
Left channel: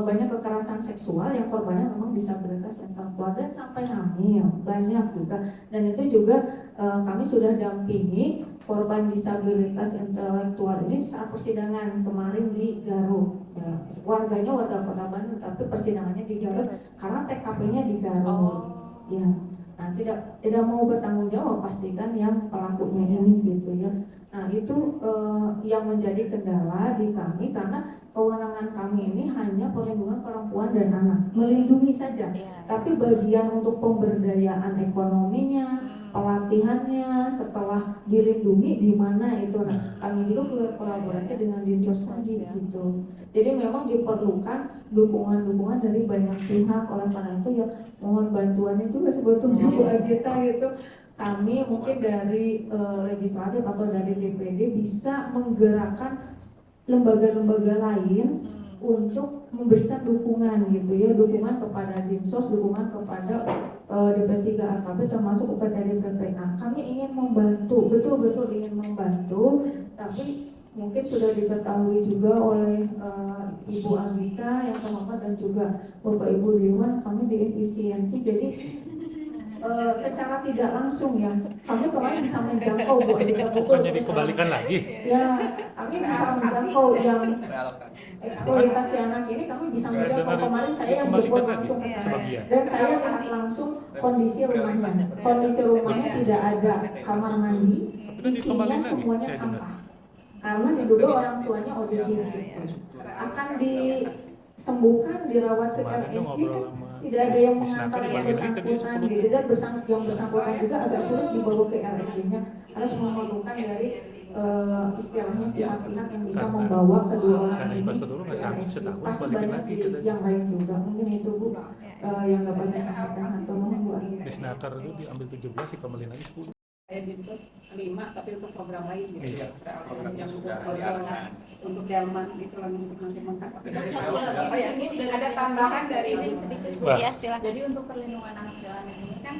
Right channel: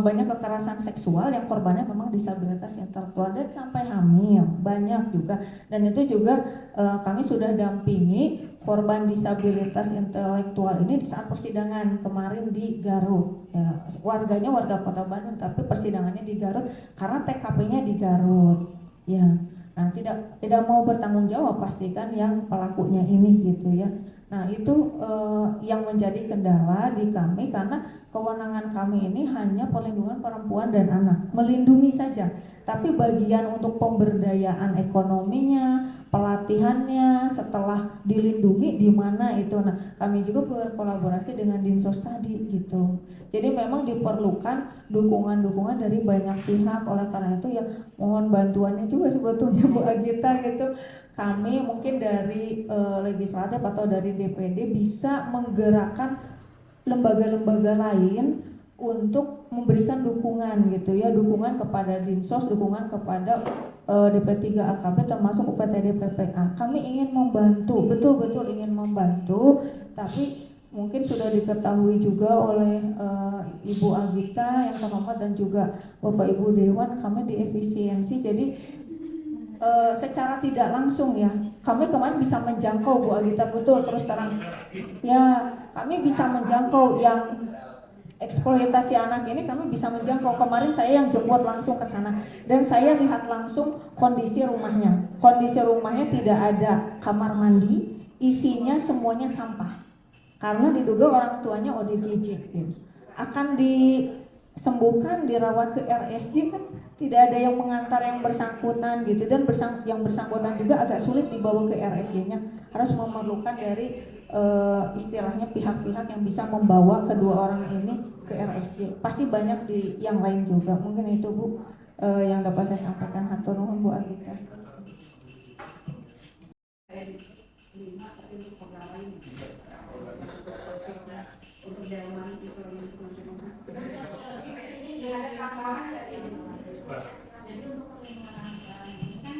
banyak kekerasan seksual yang korbannya memang disabilitas intelektual dan sampai hamil, banyak juga. Dan itu juga kami sudah dampingi korban disabilitas intelektual ini di saat persidangan kemarin di Garut. Ya, warganya warga Kota Bandung, tapi persidangannya di Garut karena TKP-nya di Garut. Ya, nah tidak mau bertanggung jawab pastikan yang pelakunya ini gitu ya. Nah, itu yang menjadi kendala di kami, karena kewenangan kami ini hanya perlindungan perempuan dan anak, melindungi saja. Tapi bagian untuk pemberdayaan ekonominya, pelatihannya, setelah dilindungi di mana itu, nah kami juga berkolaborasi dengan Dinsos tadi gitu. Jadi memang diperlukan dukungan-dukungan dari banyak pihak. Oleh karena itu ya mohon bantuannya juga sebetulnya Bu Agita gitu. Kami mungkin dari legislatif atau dari DPD bisa menggerakkan lembaga-lembaga lain untuk memberikan dukungan gitu ya, dukungan kepada Dinsos, dukungan kepada DP3AKB termasuk UPTD PPA. Kami ingin membantu, betul-betul ingin membantu, tapi mungkin sudah diketahui juga oleh Ibu Agita yang terhormat dan juga Bapak Ibu Dewan, kami di efisiensi, jadi secara tidak langsung ya, kami kemarin bisa menjangkau Bu Agita, betul terus lagi. ya, kami bisa menjangkau yang eksploitasi anak ini, kami bisa menjangkau. Kemarin saya yang jemput langsung ke sana dan saya lihat langsung kondisi rumahnya. Kondisi rumahnya tidak ada kamar mandi, isinya semuanya sampah. Karena diduga orang tuanya ODGJ. Akan disembuhkan, dirawat ke RSJ kan tidak ada yang mengantar yang bersangkutan gitu, dan yang bersangkutan juga agak sulit dibawa ke RSJ-nya, harus memerlukan dari istilahnya pihak-pihak yang bisa membawa kedua orang ini ke RSJ. Pasti banyak di yang lain juga, mungkin itu Bu yang dapat saya sampaikan. Atau Bu Agita. Di Snaker itu diambil 17 sih, kembali lagi 10. Saya bentuk 5 tapi untuk program lain gitu. Iya. Yang sudah untuk delman itu untuk nanti mengangkat. Oh ya, ini ada tambahan dari ini sedikit. Wah. Ya, silakan. Jadi untuk perlindungan anak jalanan ini kan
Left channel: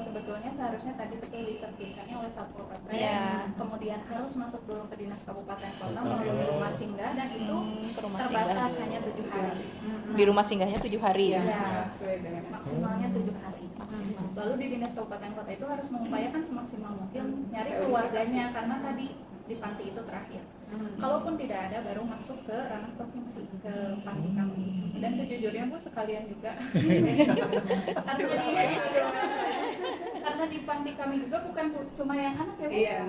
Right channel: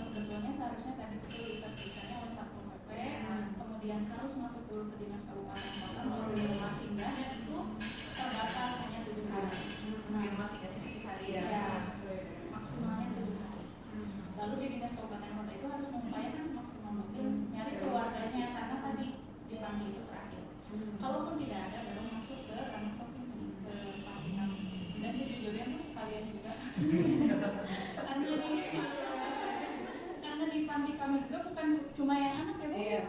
sebetulnya seharusnya tadi betul ditertibkannya oleh Satpol PP, Iya. kemudian harus masuk dulu ke dinas kabupaten kota melalui rumah singgah, dan itu Ke rumah terbatas singgah. hanya 7 hari. Di rumah singgahnya 7 hari. Iya, Ya, sesuai dengan maksimalnya 7 hari maksimal. Lalu di dinas kabupaten kota itu harus mengupayakan semaksimal mungkin nyari keluarganya, karena tadi di panti itu terakhir. Kalaupun tidak ada, baru masuk ke ranah provinsi, ke panti kami. Dan sejujurnya Bu sekalian juga karena di panti kami juga bukan cuma yang anak ya Bu. Iya.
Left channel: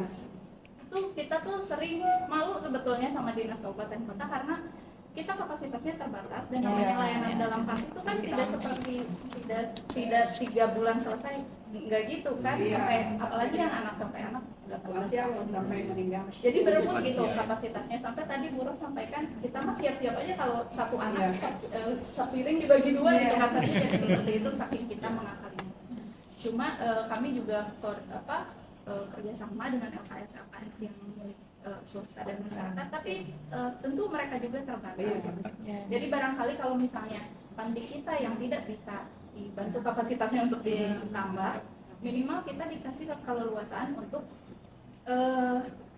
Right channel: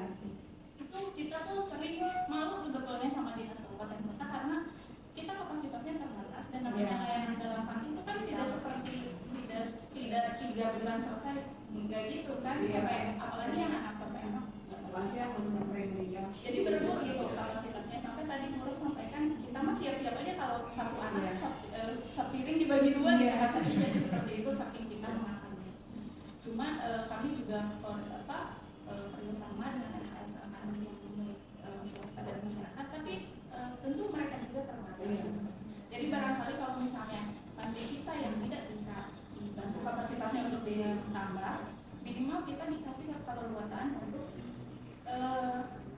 Itu kita tuh sering malu sebetulnya sama dinas kabupaten kota, karena kita kapasitasnya terbatas, dan namanya layanan dalam panti itu kan tidak seperti tidak 3 bulan selesai, nggak gitu kan. Iya. Sampai apalagi yang anak sampai anak nggak lansia sampai meninggal. jadi berebut gitu kapasitasnya. Sampai tadi Bu Ros sampaikan kita mah siap-siap aja kalau satu anak sepiring dibagi 2 gitu kasarnya, jadi seperti itu saking kita mengakalinya. Cuma kami juga kerjasama dengan LKS yang milik swasta dan masyarakat, tapi tentu mereka juga terbatas. Jadi barangkali kalau misalnya panti kita yang tidak bisa dibantu kapasitasnya untuk ditambah, minimal kita dikasih keleluasaan untuk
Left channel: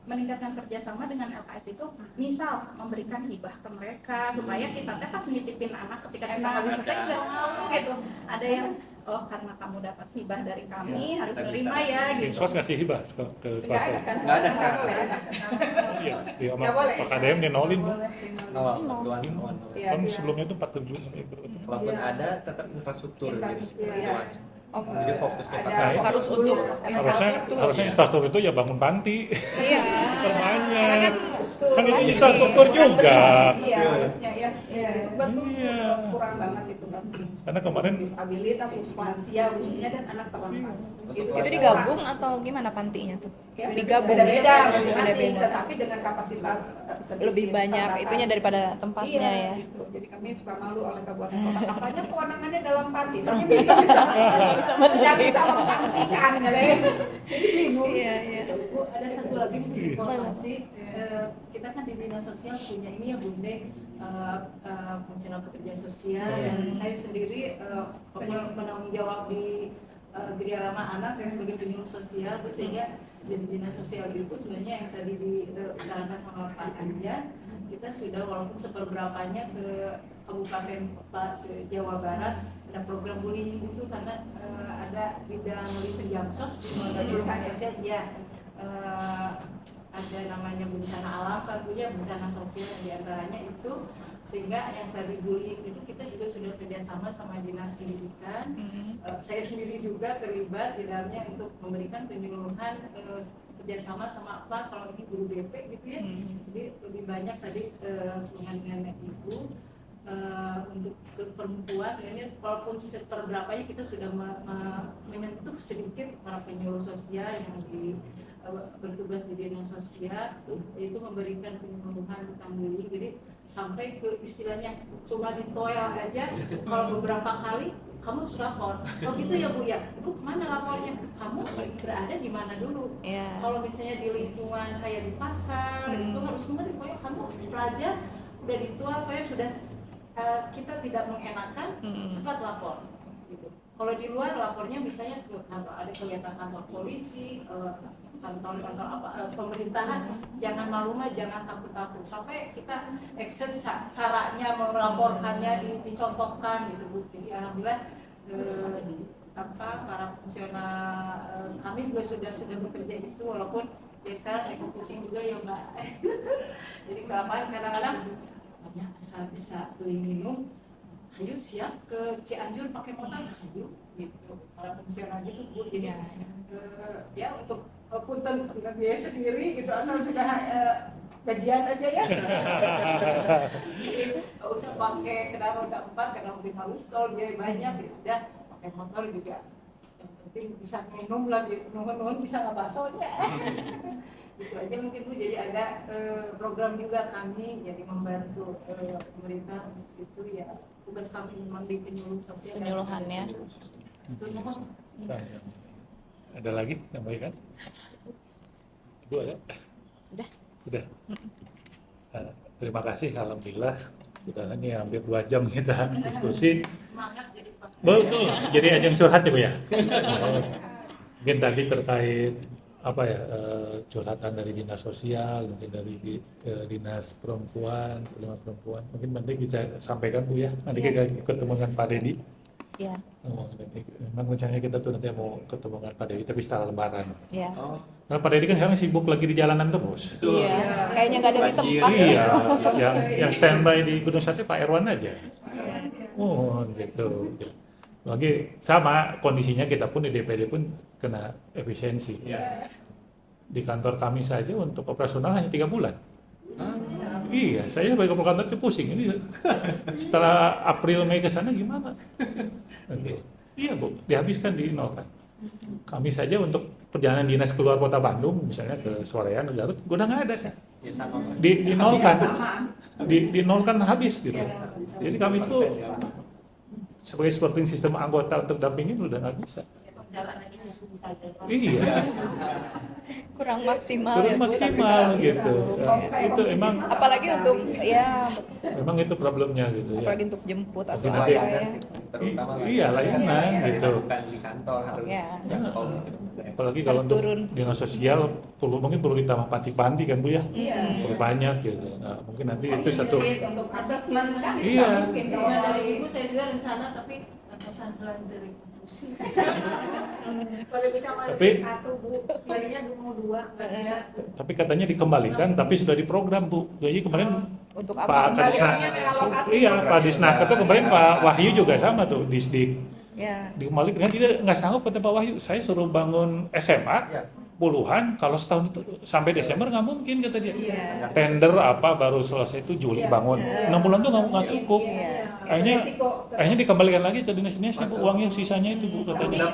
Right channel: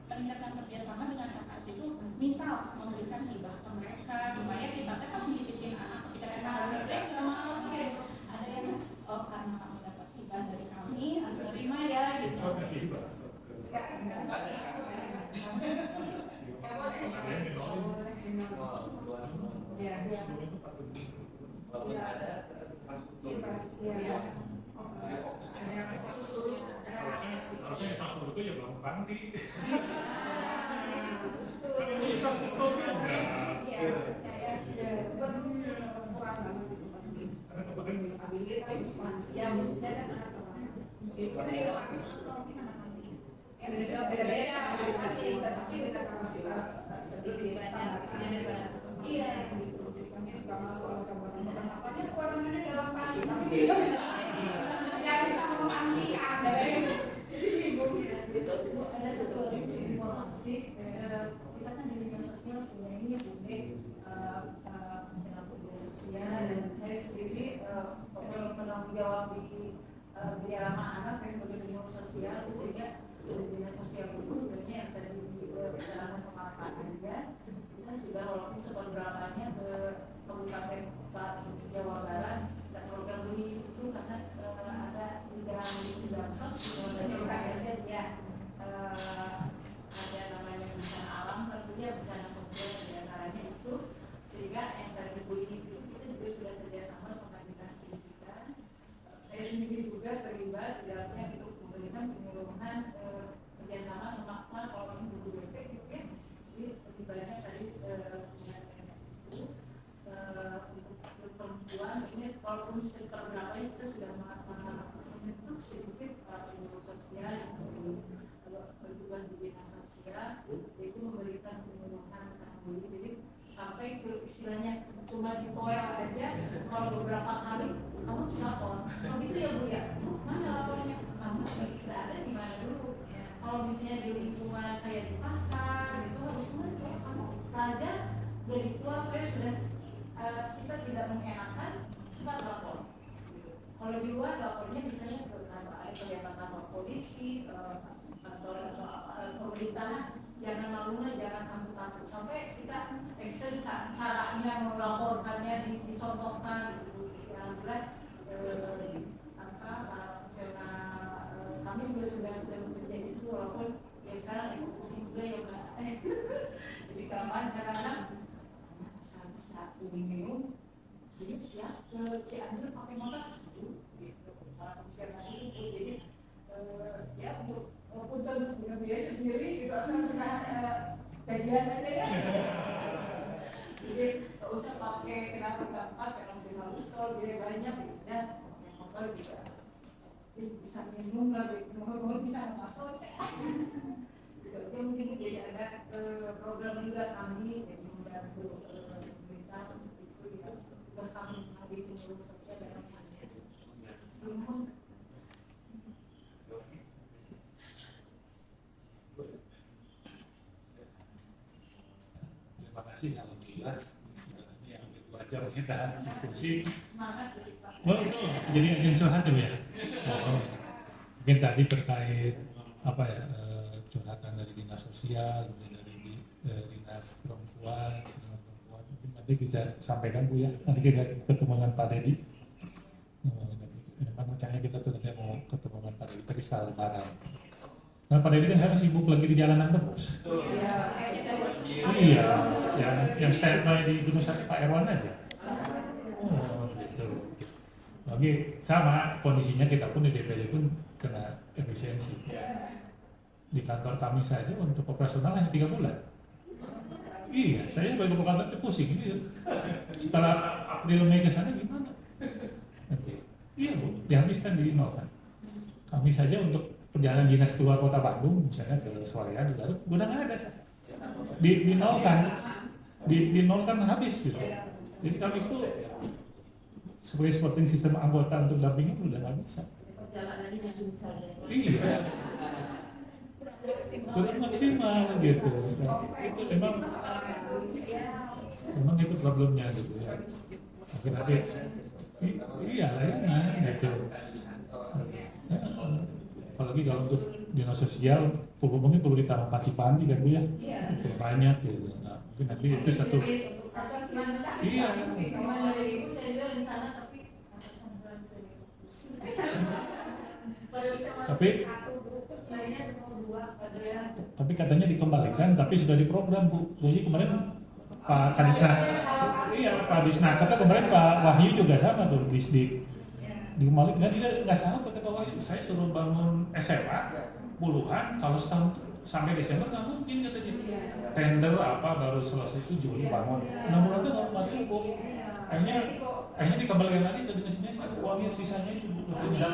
meningkatkan kerjasama dengan LKS itu, misal memberikan hibah ke mereka supaya kita pas nitipin anak ketika kita habis selesai nggak malu gitu. Ada yang karena kamu dapat hibah dari kami harus terima ya gitu. Swasta ngasih hibah ke swasta. Nggak ada sekarang. Iya, di sama Nggak boleh. Pak KDM dinolin Bu. Bantuan semua. Iya, Kan iya. sebelumnya itu 47. Kalaupun ada, tetap infrastruktur. Infrastruktur, gitu. iya. Jadi fokusnya Ada pakai. Harus untuk Harusnya infrastruktur itu ya bangun panti. Iya. Terbanyak. Kan itu infrastruktur juga. Iya, harusnya ya. Betul. Iya. Kurang banget itu Bang. Karena kemarin Disabilitas, lansia khususnya, dan anak terlantar. Itu digabung atau gimana pantinya tuh? Ya, Digabung. beda-beda ya? masing-masing, Beda-beda. tetapi dengan kapasitas sedikit Lebih banyak terbatas. itunya daripada tempatnya Iya, ya. gitu. Jadi kami suka malu oleh kabupaten kota, katanya kewenangannya dalam panti, tapi tidak bisa menggantikan, jadi bingung. Iya, iya. Bu, ada satu lagi informasi. Kita kan di dinas sosial punya ini ya Bunda, perencana pekerja sosial, dan saya sendiri penanggung jawab di Geria Ramah Anak. Saya sebagai penyuluh sosial, sehingga di dinas sosial itu sebenarnya yang tadi diutarakan sama Pak Anja, kita sudah walaupun seperberapanya ke kabupaten kota Jawa Barat ada program bullying itu, karena ada bidang di Jamsos di KSN ya, ada namanya bencana alam, tentunya bencana sosial yang diantaranya itu, sehingga yang tadi bullying itu kita juga sudah kerjasama sama dinas pendidikan. Saya sendiri juga terlibat di dalamnya untuk memberikan penyuluhan kerjasama sama apa kalau ini guru BP gitu ya. Jadi lebih banyak tadi dengan ibu untuk ke perempuan, ini walaupun seperberapanya kita sudah menyentuh sedikit para penyuluh sosial yang bertugas di dinas sosial, itu memberikan penyuluhan tentang bullying. Jadi sampai ke istilahnya cuma ditoel aja, kalau beberapa kali kamu harus lapor. Oh gitu ya Bu ya, Bu mana lapornya? Kamu berada di mana dulu? Iya. Kalau misalnya di lingkungan kayak di pasar, itu harus benar, pokoknya kamu pelajar udah ditual, kayak sudah kita tidak mengenakan, cepat lapor. Gitu. Kalau di luar lapornya misalnya ke kantor, ada kelihatan kantor polisi, kantor pemerintahan, jangan malu mah, jangan takut-takut, sampai kita action caranya melaporkannya dicontohkan gitu Bu. Jadi alhamdulillah para fungsional kami juga sudah bekerja itu, walaupun ya sekarang lagi pusing juga ya Mbak. Jadi kelamaan kadang-kadang asal bisa beli minum, ayo siap ke Cianjur pakai motor, ayo gitu para fungsional gitu Bu. Jadi ya untuk punten dengan biaya sendiri gitu, asal sudah gajian aja ya. Nggak usah pakai kendaraan roda 4 karena mungkin harus tol biaya banyak, ya udah pakai motor juga. Yang penting bisa minum lah, nuhun bisa ngebasonya. Gitu aja mungkin Bu. Jadi ada program juga kami jadi membantu pemerintah itu ya, tugas kami memang di penyuluh sosial dan Penyuluhannya. itu nuhun. Ada lagi yang baik kan? Ibu ada? Sudah. Terima kasih, alhamdulillah sudah ini hampir 2 jam kita diskusi. Semangat jadi Pak. Betul, jadi ajang curhat ya Bu ya. Mungkin tadi terkait apa ya, curhatan dari dinas sosial, mungkin dari dinas perempuan, perempuan. Mungkin nanti bisa sampaikan Bu ya. Nanti kita ketemu dengan Pak Dedi. Ya, Nanti, memang rencananya kita tuh nanti mau ketemu dengan Pak Dedi, tapi setelah Lebaran. ya. Oh, Nah, Pak Dedi kan sekarang sibuk lagi di jalanan terus. Iya, kayaknya nggak ada di tempat. Iya, yang standby di Gunung Sate Pak Erwan aja. Oh, gitu. Lagi sama kondisinya kita pun di DPD pun kena efisiensi. Di kantor kami saja untuk operasional hanya 3 bulan. Iya, saya sebagai kepala kantor pusing ini. Setelah April Mei ke sana gimana? Oke. Iya Bu, dihabiskan di nol kan. Kami saja untuk perjalanan dinas keluar kota Bandung, misalnya ke Soreang, ke Garut, udah nggak ada sih. ya sama. Di nol kan, di nol kan habis gitu. Jadi kami tuh sebagai supporting sistem anggota untuk dampingin udah nggak bisa. Perjalanannya susah saja. Iya, Kurang maksimal kurang ya, Bu, maksimal tapi gitu. Ya, itu emang apalagi untuk itu problemnya gitu ya. apalagi untuk jemput atau Mungkin apa nanti- Layanan ya. sih, terutama Iya, layanan gitu. bukan di kantor harus Iya. jangkau. Apalagi kalau Harus untuk turun. dinas sosial mungkin perlu ditambah panti-panti kan Bu ya. Iya. Perlu banyak gitu. Nah, mungkin nanti itu satu. Untuk asesmen kan Iya. mungkin Kalau dari Ibu saya juga rencana tapi pesantren dari Kudusi. Kalau bisa Tapi- masukin 1 Bu, tadinya mau 2, nggak bisa. Tapi katanya dikembalikan, tapi sudah diprogram Bu. Jadi kemarin Untuk Pak apa? Kadisna, iya Pak Disnaker tuh kemarin Pak Wahyu juga sama tuh Disdik Ya. dikembalikan. Kan dia nggak sanggup kata Pak Wahyu. Saya suruh bangun SMA Ya. puluhan, kalau setahun sampai Desember nggak mungkin kata dia. Iya. Tender apa baru selesai itu Juli Iya. bangun. 6 bulan tuh nggak cukup. Iya. Kayaknya Resiko. kayaknya dikembalikan lagi ke dinas-dinas Bu, uangnya sisanya itu Bu Tapi, katanya.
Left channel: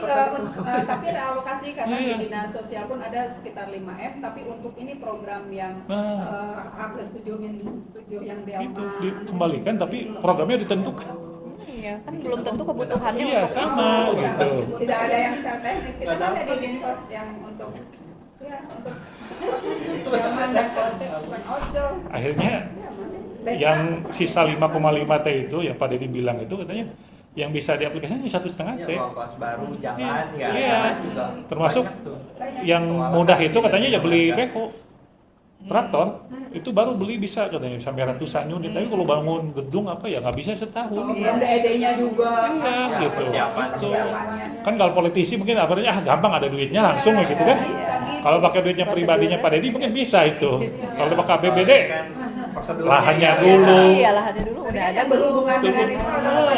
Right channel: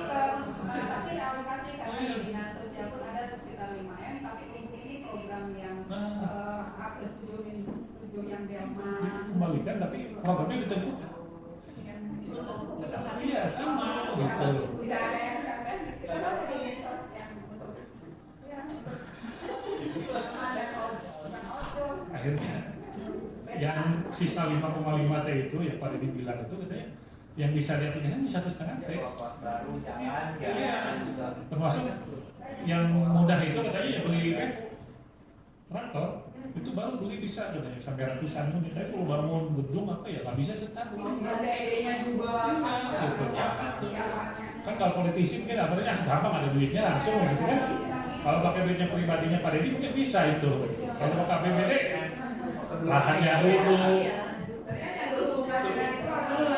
tapi realokasi karena Iya. di dinas sosial pun ada sekitar 5M, tapi untuk ini program yang Nah, H+7 yang itu Delta. dikembalikan tapi programnya ditentukan. Iya, kan belum tentu kebutuhannya Iya, untuk sama itu. gitu. Tidak ada yang secara teknis, kita kan ada di dinsos yang untuk untuk zaman dan bukan ojol. Akhirnya Baik, yang sisa 5,5 T itu yang Pak Dedi bilang itu katanya yang bisa diaplikasikan 1,5 T. Ya, kelas baru jalan ya. Iya. Juga Termasuk banyak tuh. yang mudah itu katanya ya beli beko, traktor itu baru beli bisa katanya sampai ratusan unit. Tapi kalau bangun gedung apa ya nggak bisa setahun. belum DED-nya juga. Iya Ya, gitu. persiapan. Betul. Persiapannya. Kan kalau politisi mungkin akhirnya gampang ada duitnya langsung ya gitu kan. Bisa gitu. Kalau pakai duitnya pribadinya Pak Dedi mungkin bisa itu. Kalau pakai APBD Kan prosedurnya lahannya ya. dulu. Iya, lahannya dulu udah ada Yang berhubungan Betul. dengan itu adalah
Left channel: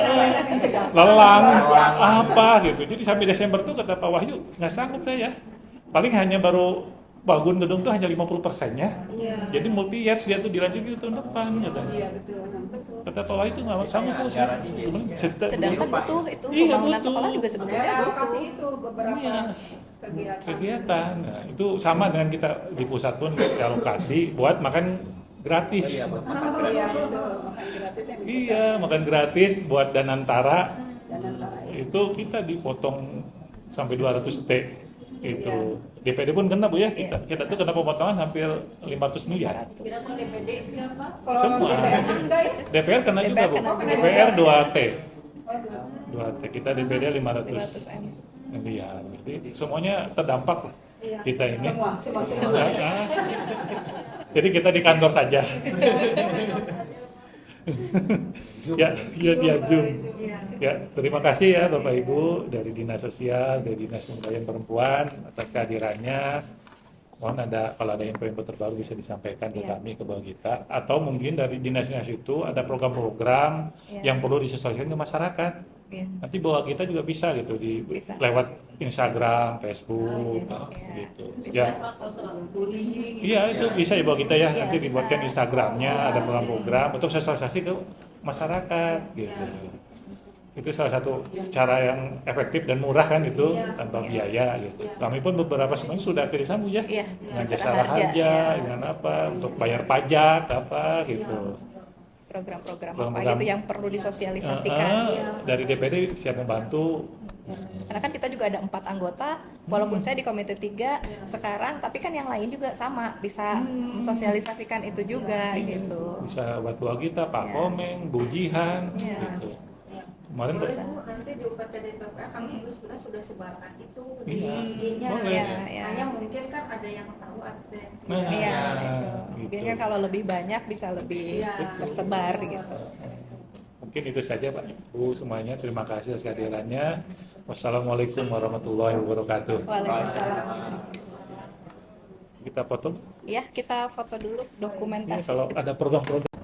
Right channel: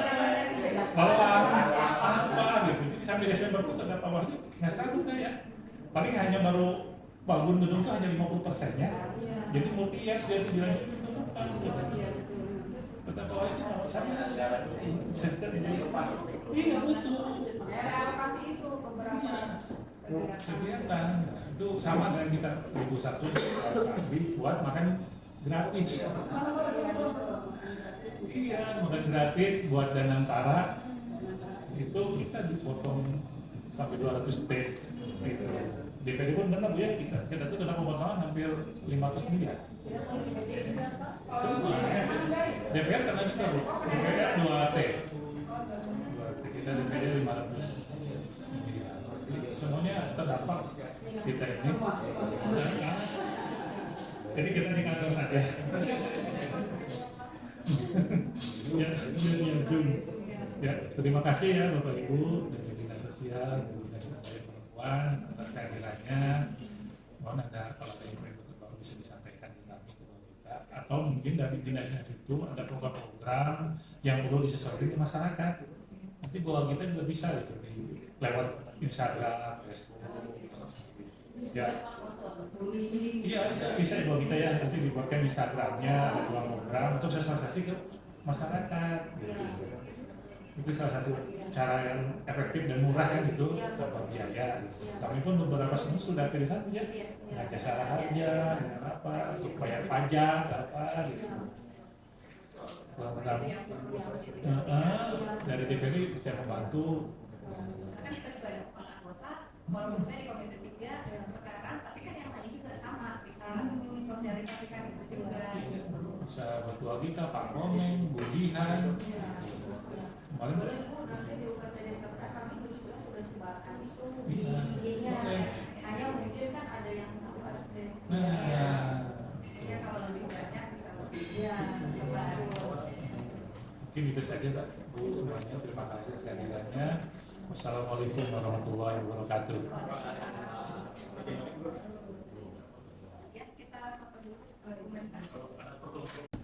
Lelang apa gitu. Jadi sampai Desember tuh kata Pak Wahyu nggak sanggup deh ya. Paling hanya baru bangun gedung tuh hanya 50%-nya. Jadi multi years dia tuh dilanjutin ke tahun depan gitu. Iya betul. Kata Pak Wahyu tuh nggak sanggup tuh. sedangkan butuh itu Iya, pembangunan butuh. sekolah juga Ada sebetulnya alokasi butuh. itu beberapa Iya. kegiatan. Kegiatan. Nah, itu sama dengan kita di pusat pun alokasi buat makan gratis. Iya, buat makan Oh, gratis. iya betul. Makan gratis yang bisa. Iya, makan gratis buat Danantara Dan lain-lain. itu kita dipotong sampai 200 T itu. DPD pun kena Bu ya, kita tuh kena pemotongan hampir 500 miliar. Kira-kira DPD enggak Pak? Kalau Semua. DPR kan enggak ya? DPR kena juga DPR Bu, kena juga. DPR 2T, Oh, dua. 2T, kita DPD 500 miliar. Jadi semuanya terdampak lah kita ini. Semua. Nah, jadi kita di kantor saja. ya Zoom. Ya, terima kasih ya Bapak Ibu dari Dinas Sosial, dari Dinas Pemberdayaan Perempuan atas kehadirannya. Mohon kalau ada info-info terbaru bisa disampaikan ke Iya. kami, ke bawah kita. Atau mungkin dari dinas-dinas itu ada program-program Iya. yang perlu disesuaikan ke masyarakat. Iya. Nanti bawa kita juga bisa gitu Bisa. lewat Instagram, Facebook, Iya. gitu. Ya, bullying. iya itu bisa ya bawa kita ya. Iya, Nanti bisa. dibuatkan Instagramnya, ada program untuk sosialisasi ke masyarakat, gitu. Itu salah satu cara yang efektif dan murah kan itu tanpa biaya gitu. Kami pun beberapa semuanya sudah kerjasama ya. Iya, Dengan jasa jasa harja, ya. dengan apa untuk bayar pajak apa gitu. Program-program apa Program. gitu yang perlu disosialisasikan. Dari DPD siap membantu. Karena kan kita juga ada 4 anggota, walaupun saya di komite 3 sekarang, tapi kan yang lain juga sama bisa sosialisasikan itu juga gitu. Bisa bantu kita, Pak Ya. Komeng, Bu Jihan, Ya. gitu. Kemarin Boleh Bu, nanti di UPTD PPA kami juga sudah sebarkan itu Iya. IG-nya. Boleh. Iya, iya. Hanya mungkin kan ada yang tahu ada. Nah, Iya, itu. gitu. Mungkin kan kalau lebih banyak bisa lebih Iya. tersebar gitu. Mungkin itu saja Pak, Bu semuanya. Terima kasih atas kehadirannya. Wassalamualaikum warahmatullahi wabarakatuh. Waalaikumsalam. Kita foto. Ya, kita foto dulu Ya, dokumentasi. kalau ada program-program